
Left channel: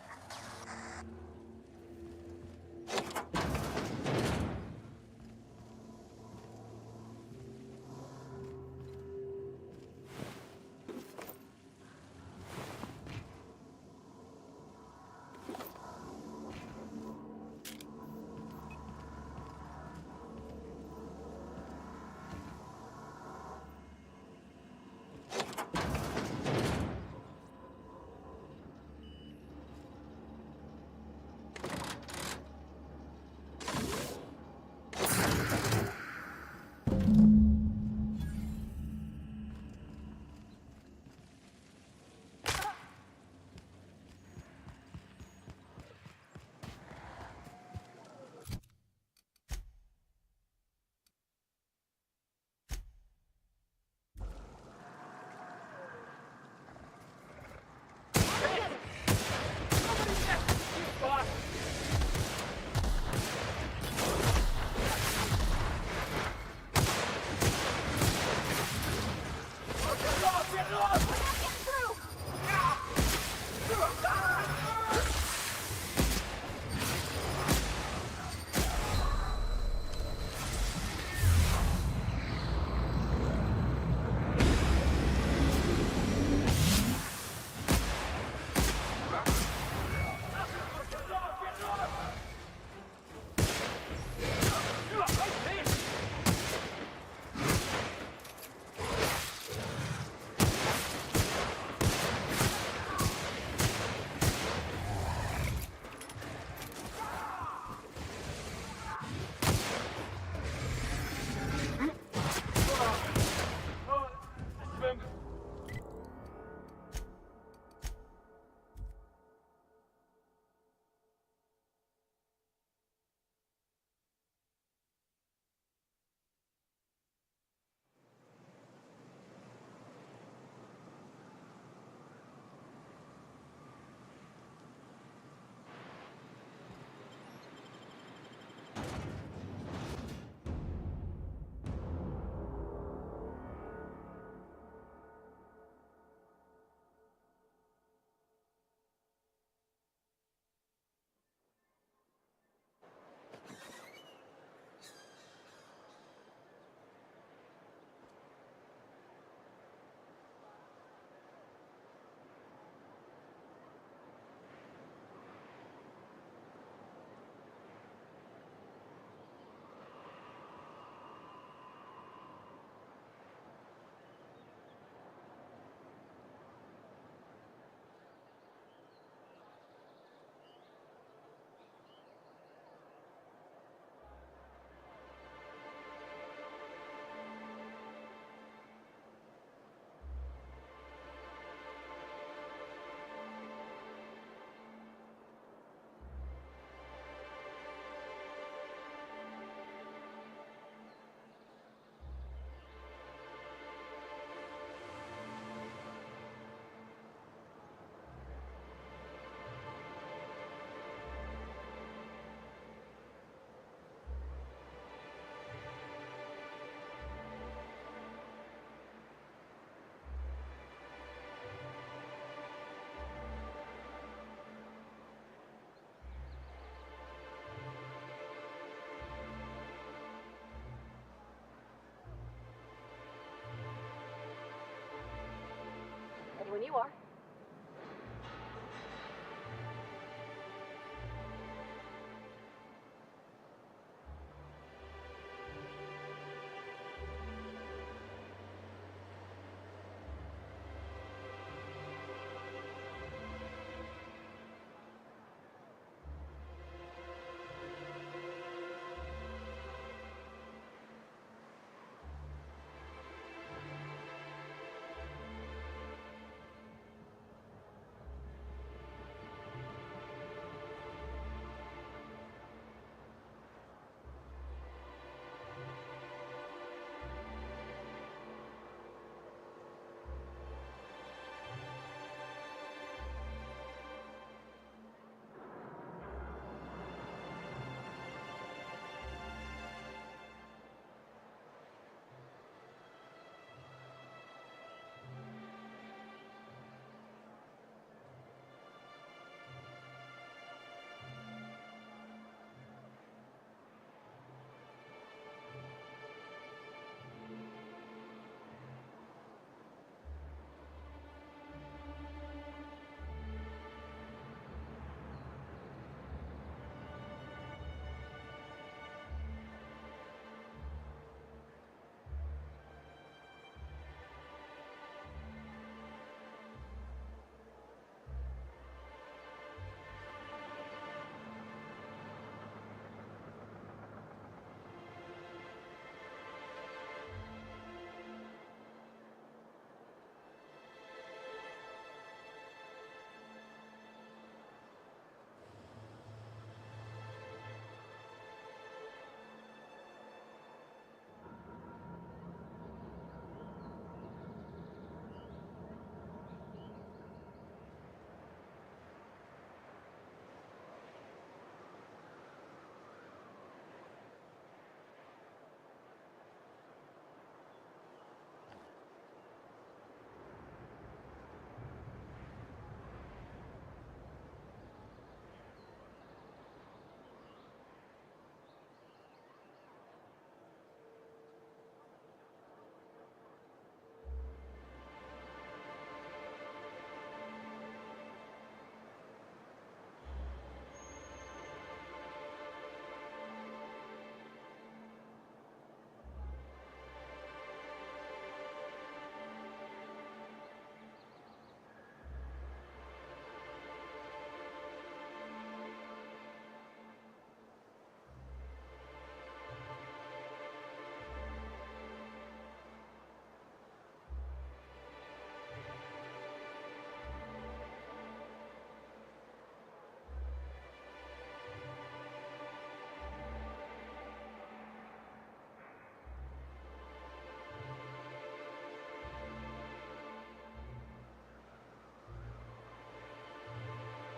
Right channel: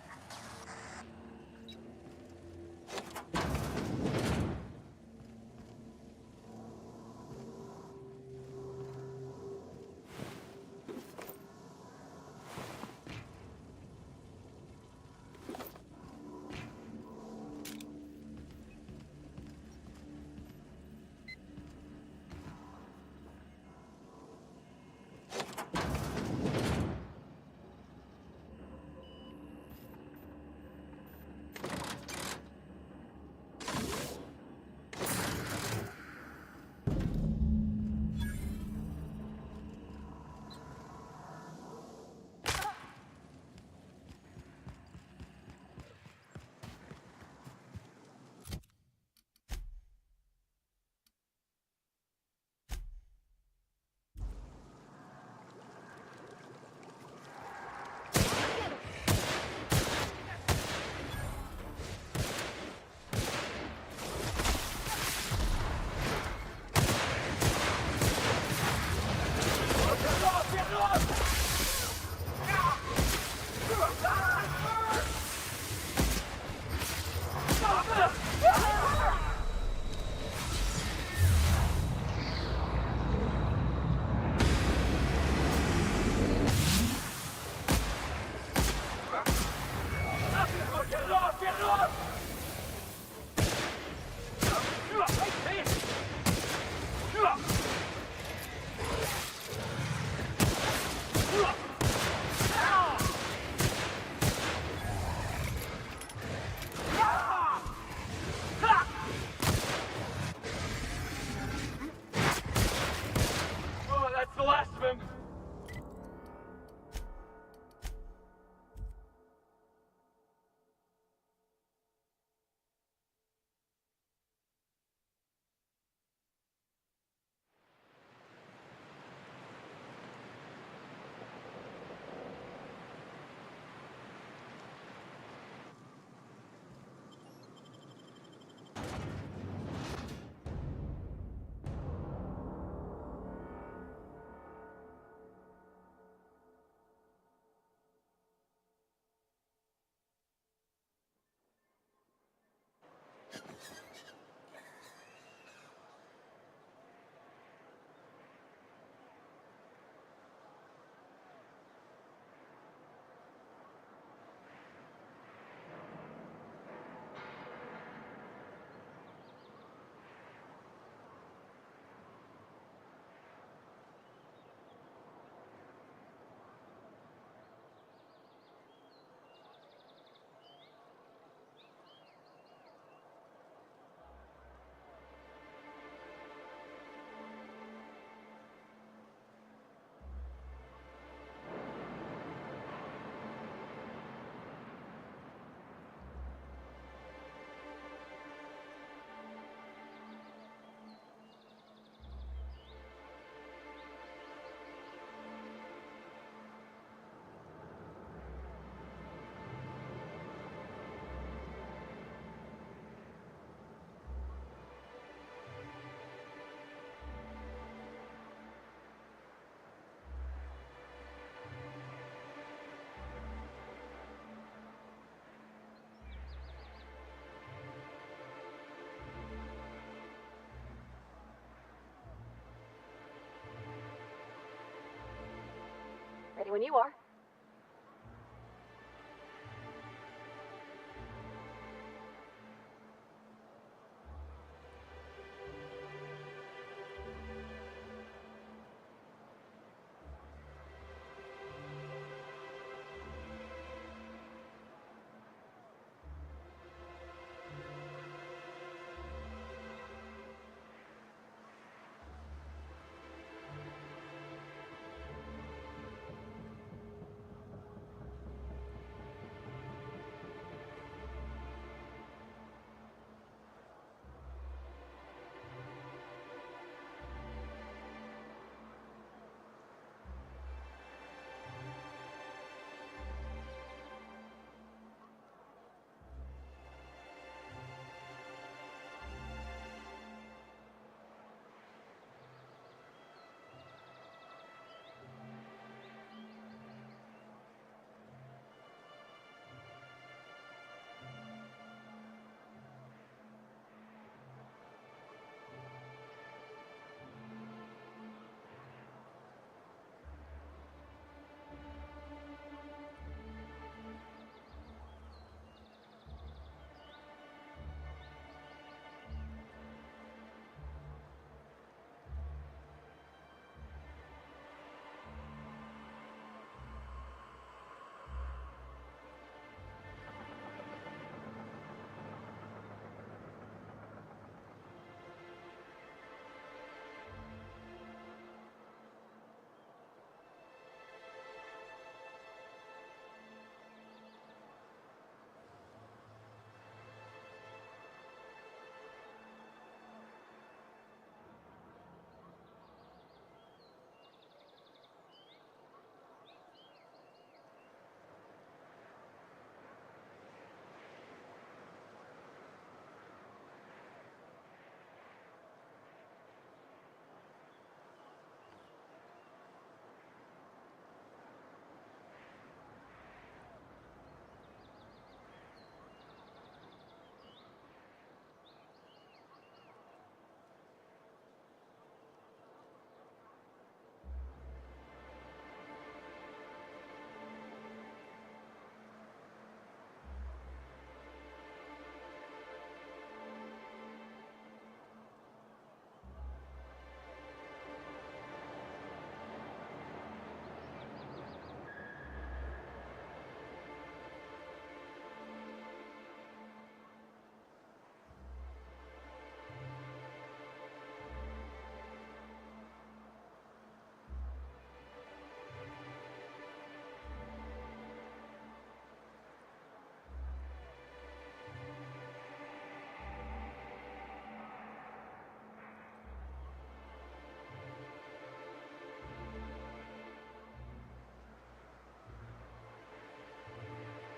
Ready when you are.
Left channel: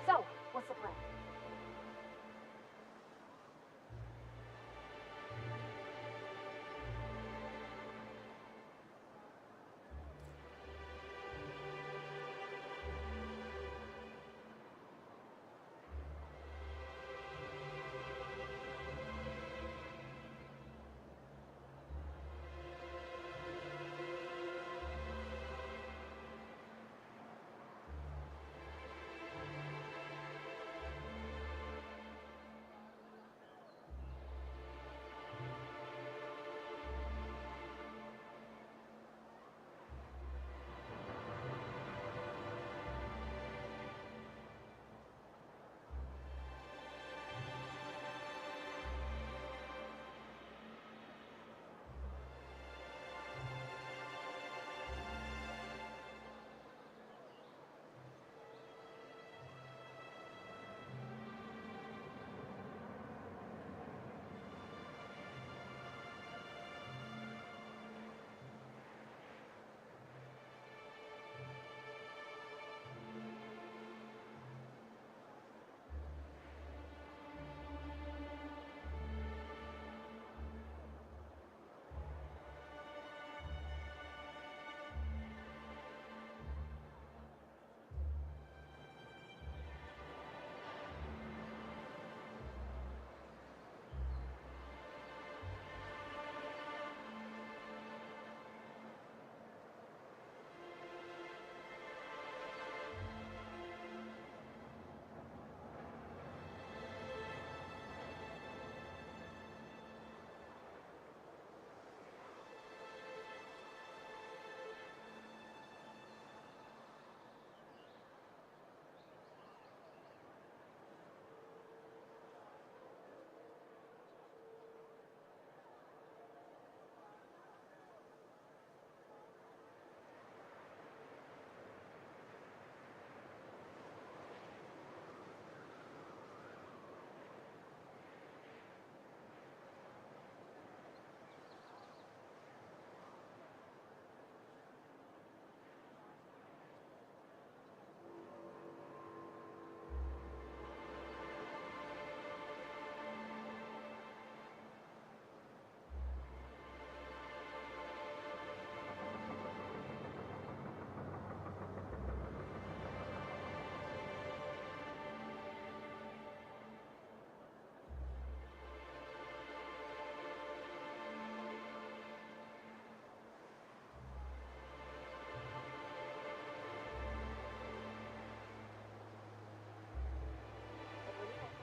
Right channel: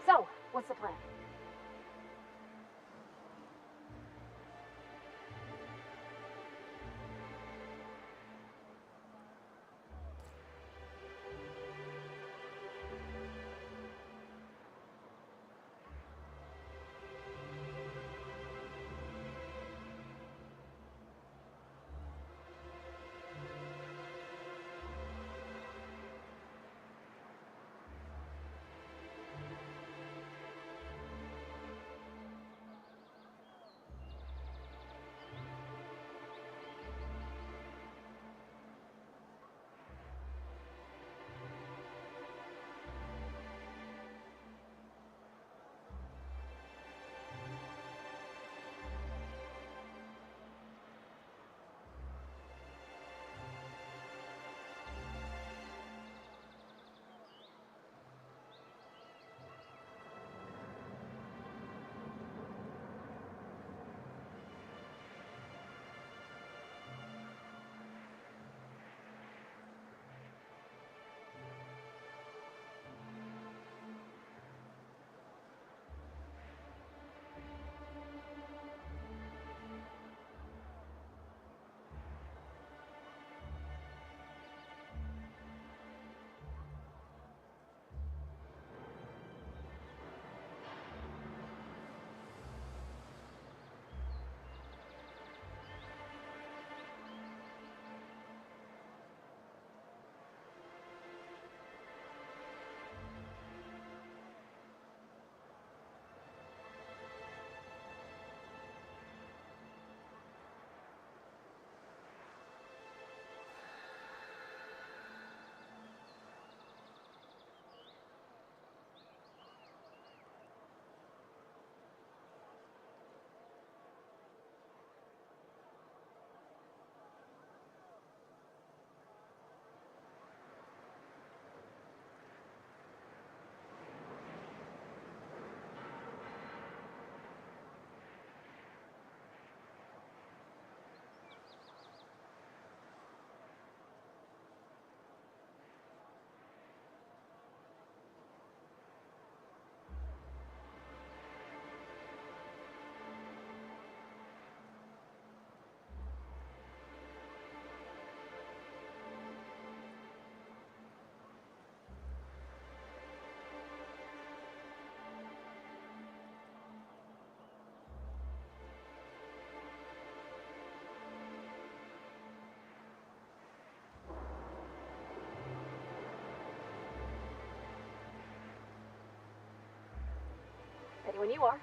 So, what's the plan? When you are.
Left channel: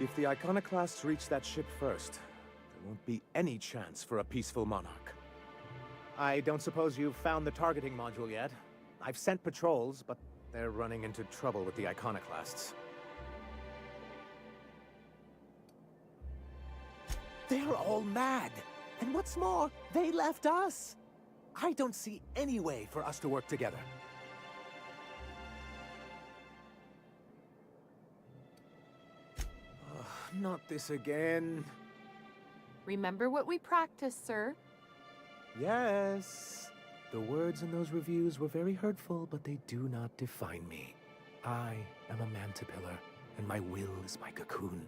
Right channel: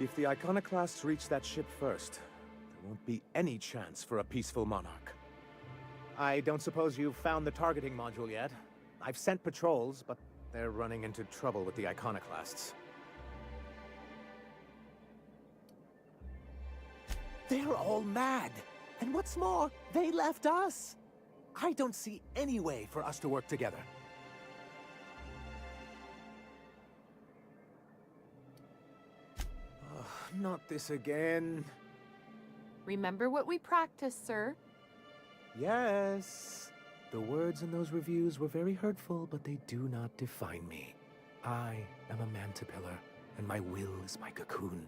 If the iconoclasts reach that ship first, there won't be any chance for a peaceful monarch. I don't suppose you've found the targeting module yet? I've sent patrols, but they're running into trouble with the iconoclasts. They're all mad! And what's more, they left us! I don't see any way for us to work together. Not this again. Remember what we practiced, sir. Yes. The words in those reviews were very hurtful, but they do not define me. I am a mantipillar, and my will is my cocoon.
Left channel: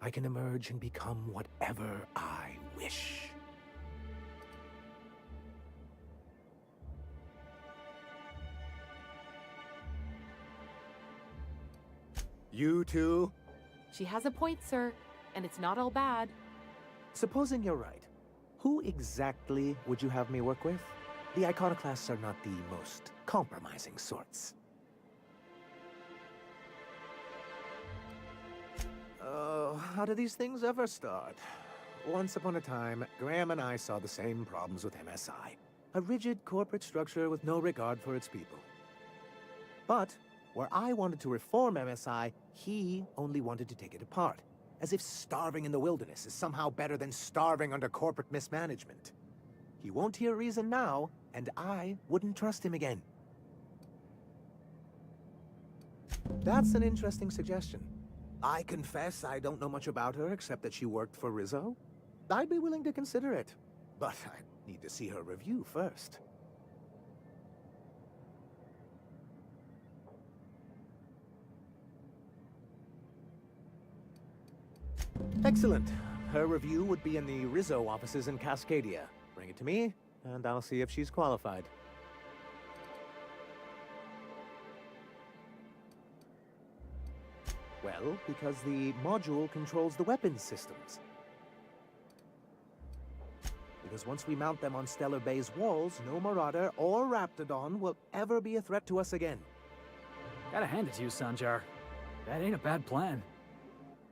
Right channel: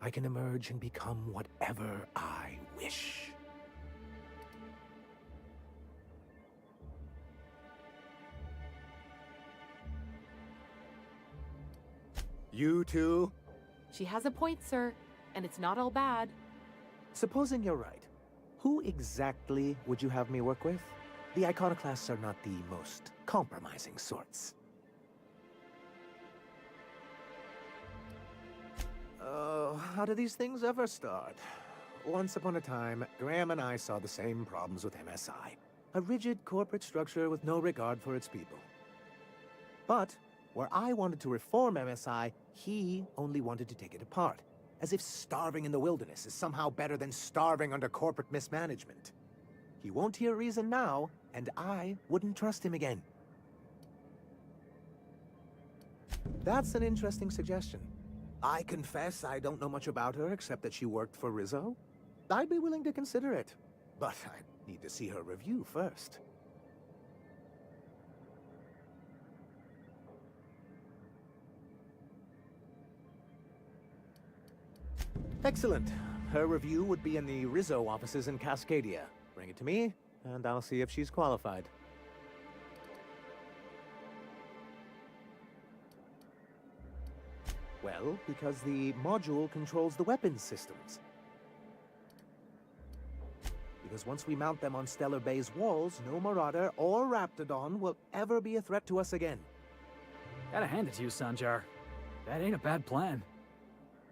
I can emerge and become whatever I wish. You too? She has a point, sir, and it's not all bad. Supposing you're right, who exactly would you have me work with? The iconoclasts are not the most compromising sorts. Oh, how do these things ever start? Once upon a time, Graham and I saw the same problems with MSI. A rigid corporate structure with no regard for its people. But where I wanted to reform MSI, he only wanted to take it apart, as if starving in the wilderness is somehow better than starving under corporate mismanagement. He won't hear reason now, and I wouldn't trust him again. That's an interesting suggestion. I confess I don't know much about her except that she worked for Rizzo. I'd be willing to consider it, but I need to see her review first. Excellent. Her review would be in the Rizzo offices in Cascadia. Bring it to me, and I'll see if she's qualified. Well, because the module controls the weapons systems. Because once we mount them on Stellar Bay's walls, no Marauder or Raptidon will ever be a threat to us again. Gotta hand it to you, Sanjar. That ain't a bad plan.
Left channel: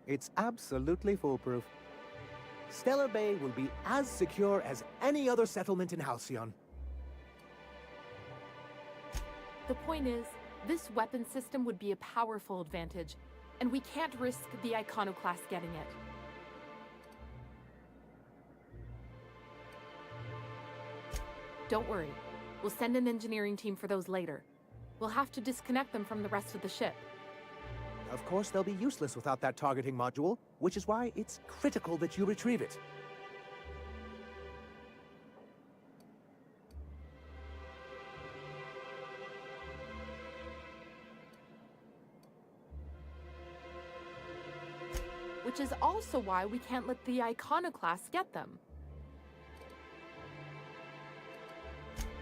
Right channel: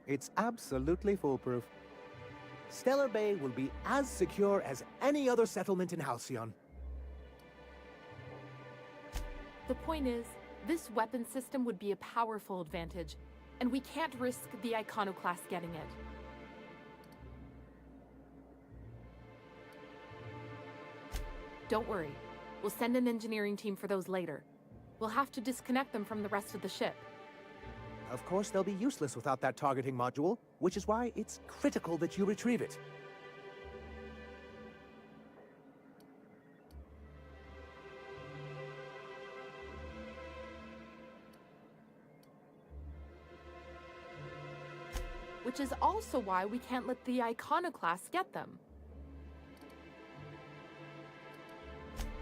It's absolutely foolproof. Stellar Bay will be as secure as any other settlement in Halcyon. The point is, this weapon system would be a powerful advantage, and we can't risk the iconoclast getting it. Don't worry. We'll send an engineering team for those later. We'll have to disconnect them from the rest of the ship. Of course, they'll be useless without that targeting module, which is why it's critical that you retrieve it. Which is also why we can't let the iconoclasts get them.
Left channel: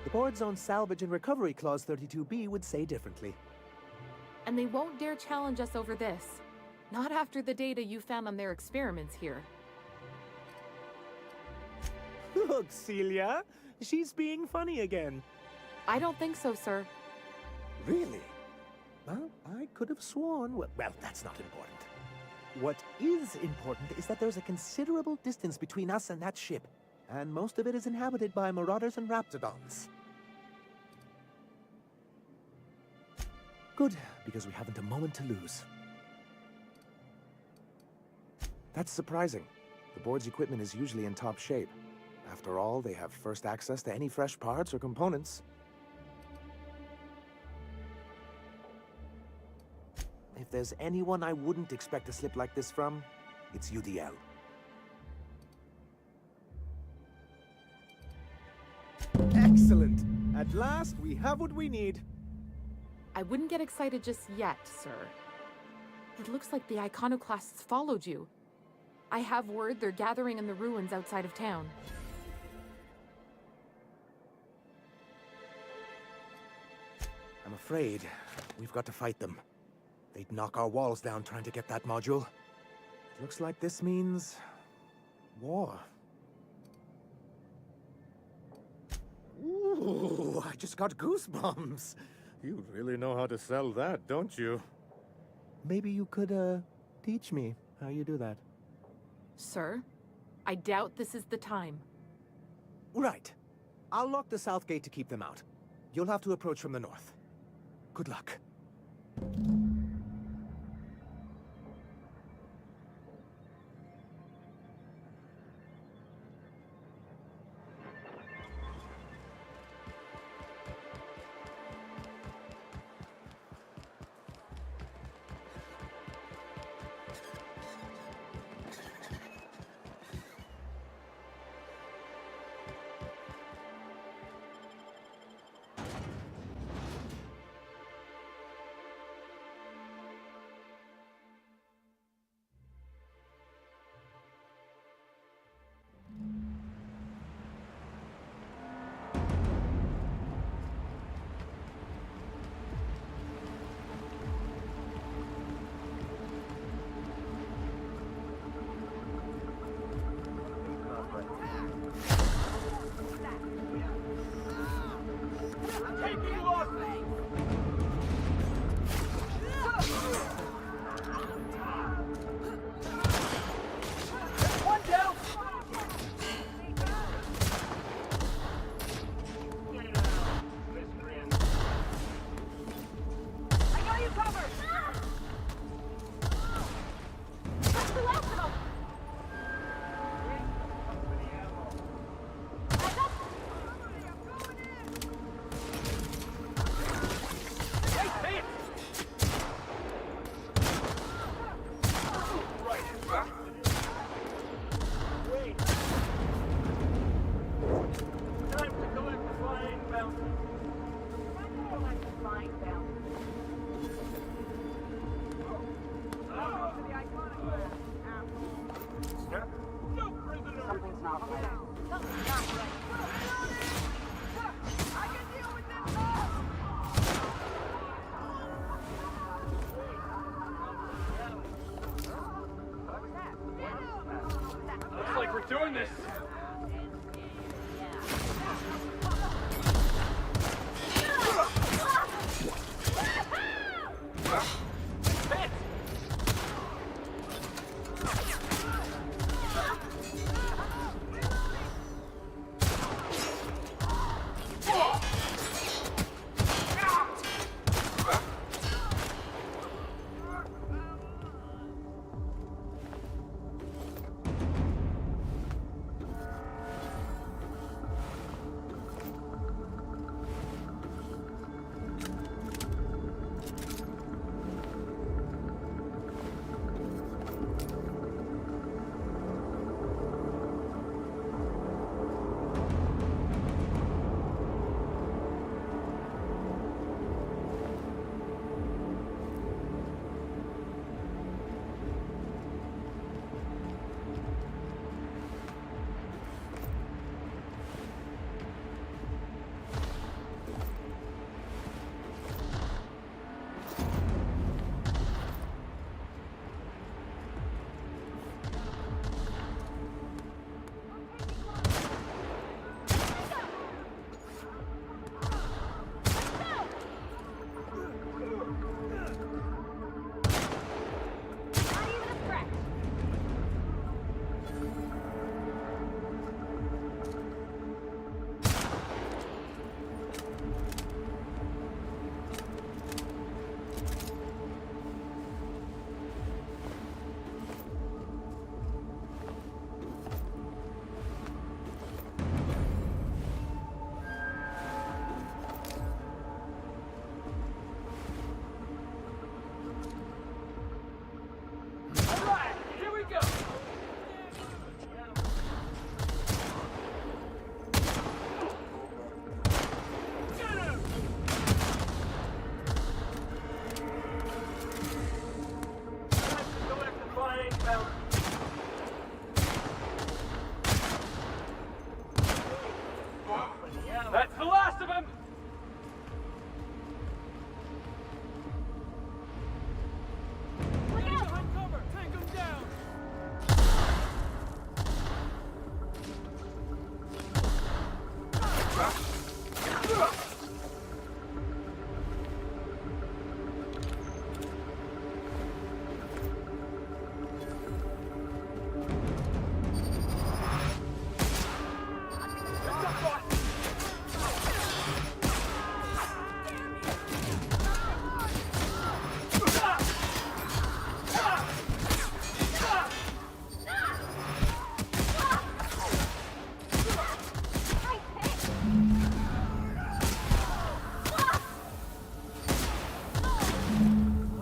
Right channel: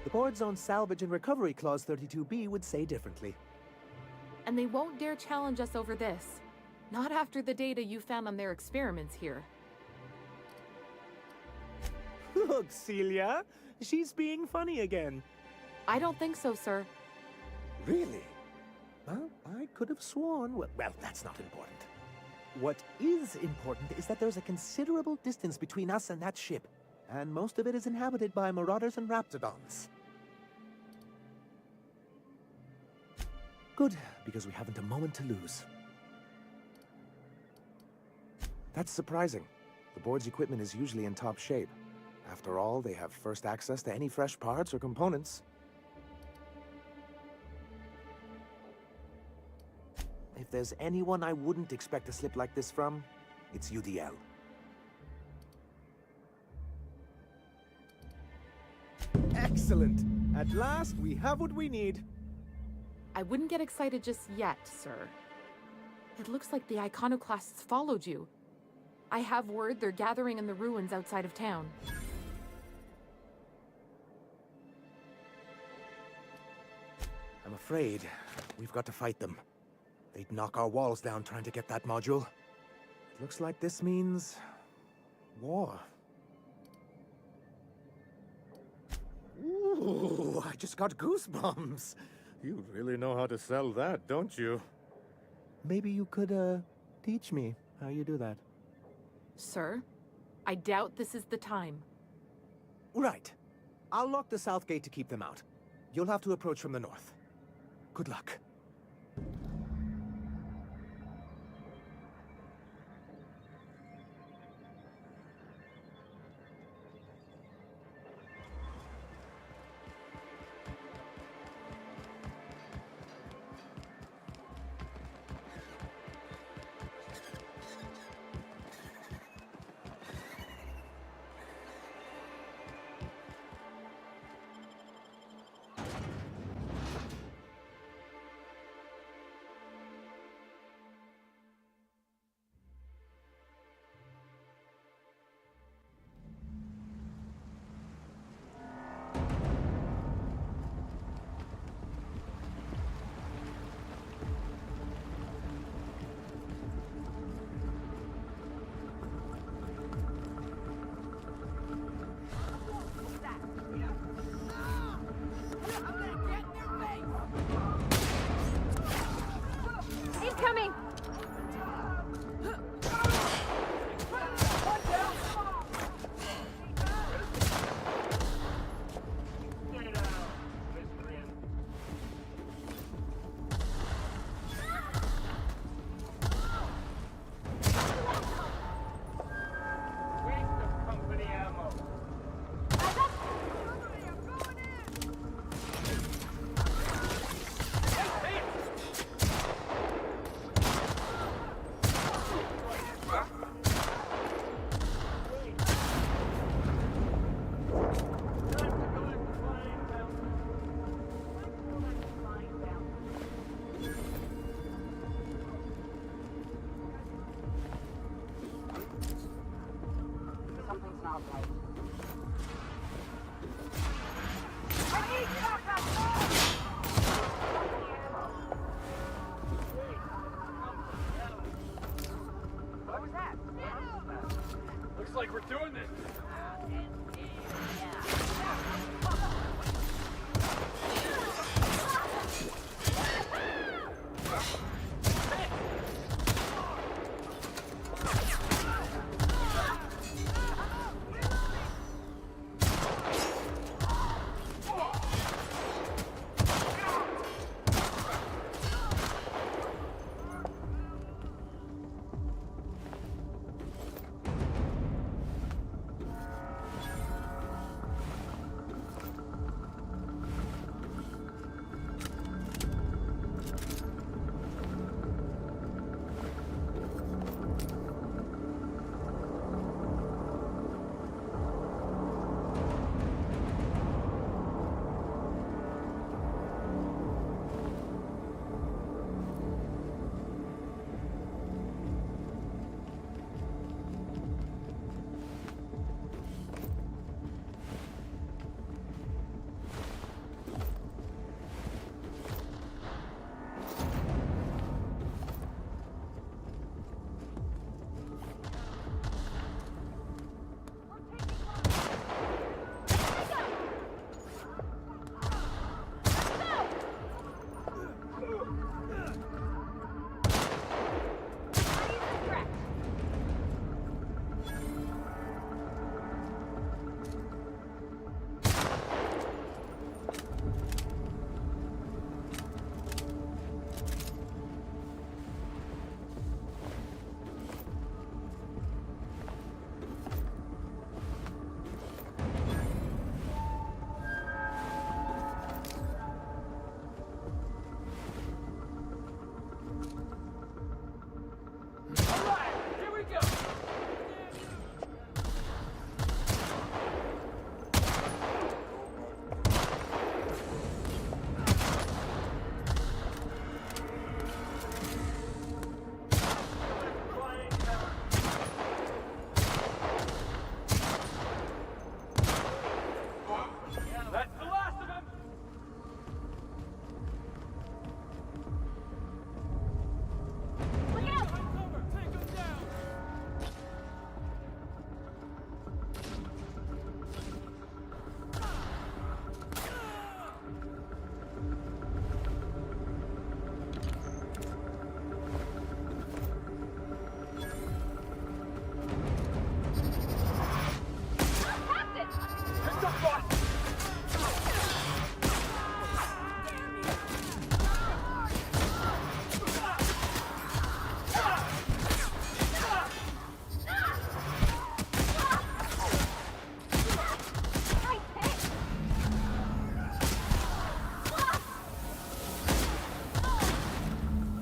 The board's own Salvage and Recovery Clause 32B would say differently. And they won't dare challenge us over this. Not after the data you found on their experiments here. Look, Celia, she's being funny again. I don't think so, sir. Really? Well, I could have sworn... Well, that's not important. What is important is that there's a considerable distance between us and that ship, and most of it is inhabited by Marauders and Raptidons. Good, because we haven't a moment to lose. That's surprising. The board's equipment is usually in top shape. After all, they have first access to any fresh parts or components. If there's anyone I wouldn't expect a slip like this from, it's UDL. Excellent! At last, we have what we need. I wouldn't get excited just yet, sir. It looks like the iconoclasts followed you. I have word they're gathering in the ruins outside of town. I'm afraid we've got to fight them. They'd knock our walls down trying to get that module. It looks like this means war. Ooh, I just got goosebumps. You really know how to sell that, don't you? Maybe you could, teach me how you do that. Sir, I doubt this is the time. Right. I'll lock the south gate to keep them out. You'll have to approach from the north. Good luck.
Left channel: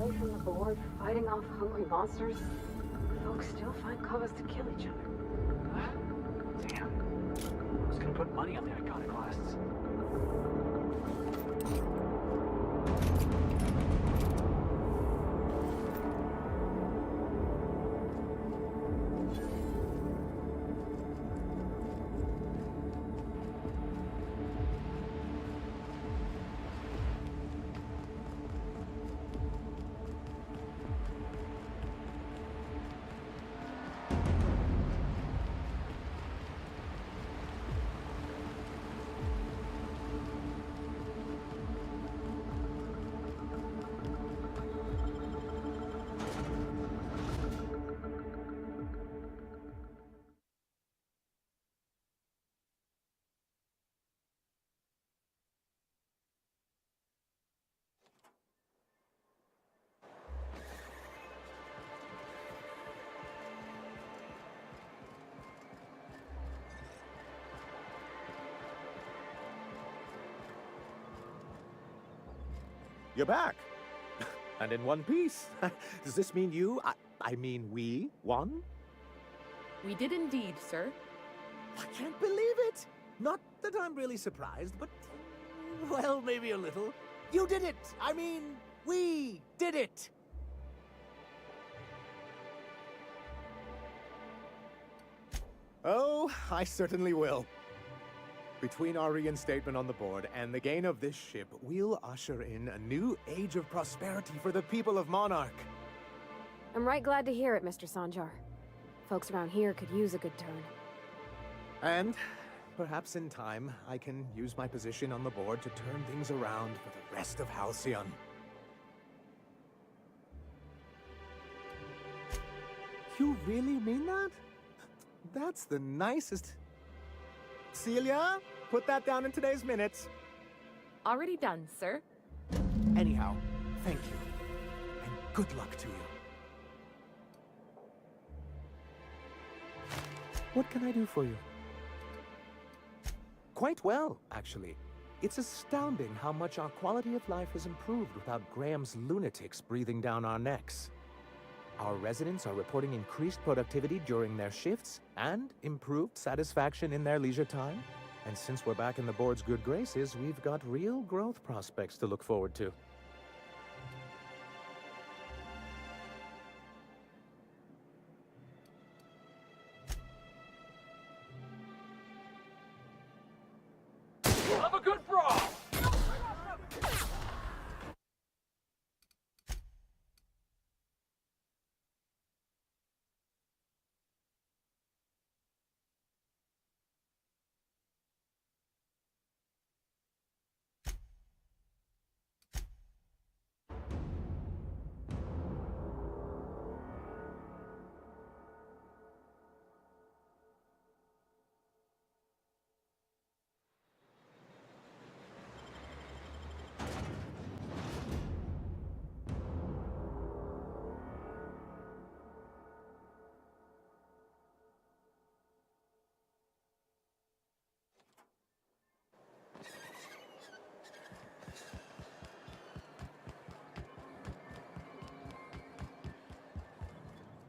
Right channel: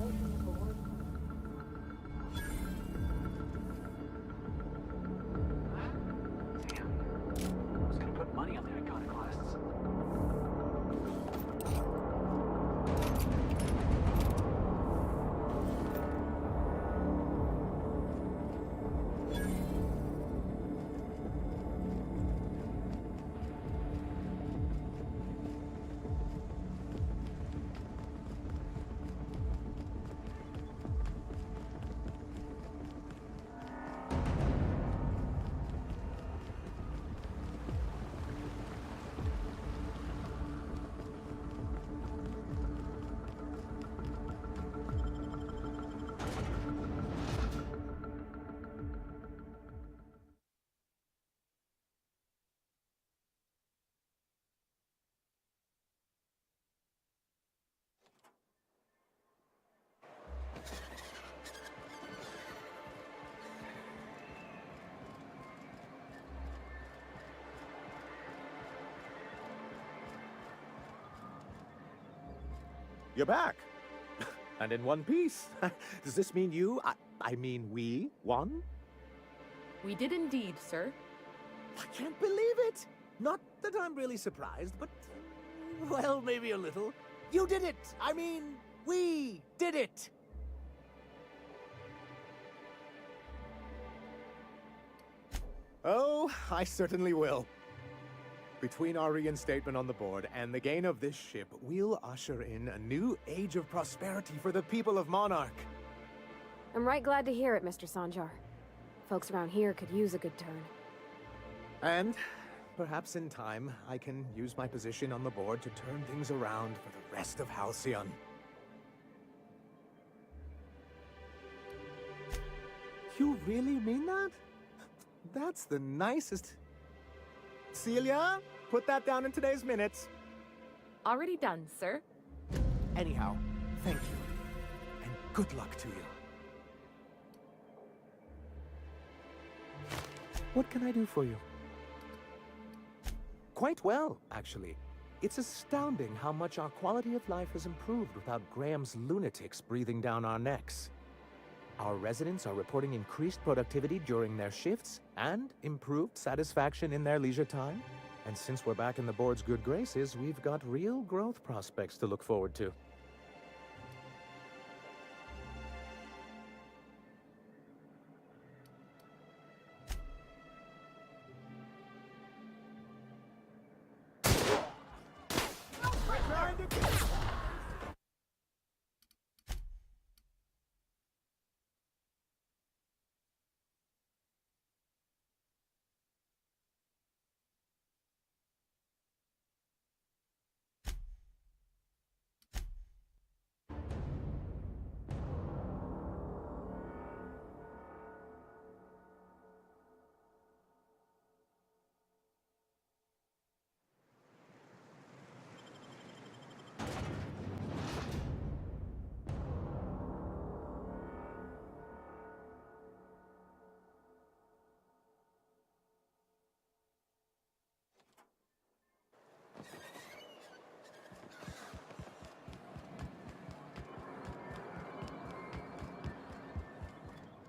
Away from the board, fighting off hungry monsters, folks still find cause to kill each other. Damn. I was gonna put money on the iconoclasts. You're back. And in one piece. Does this mean I mean we won? We did indeed, sir. I can't believe it. Not that I'm really surprised, but, well, maybe a little. You did it. I mean, we did it. Oh, I certainly will. Between our reinstatement on the board and the gain of this ship, we'll usher in a new age of prosperity for the people of Monarch. I'm right glad to hear it, Mr. Sanjar. Folks around here could use a good turn. And perhaps in time, I can use my position on the board to turn things around for the rest of Halcyon. You really mean that? That's the nicest... Celia, put that down in today's minutes. Already done, sir. Anyhow, thank you. And good luck to you. What can I do for you? Quite well, actually. It's astounding how much our quality of life has improved without Graham's lunatics breathing down our necks. Our residents are reporting increased productivity during their shifts and improved satisfaction in their leisure time. And since we're back in the board's good graces, we've got real growth prospects to look forward to. Have a good brawl!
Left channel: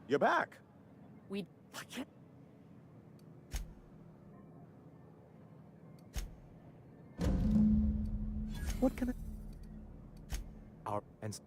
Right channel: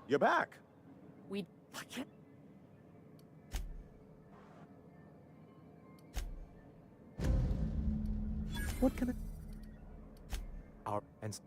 You're back. We... I can't... What can I... Our... And...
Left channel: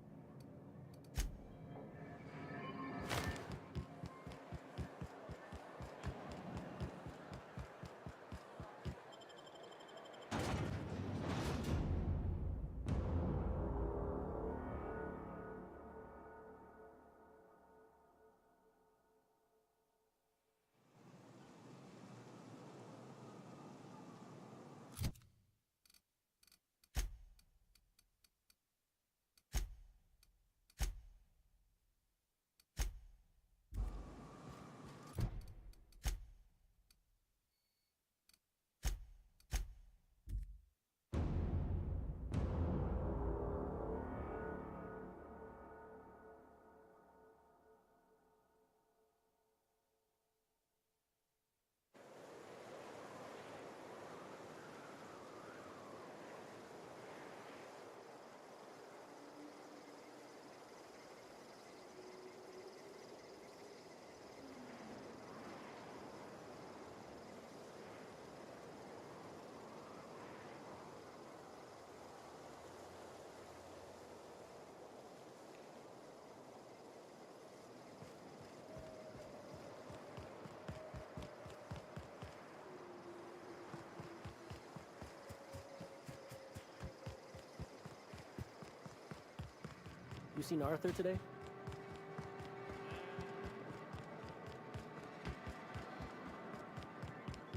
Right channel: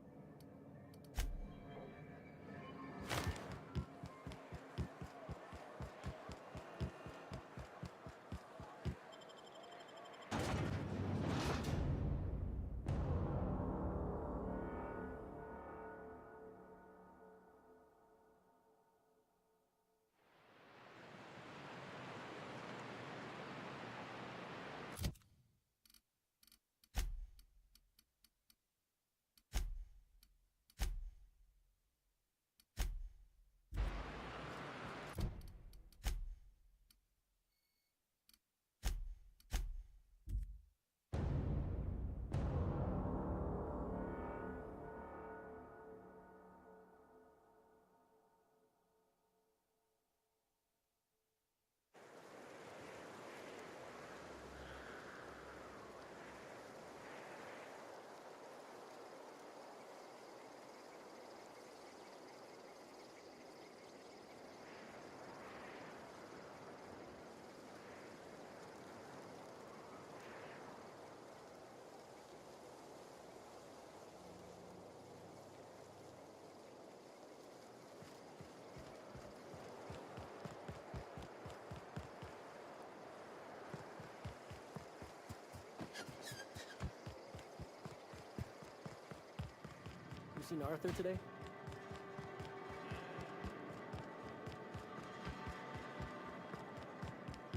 You seen Arthur today?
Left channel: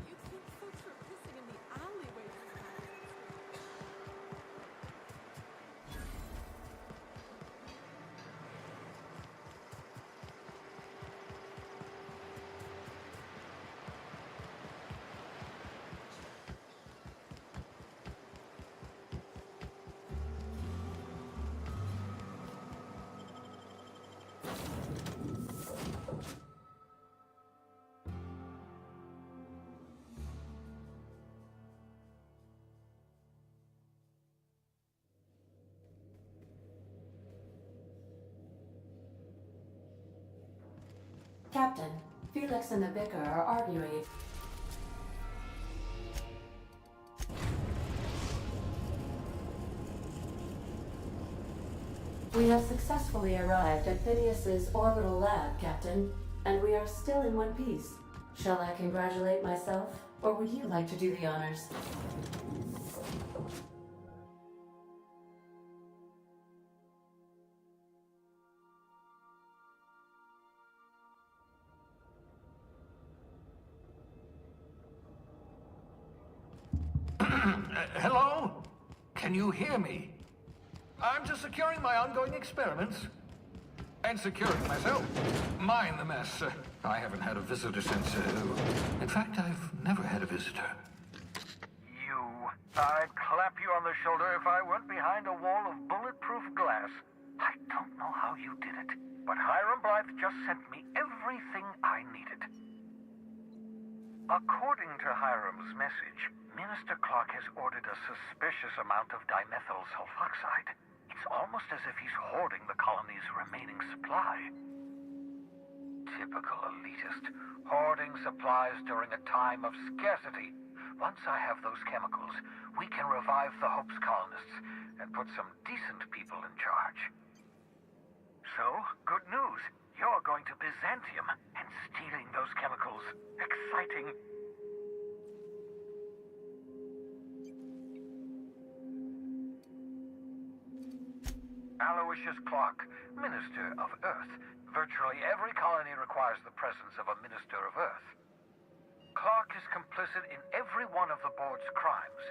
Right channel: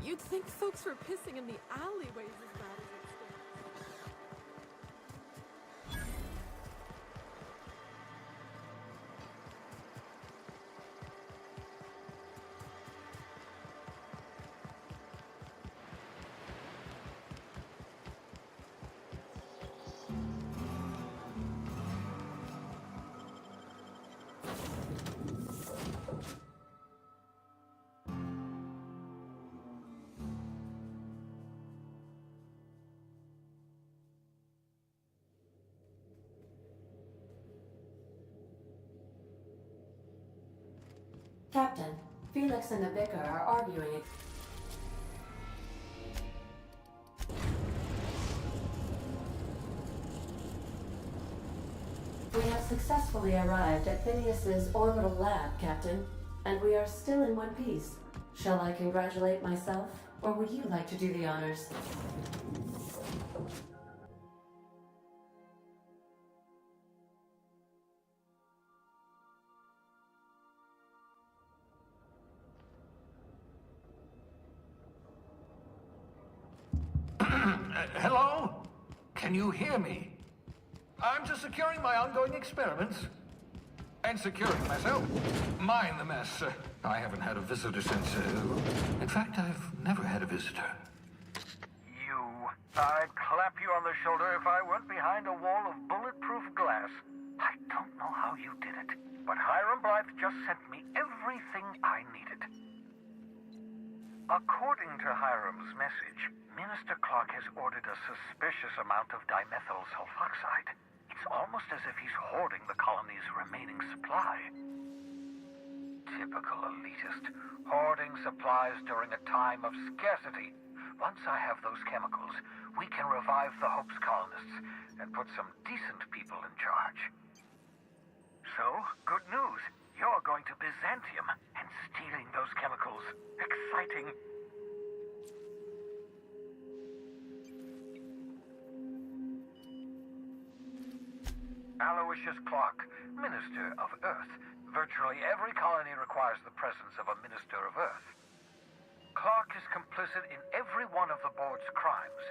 You'd think folks were pissing in the alleyways as bad as it's been. Captain, Felix and the vicar are arguing. We have successfully arrived at Phineas's orbital lab, Captain, and we are still in one piece. Shall I congratulate myself, or would you like to do the honors? Hello? Can you hear me? I'm just securing my ongoing experiments. And securing myself. Mind the mess. I haven't had a visitor since... in fact, I've never had a visitor. I'd clap you on the shoulder if I weren't behind a wall of bulletproof glass. I don't know how you did it, but Hiram Blythe just sent me everything I needed. According to Hiram's message, Minister Clark has ordered a suspicious amount of dimethyl sulfoxide. It's almost as if he's hoarding the colony's remaining supply. Typical elitist, hoarding supplies during a time of scarcity. Once I have those chemicals, we can revive the Hope's colonists and put some decent people in charge. So, good news. You're going to Byzantium and stealing those chemicals. Exciting. Aloysius Clark, Minister of Earth. Virtually every colony requires the presence of a Minister of Earth. Clark is complicit in every one of the board's crimes.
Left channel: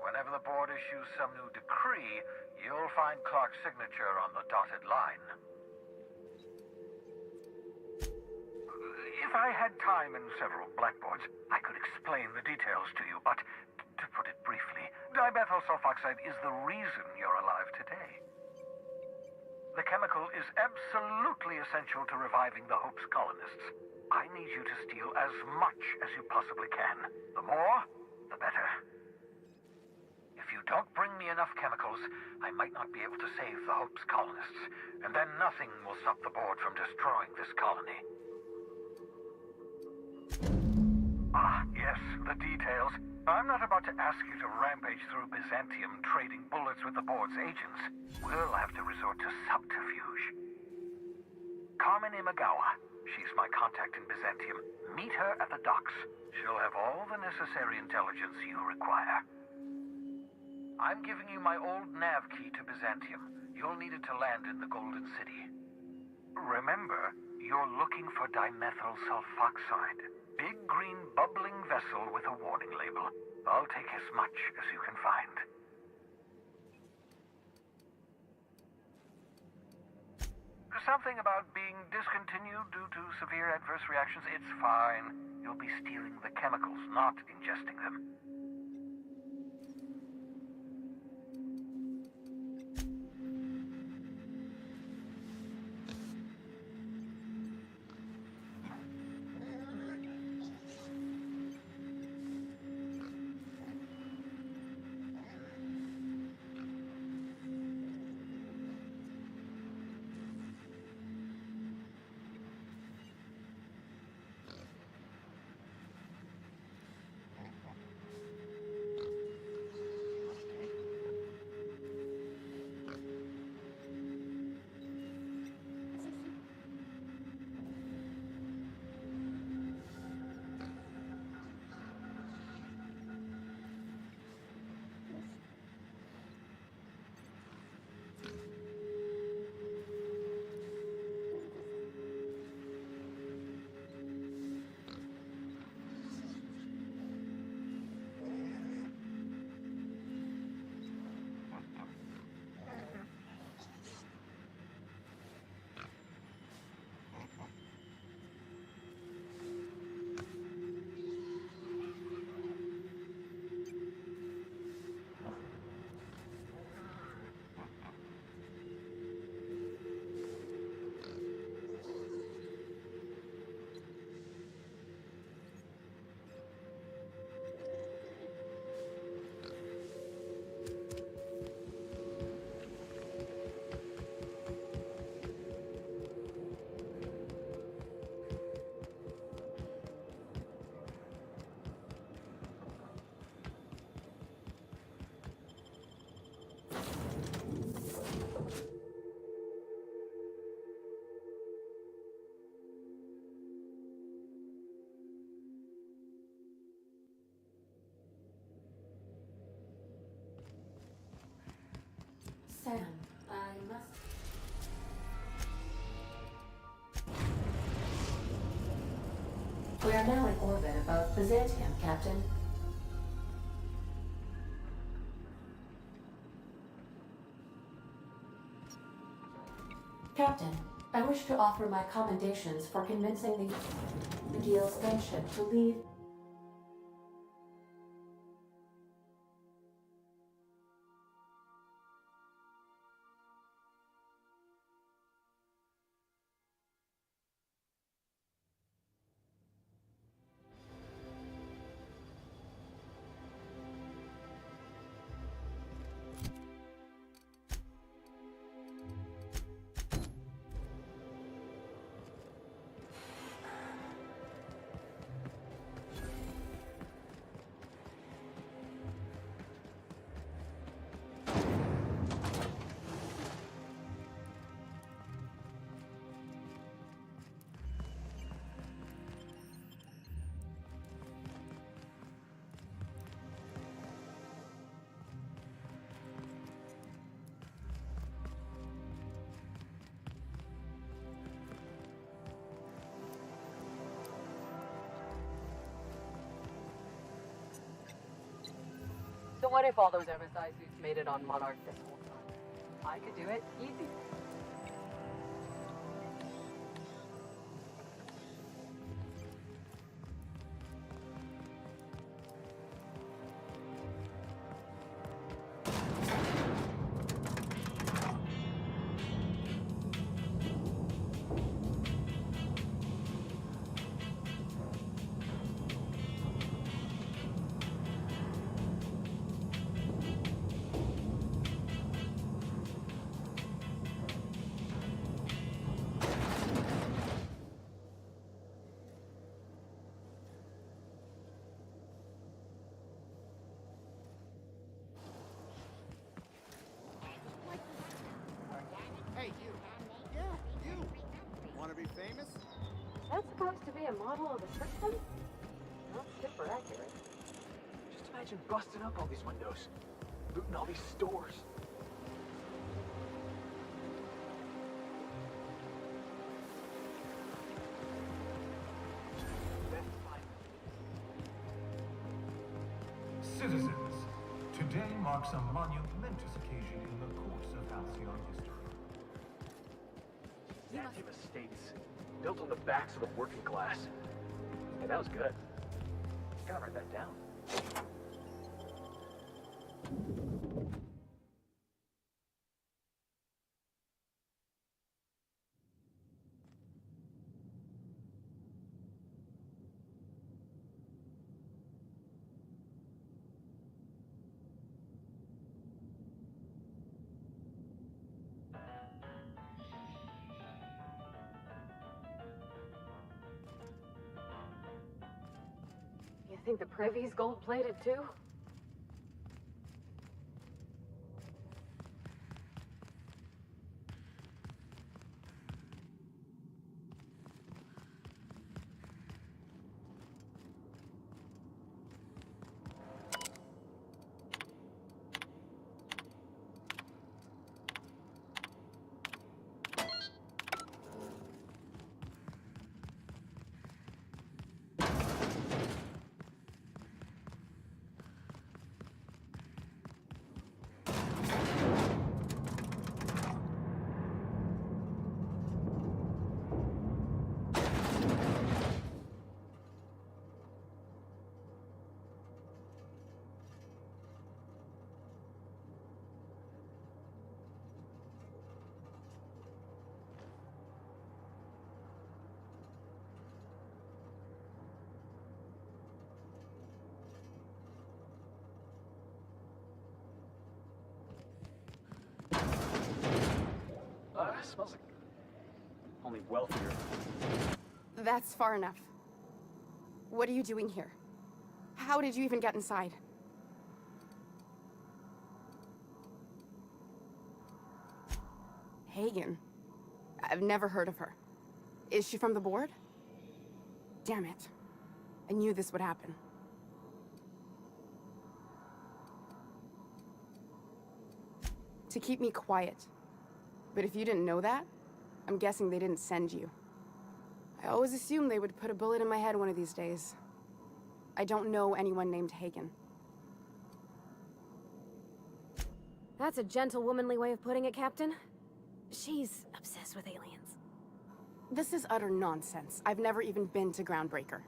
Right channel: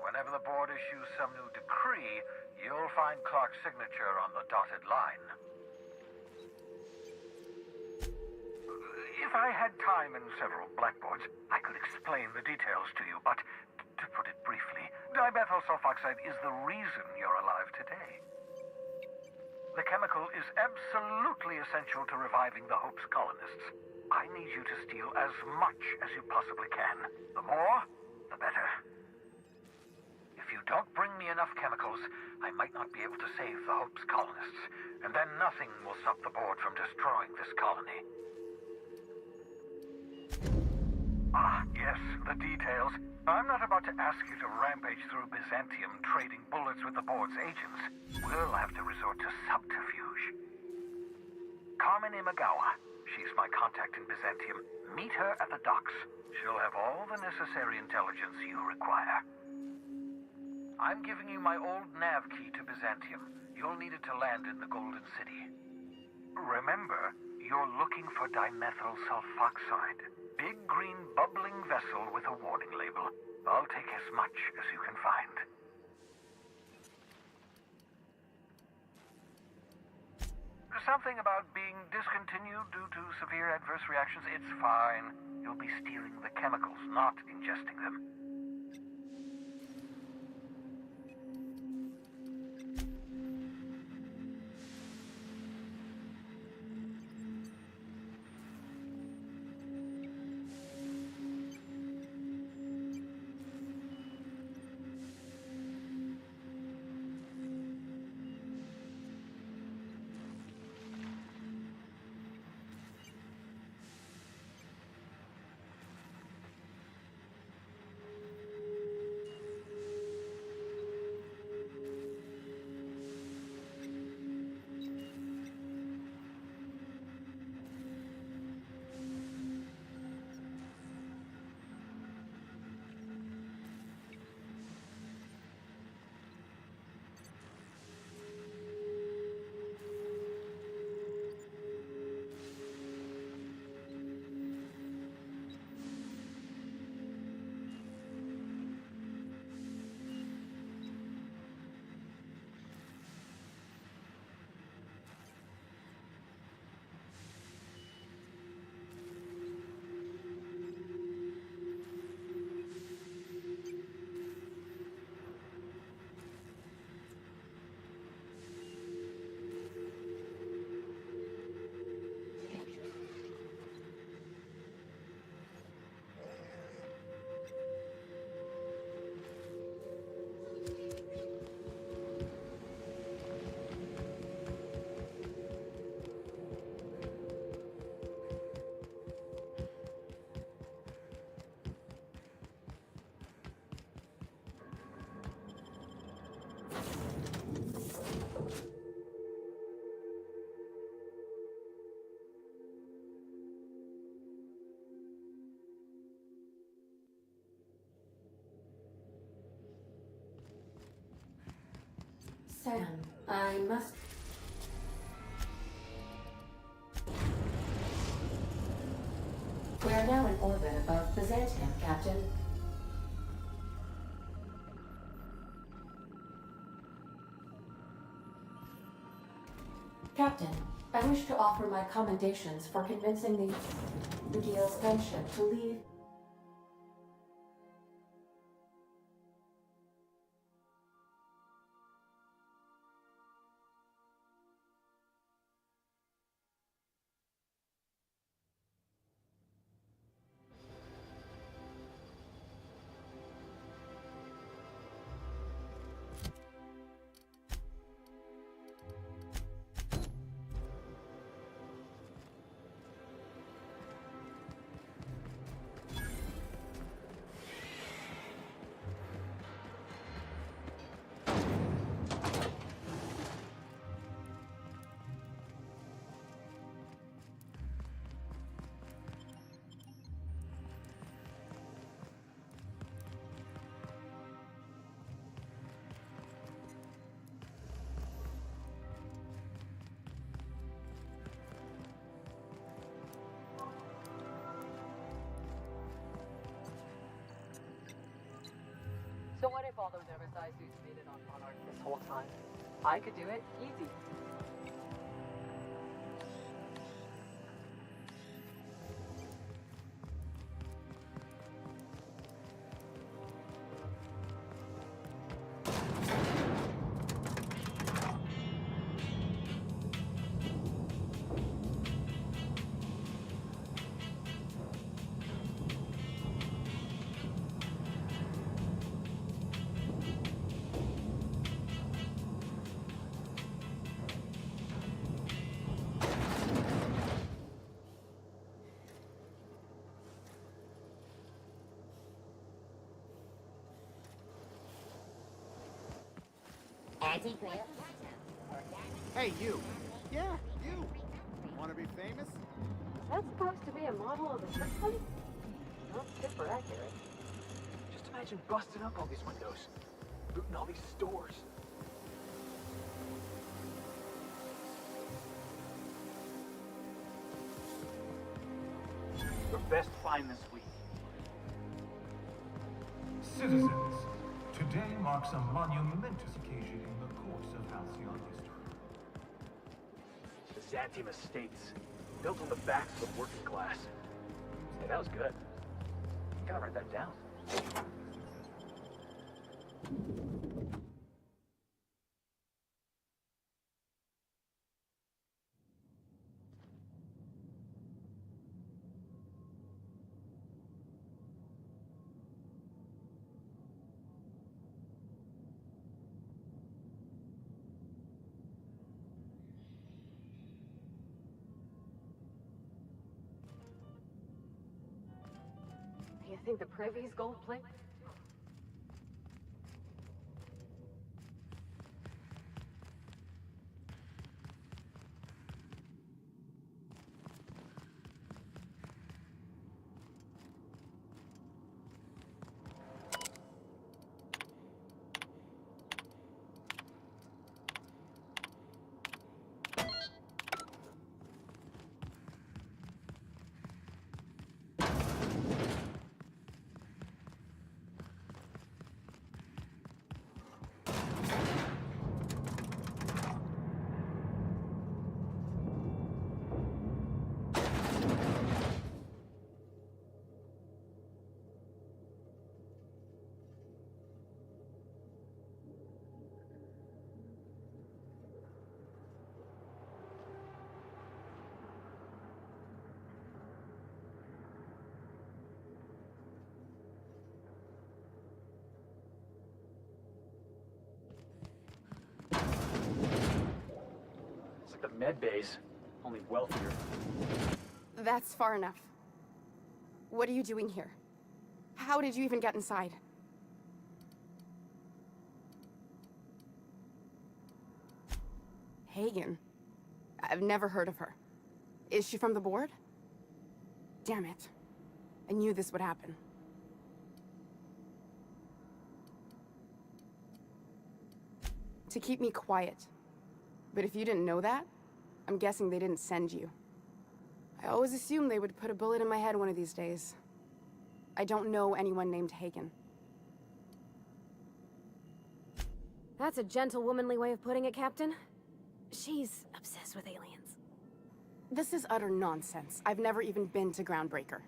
Whenever the board issues some new decree, you'll find Clark's signature on the dotted line. If I had time and several blackboards, I could explain the details to you, but to put it briefly, dimethyl sulfoxide is the reason you're alive today. The chemical is absolutely essential to reviving the Hope's colonists. I need you to steal as much as you possibly can. The more, the better. If you don't bring me enough chemicals, I might not be able to save the Hope's colonists, and then nothing will stop the board from destroying this colony. Ah, yes, the details. I'm not about to ask you to rampage through Byzantium trading bullets with the board's agents. We'll have to resort to subterfuge. Carmen Imagawa. She's my contact in Byzantium. Meet her at the docks. She'll have all the necessary intelligence you require. I'm giving you my old nav key to Byzantium. You'll need it to land in the Golden City. Remember, you're looking for dimethyl sulfoxide. Big green bubbling vessel with a warning label. I'll take as much as you can find. Something about being discontinued due to severe adverse reactions. It's fine. You'll be stealing the chemicals, not ingesting them. Sam, I must... We are now in orbit above Byzantium, Captain. Captain, I wish to offer my commendations for convincing the UDL's gunship to leave. So what if all those oversized suits made it on Monarch this whole time? I could do it easy. Hey, you. Yeah, you. Want to be famous? Is that supposed to be a model of the system? Not super accurate. Just imagine busting up all these windows, looting all these stores. Your best find this week. Citizens, today marks a monumentous occasion in the course of Halcyon history. Byzantium estates, built on the backs of the working class. Hey, that was good. Gotta write that down. You think the Privy's gold-plated too? Smells like the med base, only wealthier. That's far enough. What are you doing here? How did you even get inside? Hagen? I've never heard of her. Is she from the board? Damn it. I knew this would happen. To keep me quiet. But if you didn't know that, I'm guessing they didn't send you. I always assumed they would put a bullet in my head one of these days. I don't know anyone named Hagen. That's a gentle, womanly way of putting it, Captain. She's obsessed with aliens. This is utter nonsense. I've never even been to Groundbreaker.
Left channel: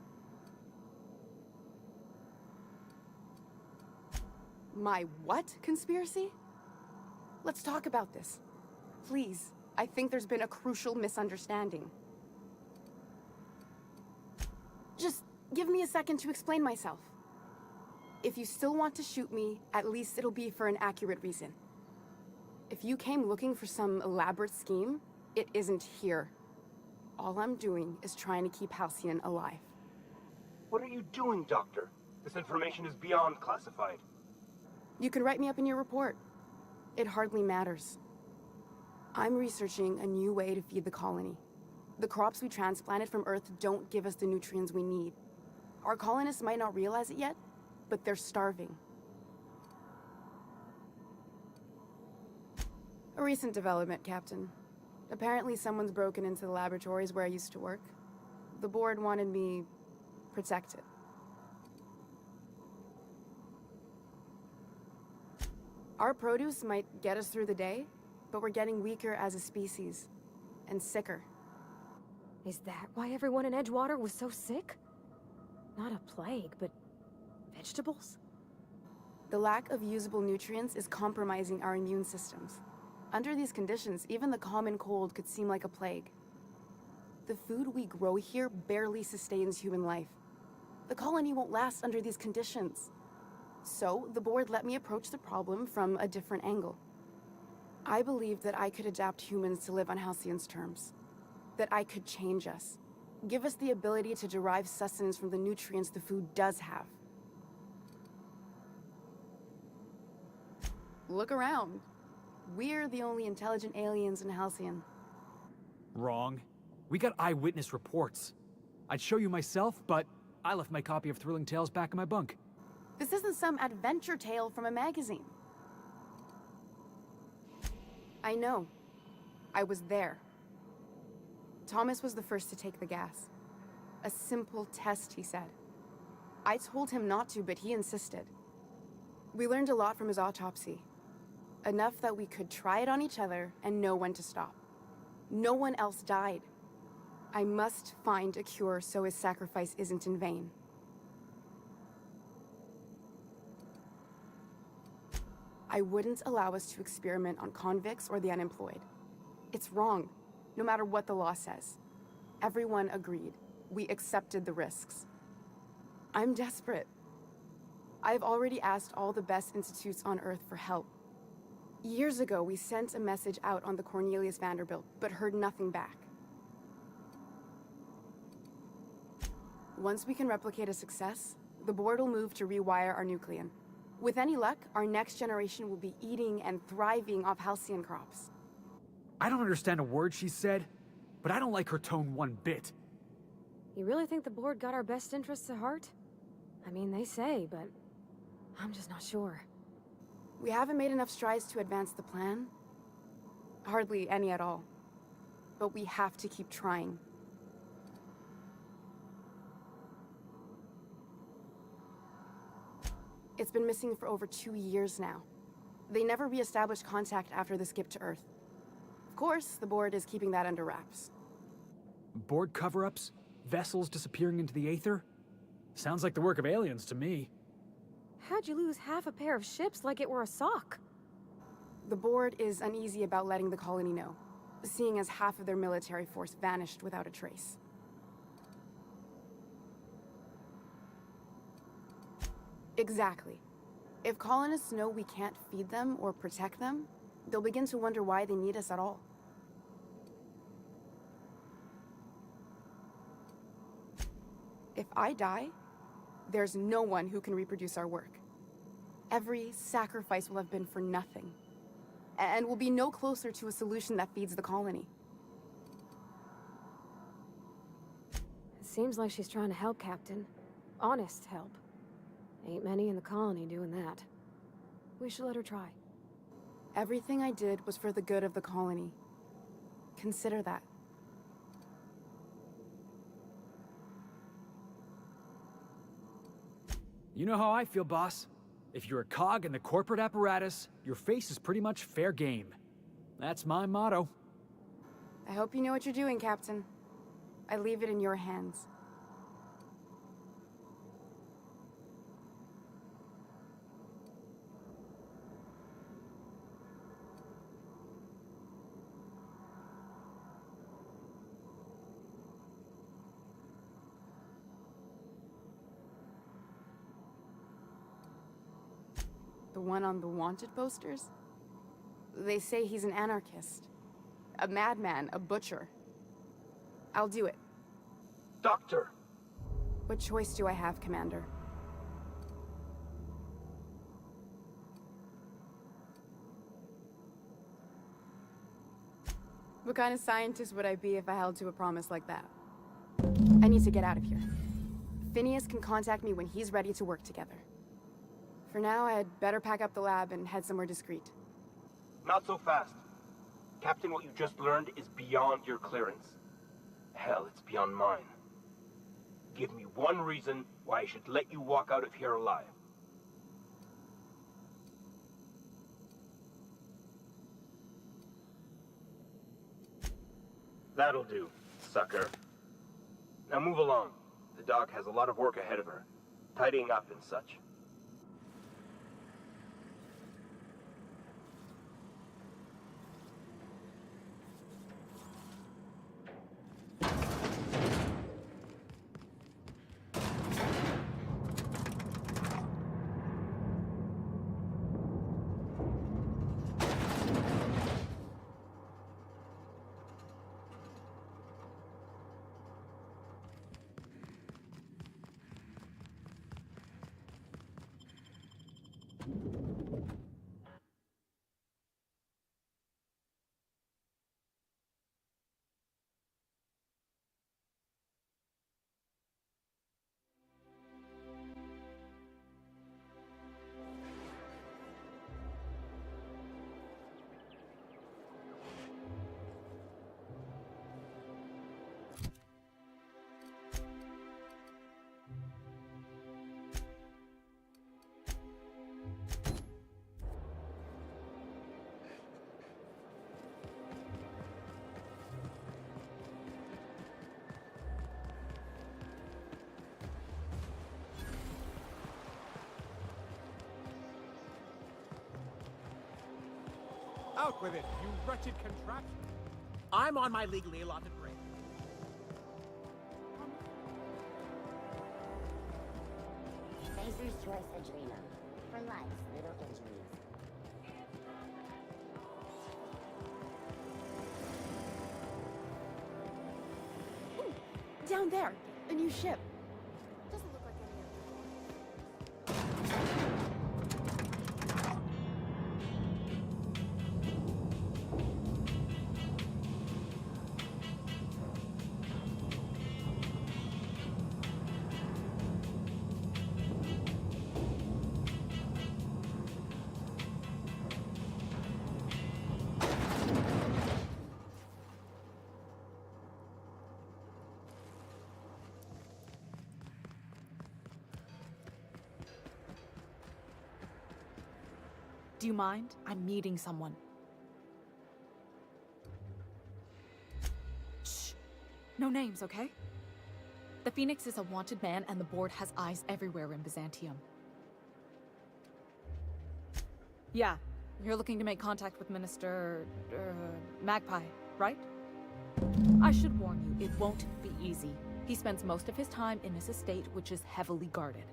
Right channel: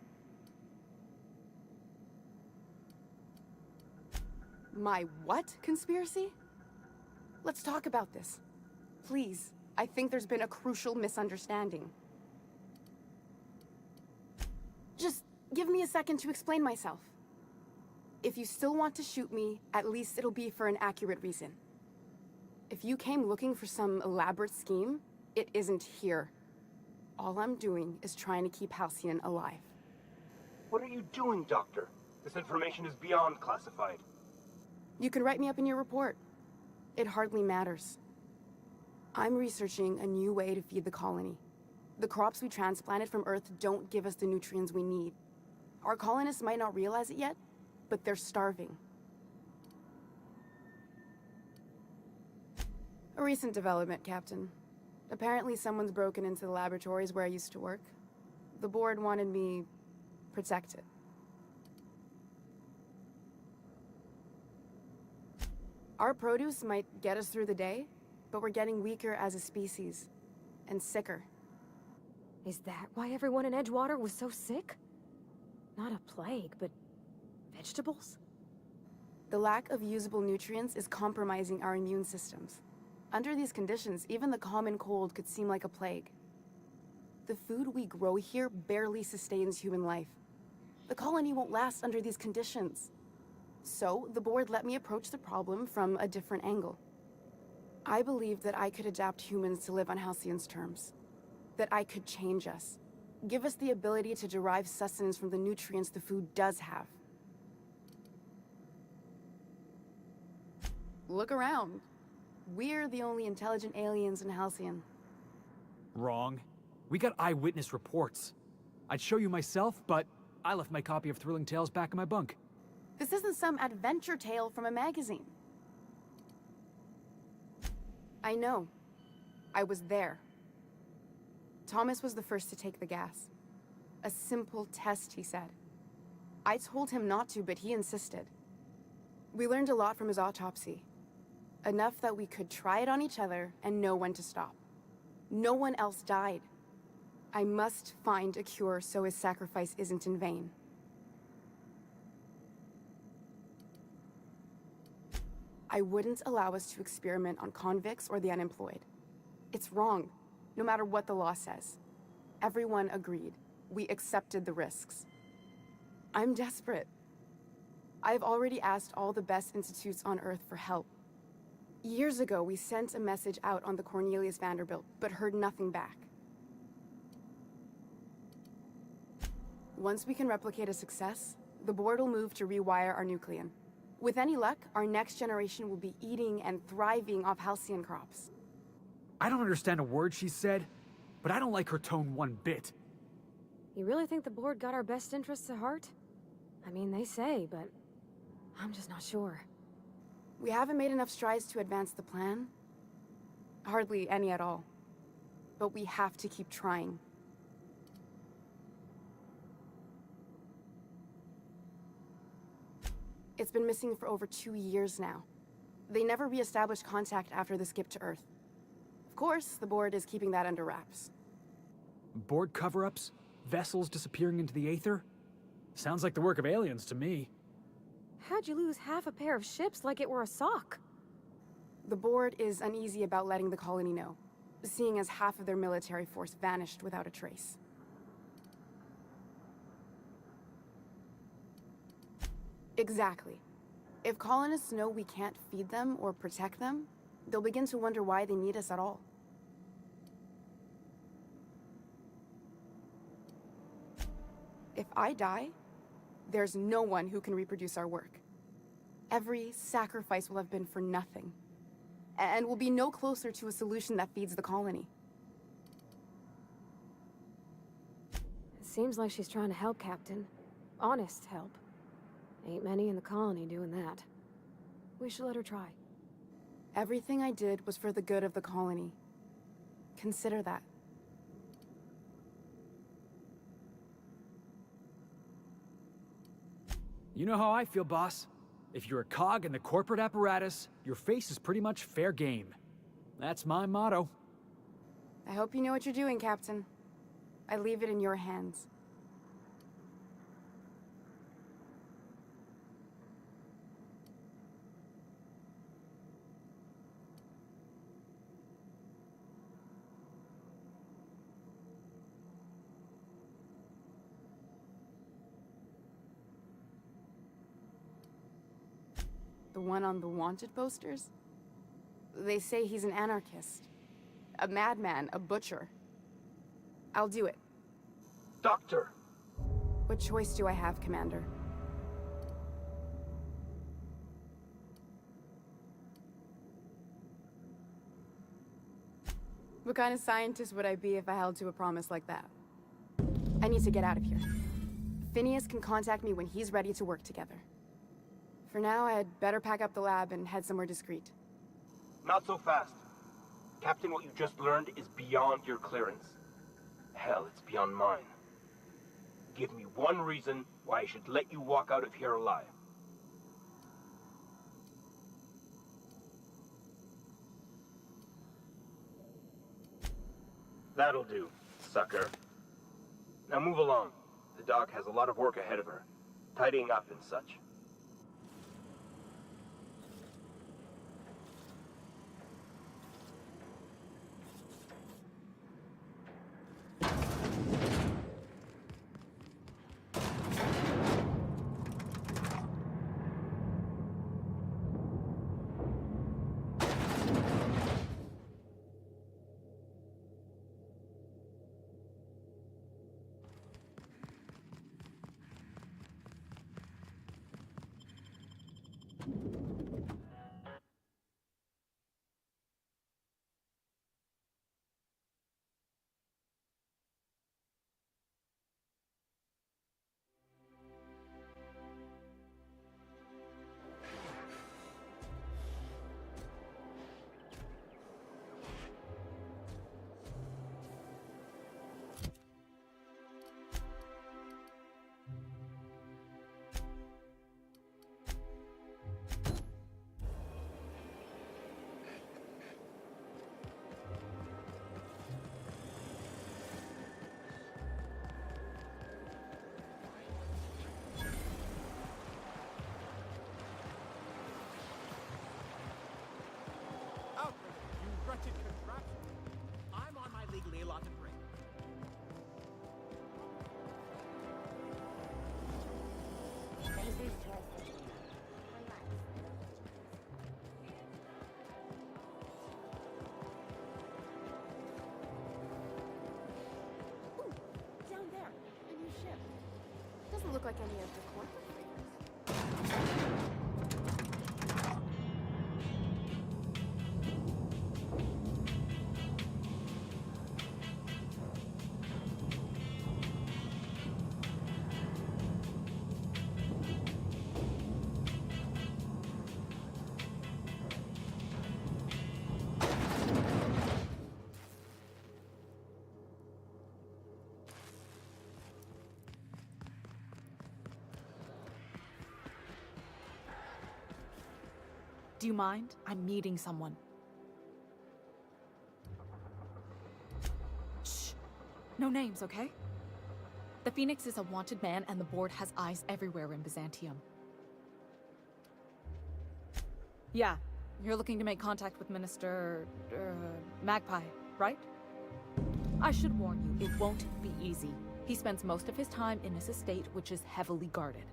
My what conspiracy? Let's talk about this. Please. I think there's been a crucial misunderstanding. Just give me a second to explain myself. If you still want to shoot me, at least it'll be for an accurate reason. If you came looking for some elaborate scheme, it isn't here. All I'm doing is trying to keep Halcyon alive. What are you doing, Doctor? This information is beyond classified. You can write me up in your report. It hardly matters. I'm researching a new way to feed the colony. The crops we transplanted from Earth don't give us the nutrients we need. Our colonists might not realize it yet, but they're starving. A recent development, Captain. Apparently someone's broken into the laboratories where I used to work. The board wanted me protected. Our produce might get us through the day, but we're getting weaker as a species, and sicker. Is that why everyone in Edgewater was so sick? Not a plague, but vegetables? The lack of usable nutrients is compromising our immune systems. Under these conditions, even the common cold could seem like a plague. The food we grow here barely sustains human life. The colony won't last under these conditions. So, the board let me approach the problem from a different angle. I believed that I could adapt humans to live on Halcyon's terms. That I could change us. Give us the ability to derive sustenance from the nutrients the food does have. Look around. We're the only intelligent aliens in Halcyon. Wrong. We got eyewitness reports. I'd show you myself, but I left my copy of Thrilling Tales back in my bunk. This isn't some adventure tale from a magazine. I know. I was there. Thomas was the first to take the gas. A simple test, he said. I told him not to, but he insisted. We learned a lot from his autopsy. Enough that we could try it on each other and know when to stop. No one else died. I must find a cure so his sacrifice isn't in vain. I wouldn't allow us to experiment on convicts or the unemployed. It's wrong, no matter what the law says. Everyone agreed. We accepted the risks. I'm desperate. I've already asked all the best institutes on Earth for help. Years ago, we sent a message out on the Cornelius Vanderbilt, but heard nothing back. Once we can replicate a success, the board will move to rewire our nucleon. With any luck, our next generation will be eating and thriving off Halcyon crops. I don't understand a word she said, but I don't like her tone one bit. You really think the board got our best interests at heart? I mean, they say, but I'm just not sure. We haven't made enough strides to advance the plan. Hardly any at all. But we have to keep trying. It's been missing for over 2 years now. They never re-established contact after the skip to Earth. Of course, the board is keeping that under wraps. Board cover-ups? Vessels disappearing into the aether? Sounds like the work of aliens to me. How'd you lose half a pair of ships like it were a sock? The board is uneasy about letting the colony know, seeing as half of their military force vanished without a trace. Exactly. If colonists know we can't feed them or protect them, they'll begin to wonder why they need us at all. If I die, there's no one who can reproduce our work. Every sacrifice will have been for nothing, and we'll be no closer to a solution that feeds the colony. It seems like she's trying to help, Captain. Honest help. Ain't many in the colony doing that. We should let her try. Everything I did was for the good of the colony. Consider that. You know how I feel, boss. If you're a cog in the corporate apparatus, your face is pretty much fair game. That's my motto. I hope you know what you're doing, Captain. I leave it in your hands. The one on the wanted posters? They say he's an anarchist. A madman, a butcher. I'll do it. Doctor! What choice do I have, Commander? What kind of scientist would I be if I held to a promise like that? I need to get out of here. Phineas can contact me when he's ready to work together. For now, I'd better pack up the lab and head somewhere discreet. Not so fast. Captain, what you just learned is beyond your clearance. Hell, it's beyond mine. Give me one reason why I should let you walk out of here alive. That'll do, sucker. Now move along. The doc has a lot of work ahead of her. Tidying up and such. Out with it, you wretched contraption! I'm on my legally allotted break. Phaser's choice Adreno. For life's little injuries. Ooh, down there, a new ship. Doesn't look like any of the corporate freighters. Do you mind? I'm meeting someone. Shh. No names, okay? The Phoenix is a wanted man, and the board has eyes everywhere in Byzantium. Yeah, you're looking to make contact with Minister... Magpie, right? I should warn you, it won't be easy. He spends most of his time in his estate, which is heavily guarded.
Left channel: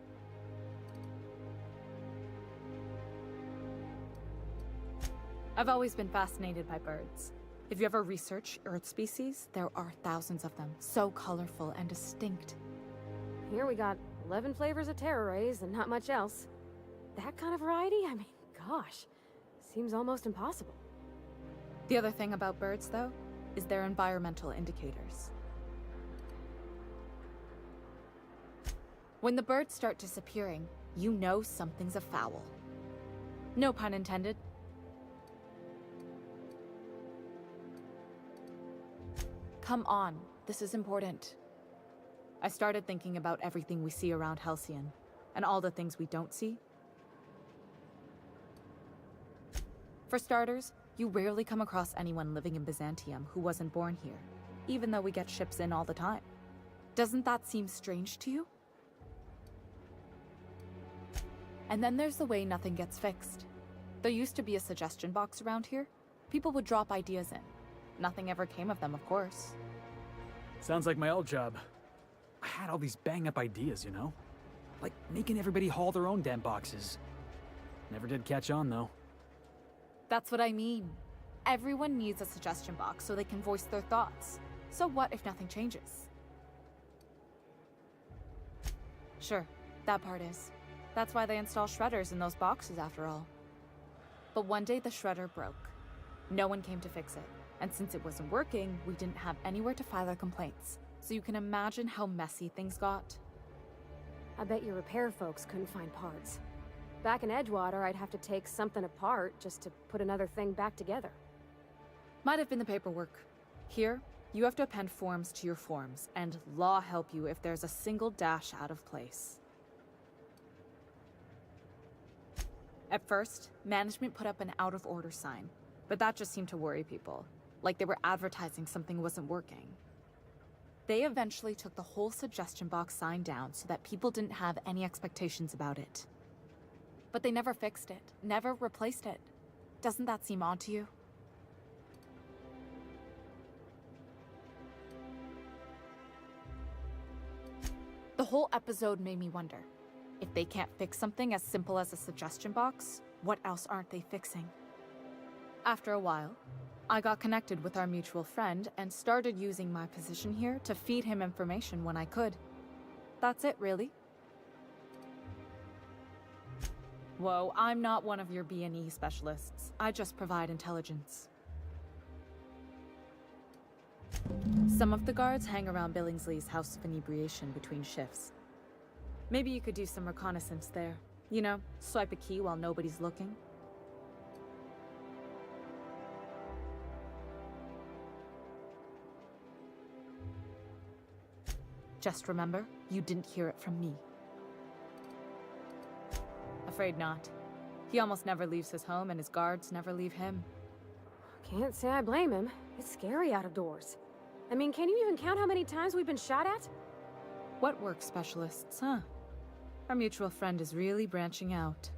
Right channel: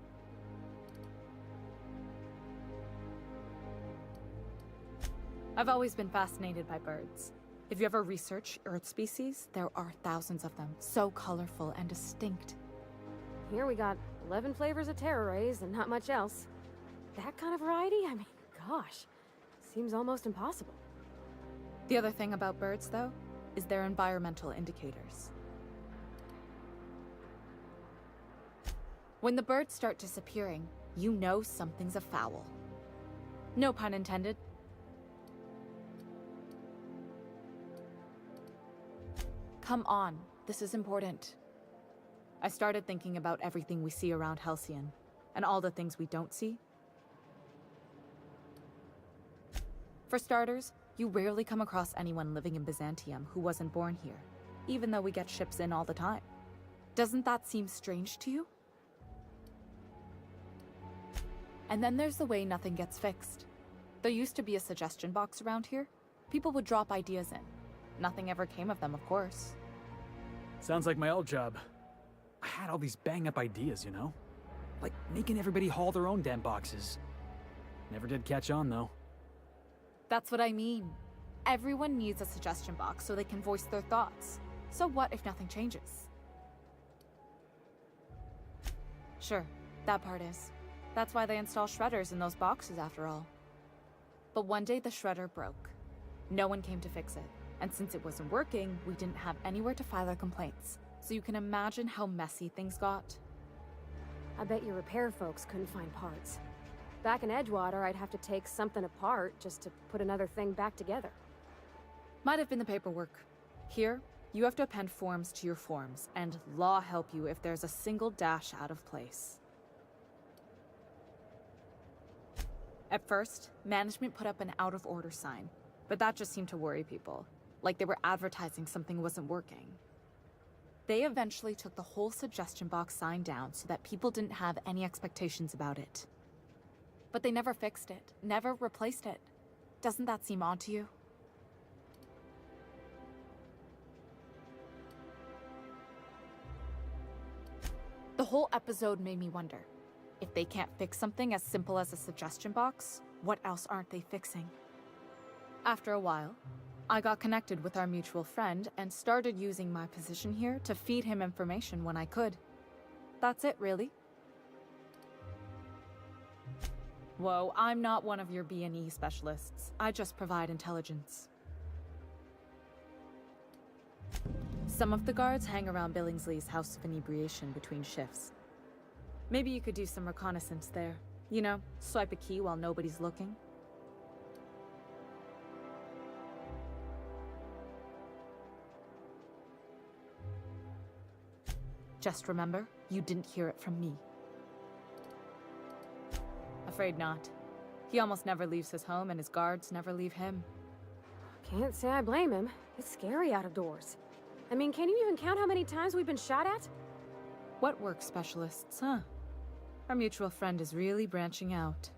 I've always been fascinated by birds. If you ever research Earth species, there are thousands of them, so colorful and distinct. Here we got 11 flavors of terror rays and not much else. That kind of variety? I mean, gosh, seems almost impossible. The other thing about birds, though, is their environmental indicators. When the birds start disappearing, you know something's afoul. No pun intended. come on. This is important. I started thinking about everything we see around Halcyon, and all the things we don't see. For starters, you rarely come across anyone living in Byzantium who wasn't born here, even though we get ships in all the time. Doesn't that seem strange to you? And then there's the way nothing gets fixed. There used to be a suggestion box around here. People would drop ideas in. Nothing ever came of them, of course. Sounds like my old job. I had all these bang-up ideas, you know? Like making everybody haul their own damn boxes. Never did catch on, though. That's what I mean. Everyone needs a suggestion box so they can voice their thoughts. So what if nothing changes? Sure, that part is. That's why they install shredders in those boxes after all. But one day the shredder broke. No one came to fix it. And since it wasn't working, we didn't have anywhere to file our complaints. So you can imagine how messy things got. I bet your repair folks couldn't find parts. Back in Edgewater, I'd have to take something apart just to put another thing back together. Might have been the paperwork. Here, you have to append forms to your forms, and law help you if there's a single dash out of place. At first, management put up an out-of-order sign, but that just seemed to worry people, like they were advertising something wasn't working. They eventually took the whole suggestion box sign down so that people didn't have any expectations about it. But they never fixed it, never replaced it. Doesn't that seem odd to you? The whole episode made me wonder, if they can't fix something as simple as a suggestion box, what else aren't they fixing? After a while, I got connected with our mutual friend and started using my position here to feed him information when I could. That's it, really. Whoa, I'm not one of your B&E specialists. I just provide intelligence. Some of the guards hang around Billingsley's House of Inebriation between shifts. Maybe you could do some reconnaissance there. You know, swipe a key while nobody's looking. Just remember, you didn't hear it from me. Afraid not. He almost never leaves his home, and his guards never leave him. Can't say I blame him. It's scary out of doors. I mean, can you even count how many times we've been shot at? What work specialists, huh? Our mutual friend is really branching out.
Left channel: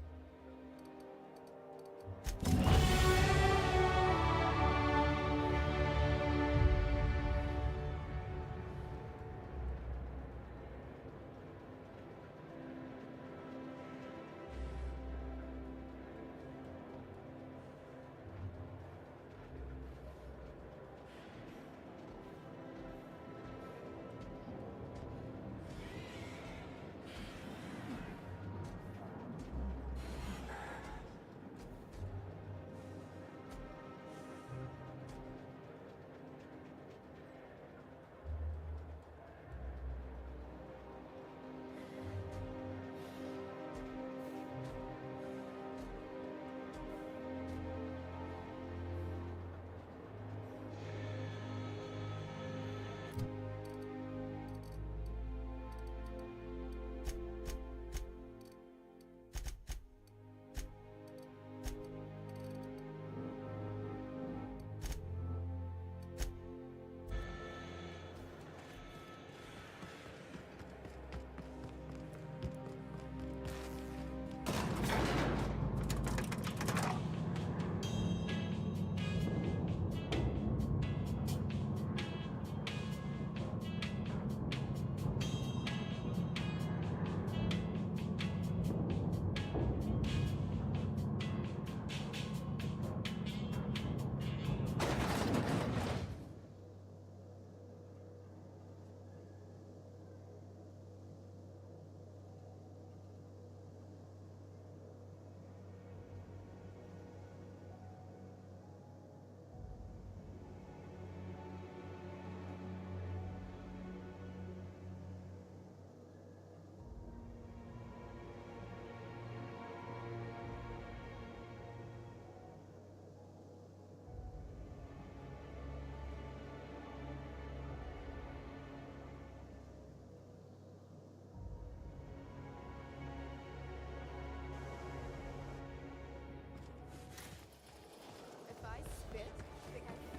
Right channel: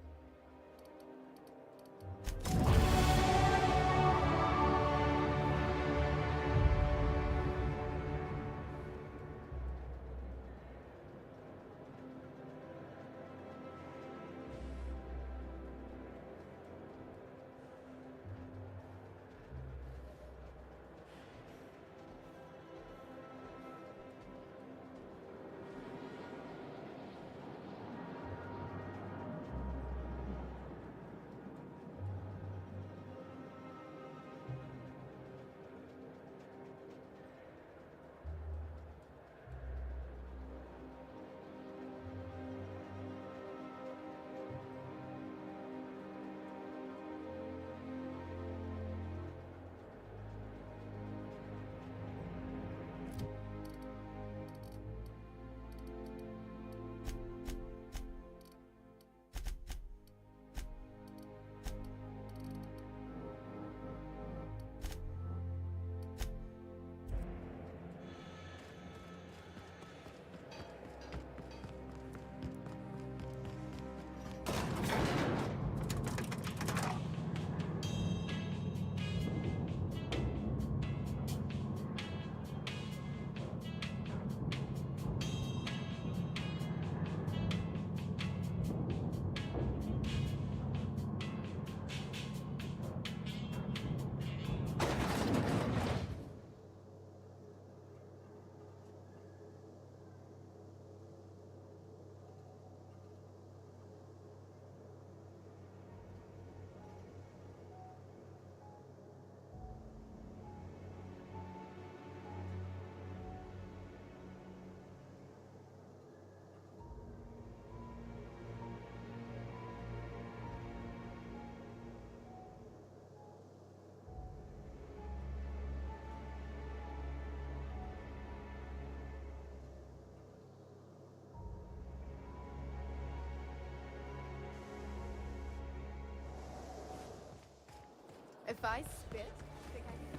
I spit? Think I can...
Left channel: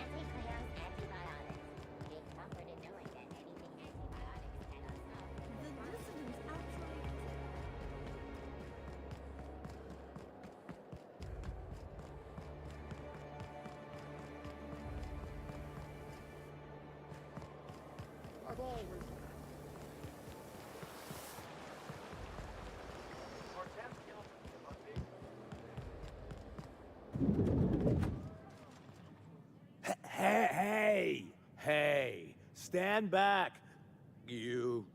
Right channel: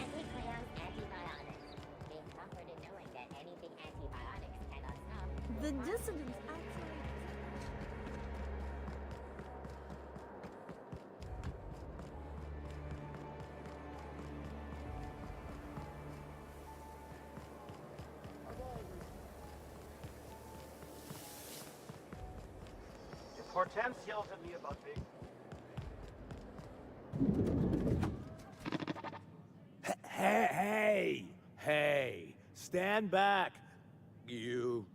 Anti-Cleo's antibiotics. Take comfort in knowing that anything antibiotics cannot stop. The dissidents actually... Hortense yells at me about big... Hey! Stand back, you.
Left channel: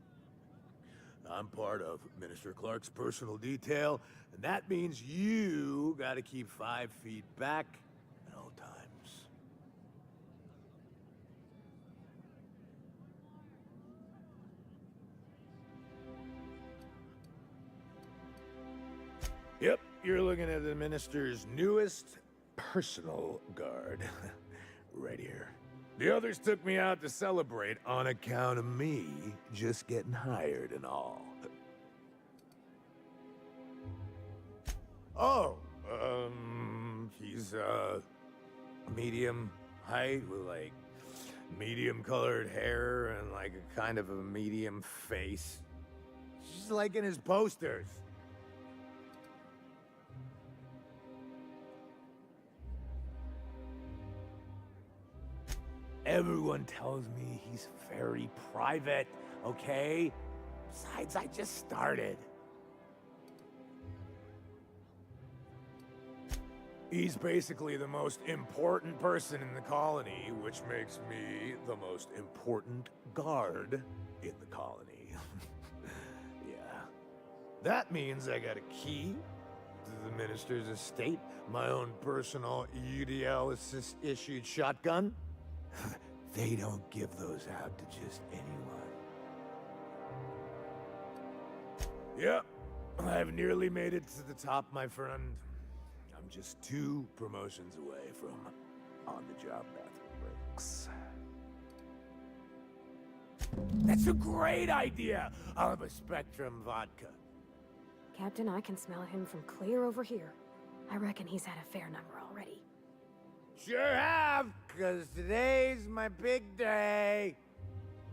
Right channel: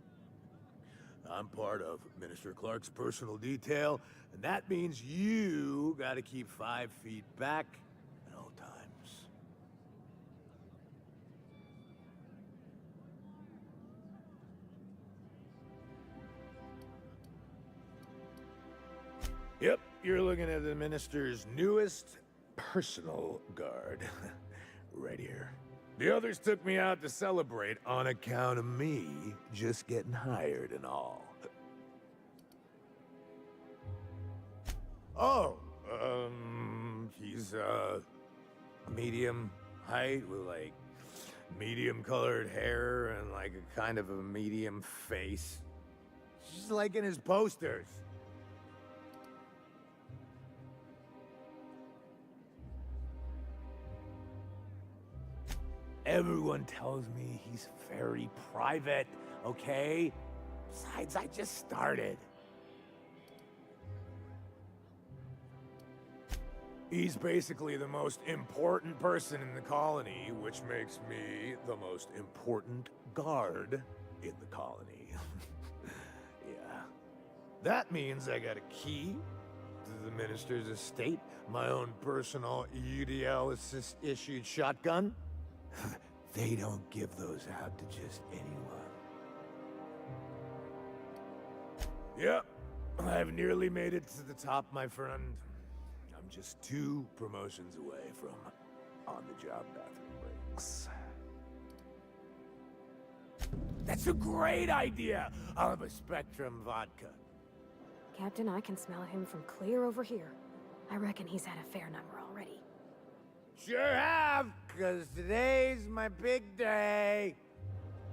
I'm part of Minister Clark's personal detail, and that means you gotta keep 5 feet back at all times. Yep, you're looking at the Minister's newest personal guard. Right here. The others took me out to celebrate on account of me just getting hired and all. Oh, he's, medium height with, like, medium-colored hair and, like, a kind of a medium face. Just like in his posters. Everyone tells me he's very private, okay? Besides, I just started. He's basically the most important person in the colony, which makes me the most important guard in the colony. Yeah. That means I got a key to the minister's estate, my own personal UDL-issued shotgun. They don't give those out to just anyone. Yep, I've nearly made it to the top, my friend. I'm just 2 promotions away from on-the-job bathroom breaks. That's a great idea! I'll have a Spectrum vodka. Captain, I can smell him from clear over here. I reckon he's had a fair number already. Sure have, 'cause today's my big day.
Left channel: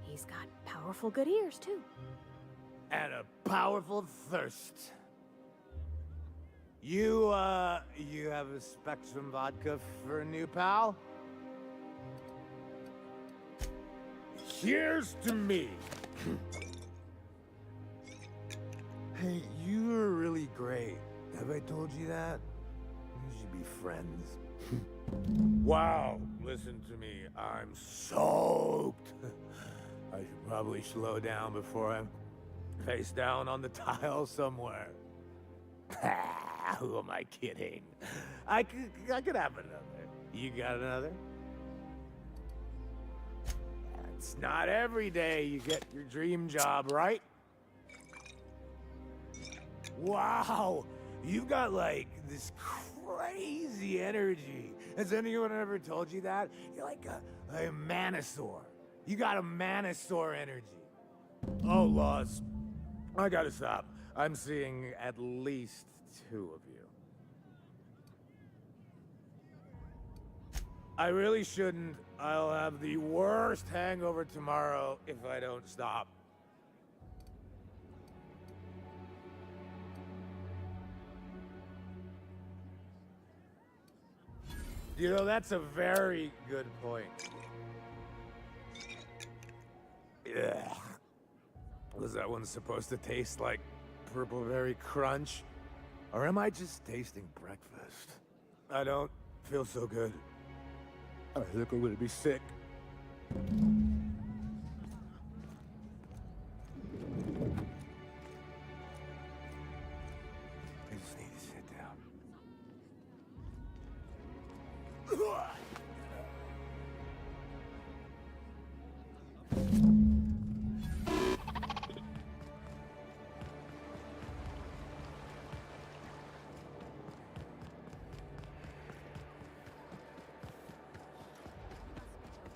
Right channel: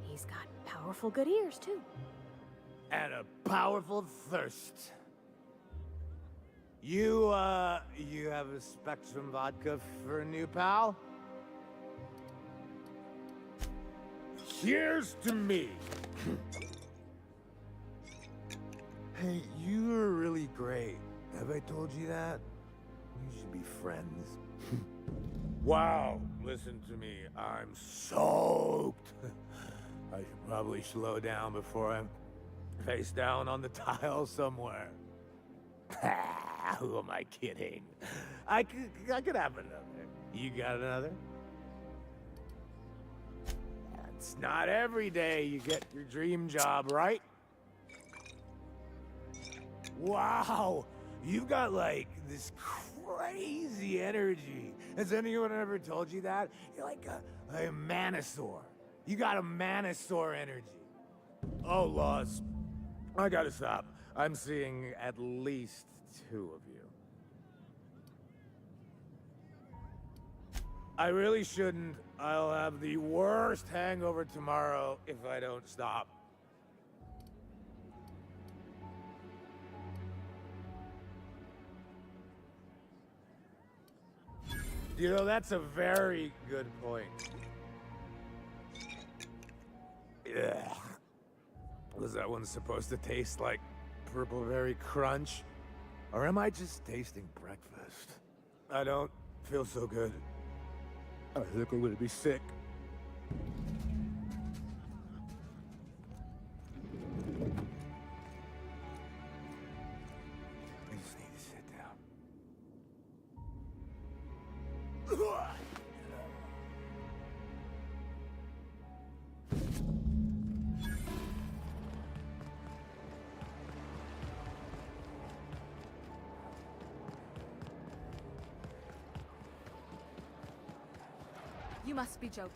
He's got powerful good ears, too. And a powerful thirst. You have a Spectrum vodka for a new pal? Here's to me. Hey, you're really great. Have I told you that? We should be friends. Wow, listen to me. I'm soaked. I should probably slow down before I'm face down on the tile somewhere. Who am I kidding? I could have another. You got another? It's not every day you get your dream job, right? Wow, you've got like this crazy energy. Has anyone ever told you that? You're like a manosaur. You got a manosaur energy. Oh, Laws. I gotta stop. I'm seeing at least 2 of you. I really shouldn't. I'll have the worst hangover tomorrow if I don't stop. You know, that's a very good point. Ugh. Was that one supposed to taste like Purple Berry Crunch? Or am I just tasting breakfast? I don't feel so good. I think I'm gonna be sick. I just need to sit down. You must be joking.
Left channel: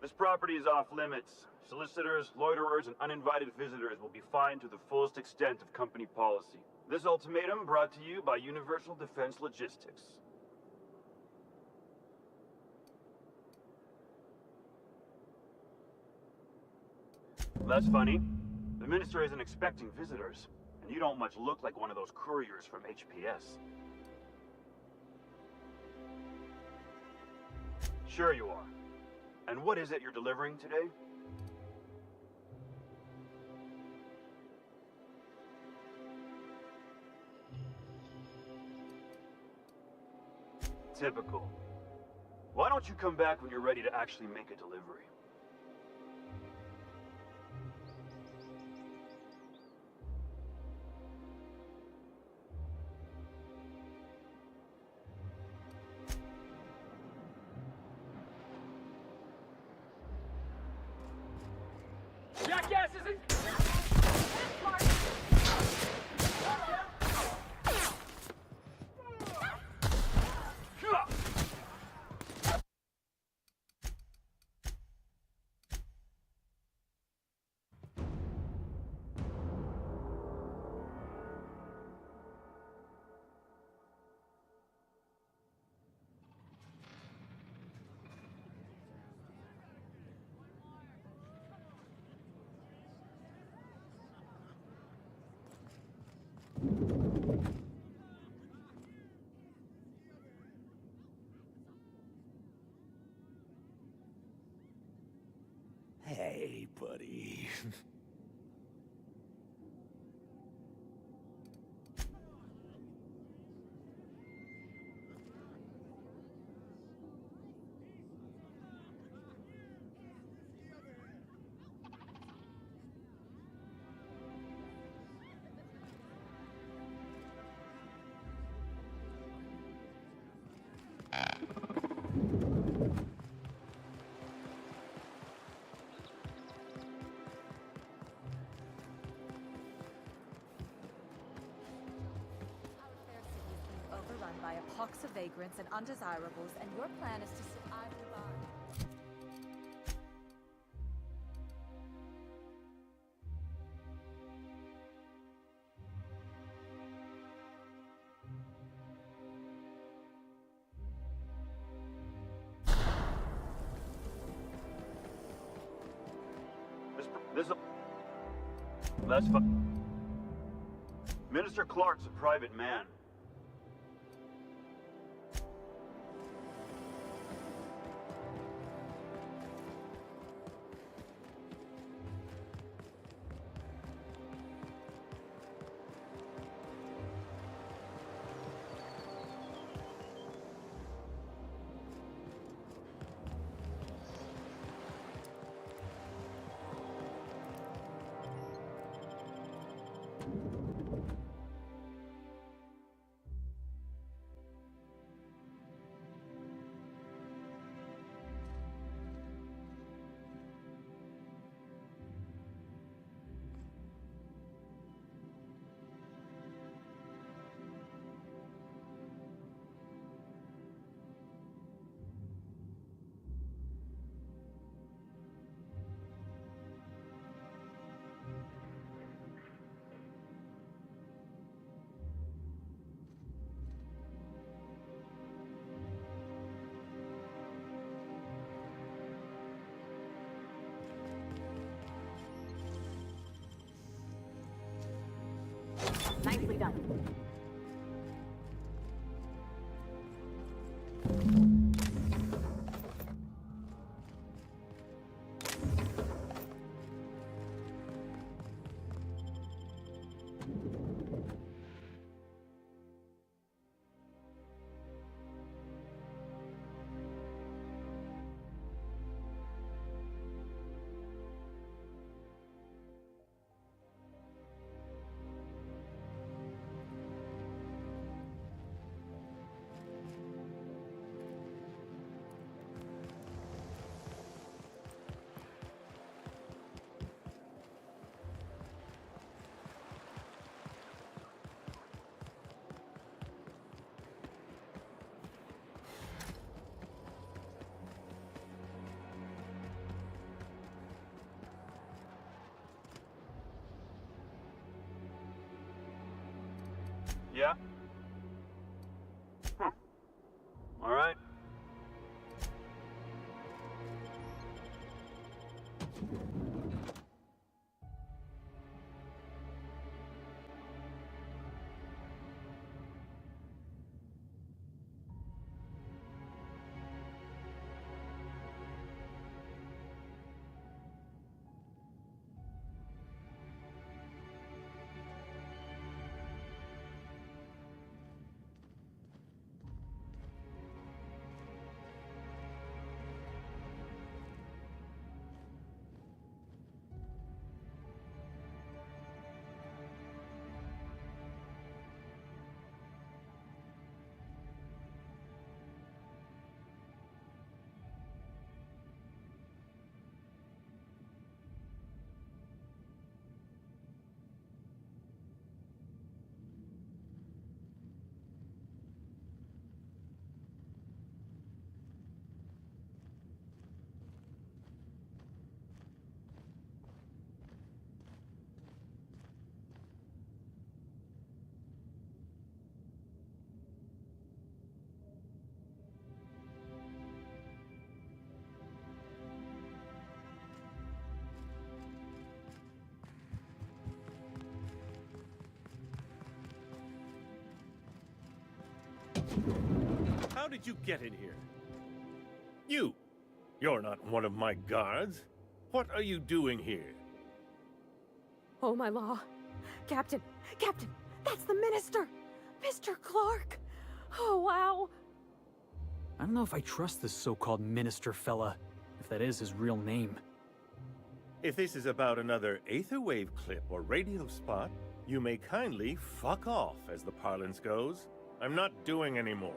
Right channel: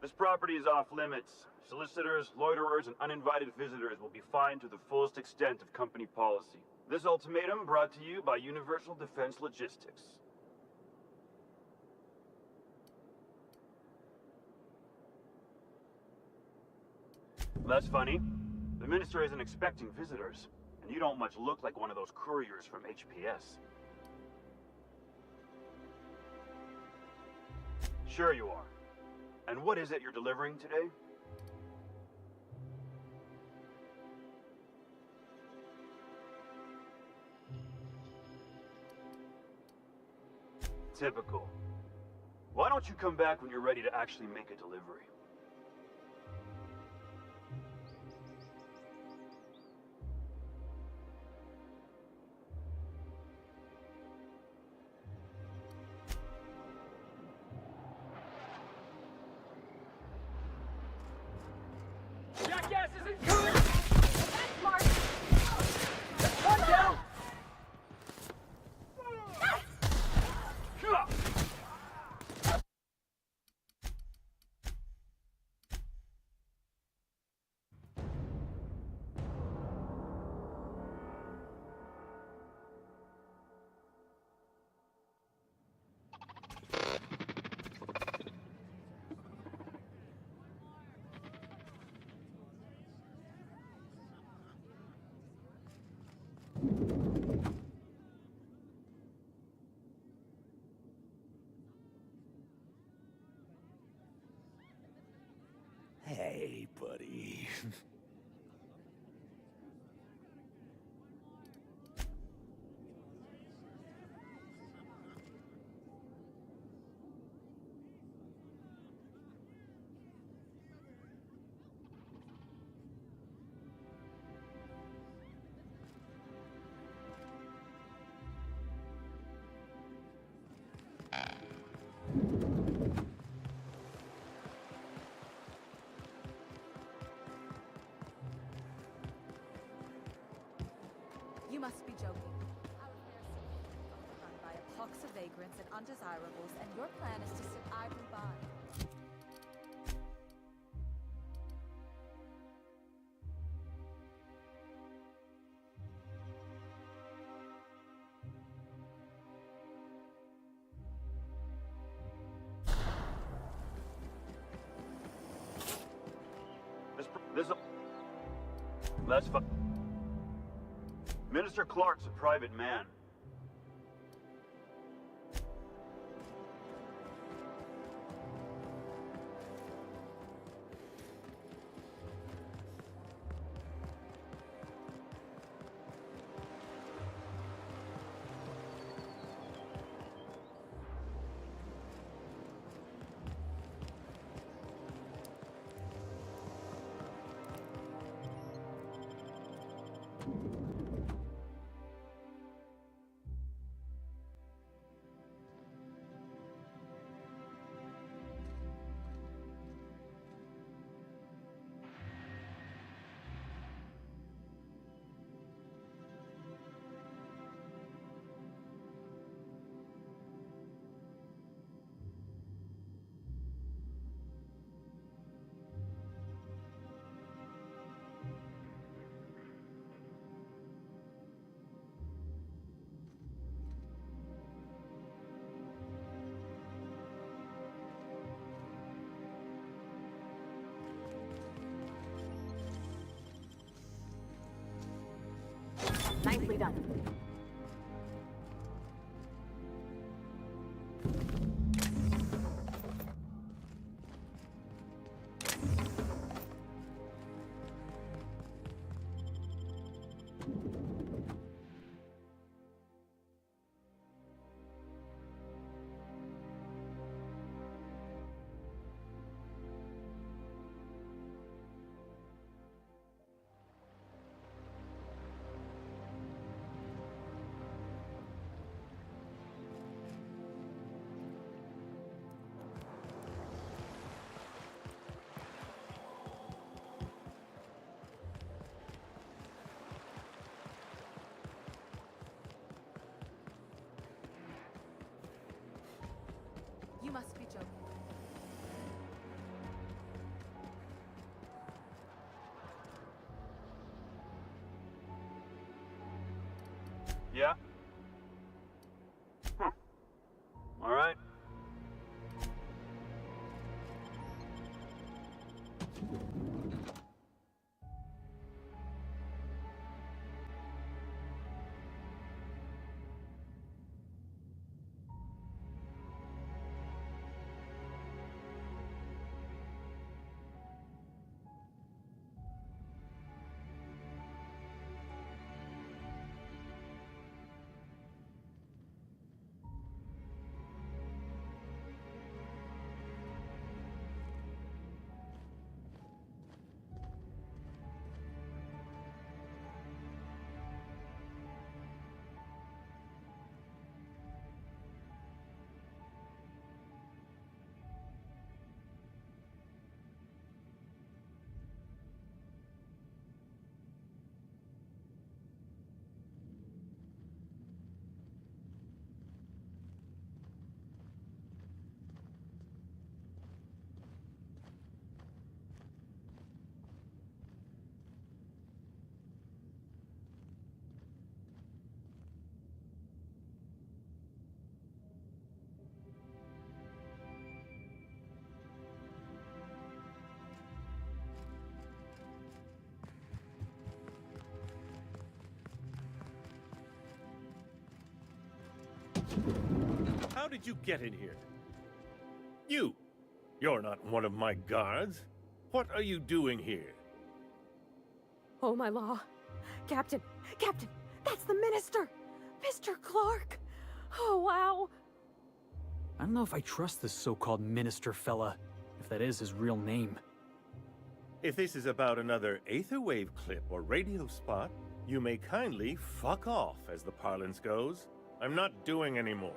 This property is off limits. Solicitors, loiterers, and uninvited visitors will be fined to the fullest extent of company policy. This ultimatum brought to you by Universal Defense Logistics. That's funny. The minister isn't expecting visitors, and you don't much look like one of those couriers from HPS. Sure you are. And what is it you're delivering today? Typical. Why don't you come back when you're ready to actually make a delivery? Jackass isn't coming! That's smart! One down! Hey, buddy. You must be joking. Our fair city is being overrun by a pox of vagrants and undesirables, and your plan is to sit idly by. That's fine. Minister Clark's a private man. Nicely done. Yeah? All right. How did you get in here? You're not one of my guards. What are you doing here? Oh, my law. Captain, that's the minister! Mr. Clark! Oh, wow. I don't know if I trust this so-called minister fella, if that is his real name. If this is about another Aetherwave clip or radio spot, you may kindly fuck off, as the parlance goes. I'm not doing any more.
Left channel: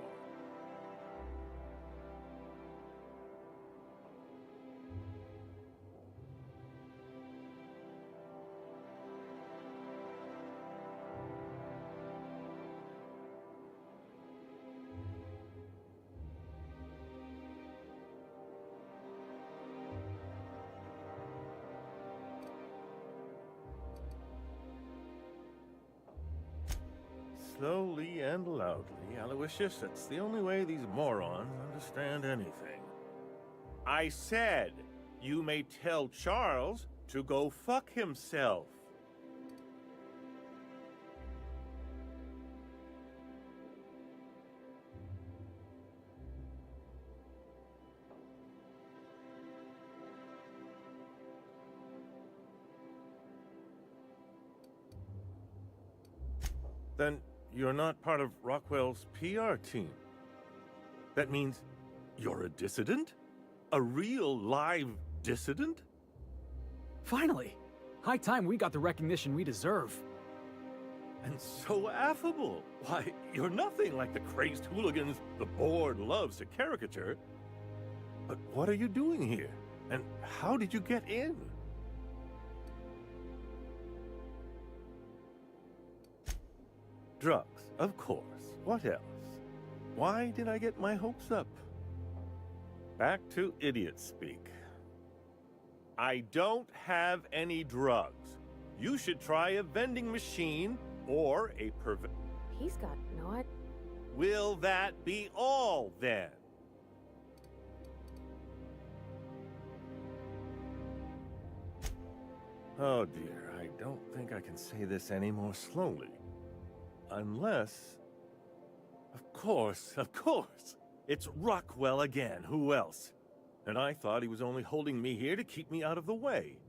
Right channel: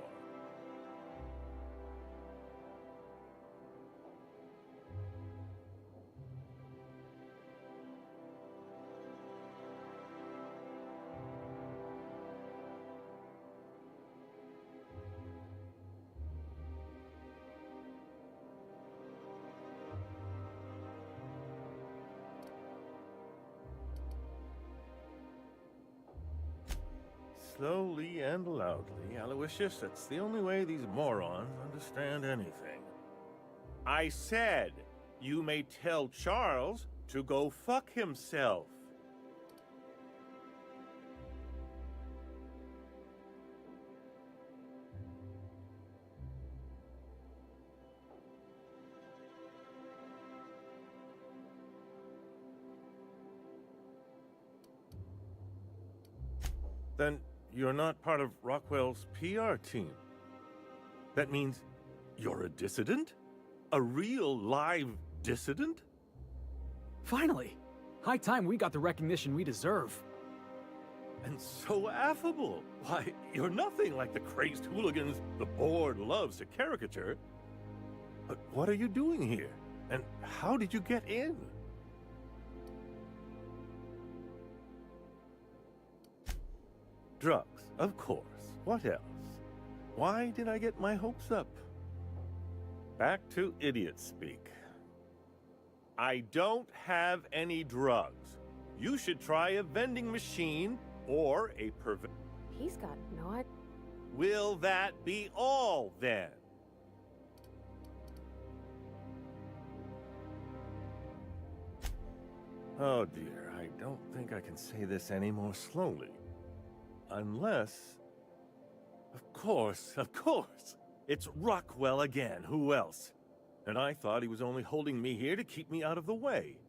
Slowly and loudly, Aloysius, that's the only way these morons understand anything. I said, you may tell Charles to go fuck himself. Then you're not part of Rockwell's PR team. That means you're a dissident? A real live dissident? Finally! High time we got the recognition we deserve. And so affable. Why, you're nothing like the crazed hooligans the board loves to caricature. But what are you doing here? And how did you get in? Drugs, of course. What else? Why did I get my hopes up? Back to idiot speak. I don't have any drugs. You should try a vending machine or a He's got no. Will that be all, then? Oh dear, I don't think I can say this any more slowly. Unless... Of course. It's Rockwell again. Who else? And I thought he was only holding me here to keep me out of the way.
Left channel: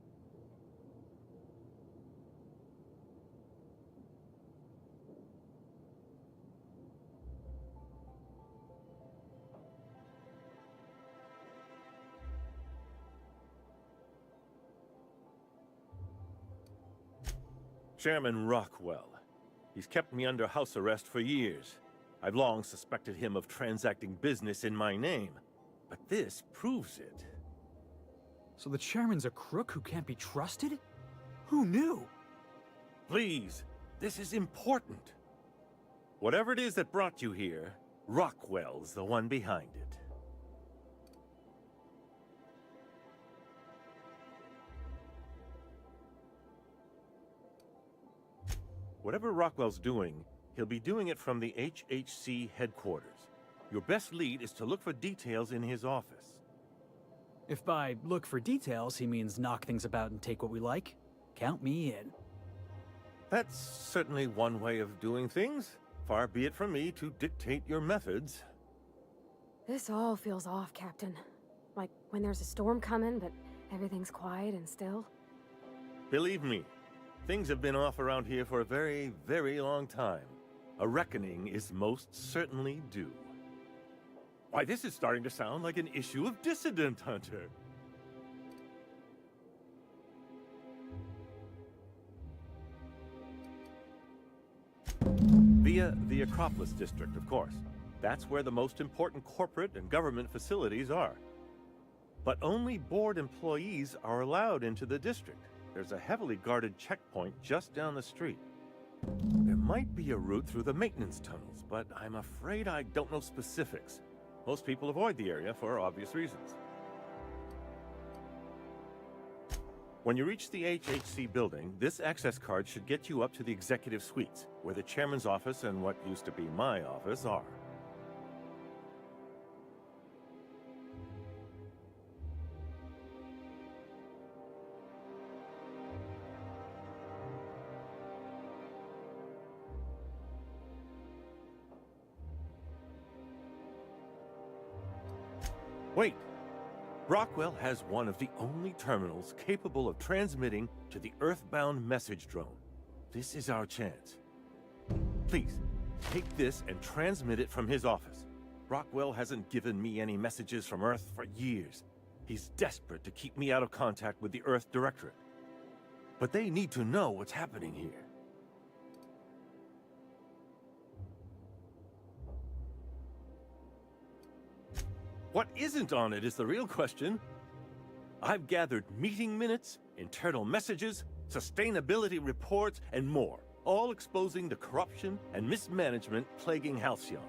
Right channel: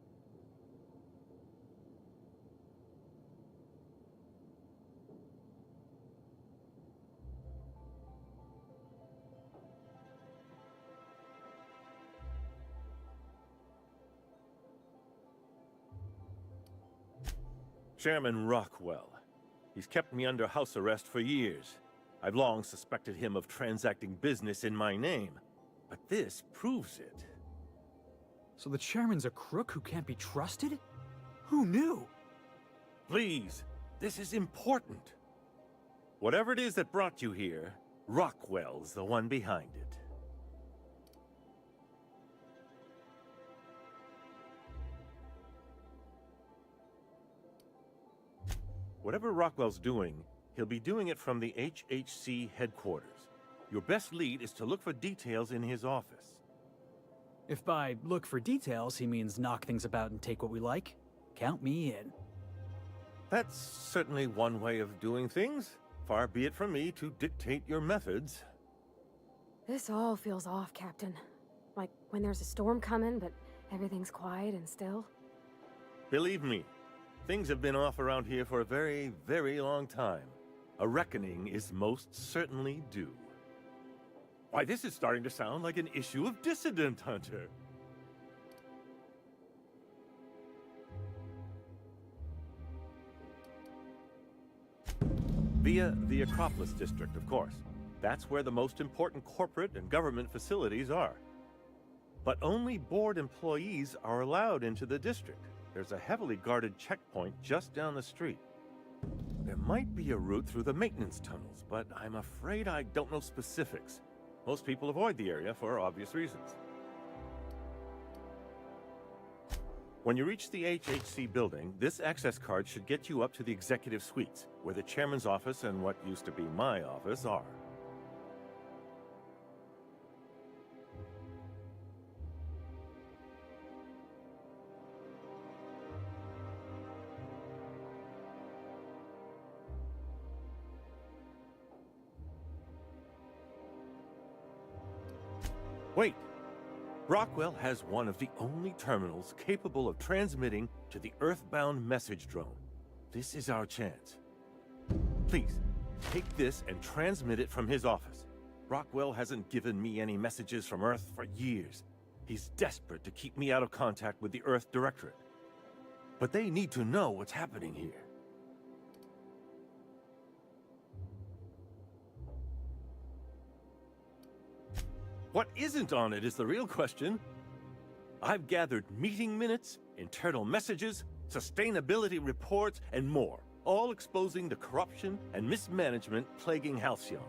Chairman Rockwell. He's kept me under house arrest for years. I've long suspected him of transacting business in my name, but this proves it. So the chairman's a crook who can't be trusted? Who knew? Please, this is important. Whatever it is that brought you here, Rockwell's the one behind it. Whatever Rockwell's doing, He'll be doing it from the HHC headquarters. Your best lead is to look for details in his office. If by look for details he means knock things about and take what we like, count me in. That's certainly one way of doing things. Far be it from me to dictate your methods. This all feels off, Captain. Like when there's a storm coming, but everything's quiet and still. Believe me, things have been off around here for a very, very long time. A reckoning is most certainly due. Why, this is starting to sound like an issue of Dissident Hunter. Via the Acropolis District, of course. That's where the most important corporate and government facilities are. But only board employees are allowed into the district. There's a heavily guarded checkpoint just down the street. There might be a route through the maintenance tunnels, but I'm afraid I don't know specifics. Most people avoid the area for obvious reasons. When you reach the HHC building, this access card should get you up to the executive suites, where the chairman's office and what used to be my office are. Wait! Brockwell has one of the only terminals capable of transmitting to the Earthbound message drone. This is our chance. Please, take this and transmit it from his office. Brockwell hasn't given me any messages from Earth for years. He's desperate to keep me out of contact with the Earth Directorate. But they need to know what's happening here. What isn't on it is the real question. I've gathered meeting minutes, internal messages, sustainability reports, and more, all exposing the corruption and mismanagement plaguing Halcyon.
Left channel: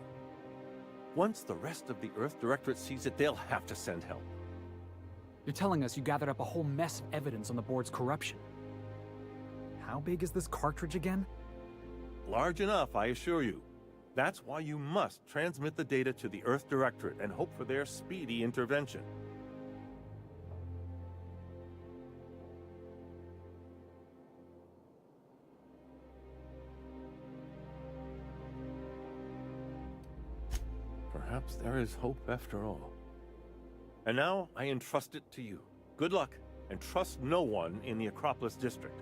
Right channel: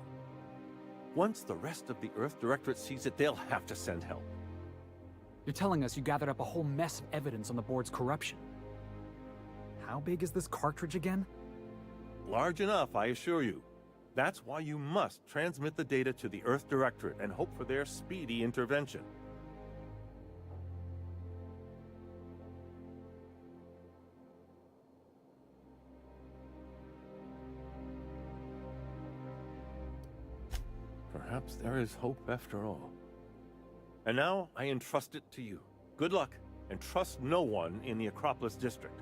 Once the rest of the Earth Directorate sees it, they'll have to send help. You're telling us you gathered up a whole mess of evidence on the board's corruption. How big is this cartridge again? Large enough, I assure you. That's why you must transmit the data to the Earth Directorate and hope for their speedy intervention. Perhaps there is hope after all. And now I entrust it to you. Good luck, and trust no one in the Acropolis District.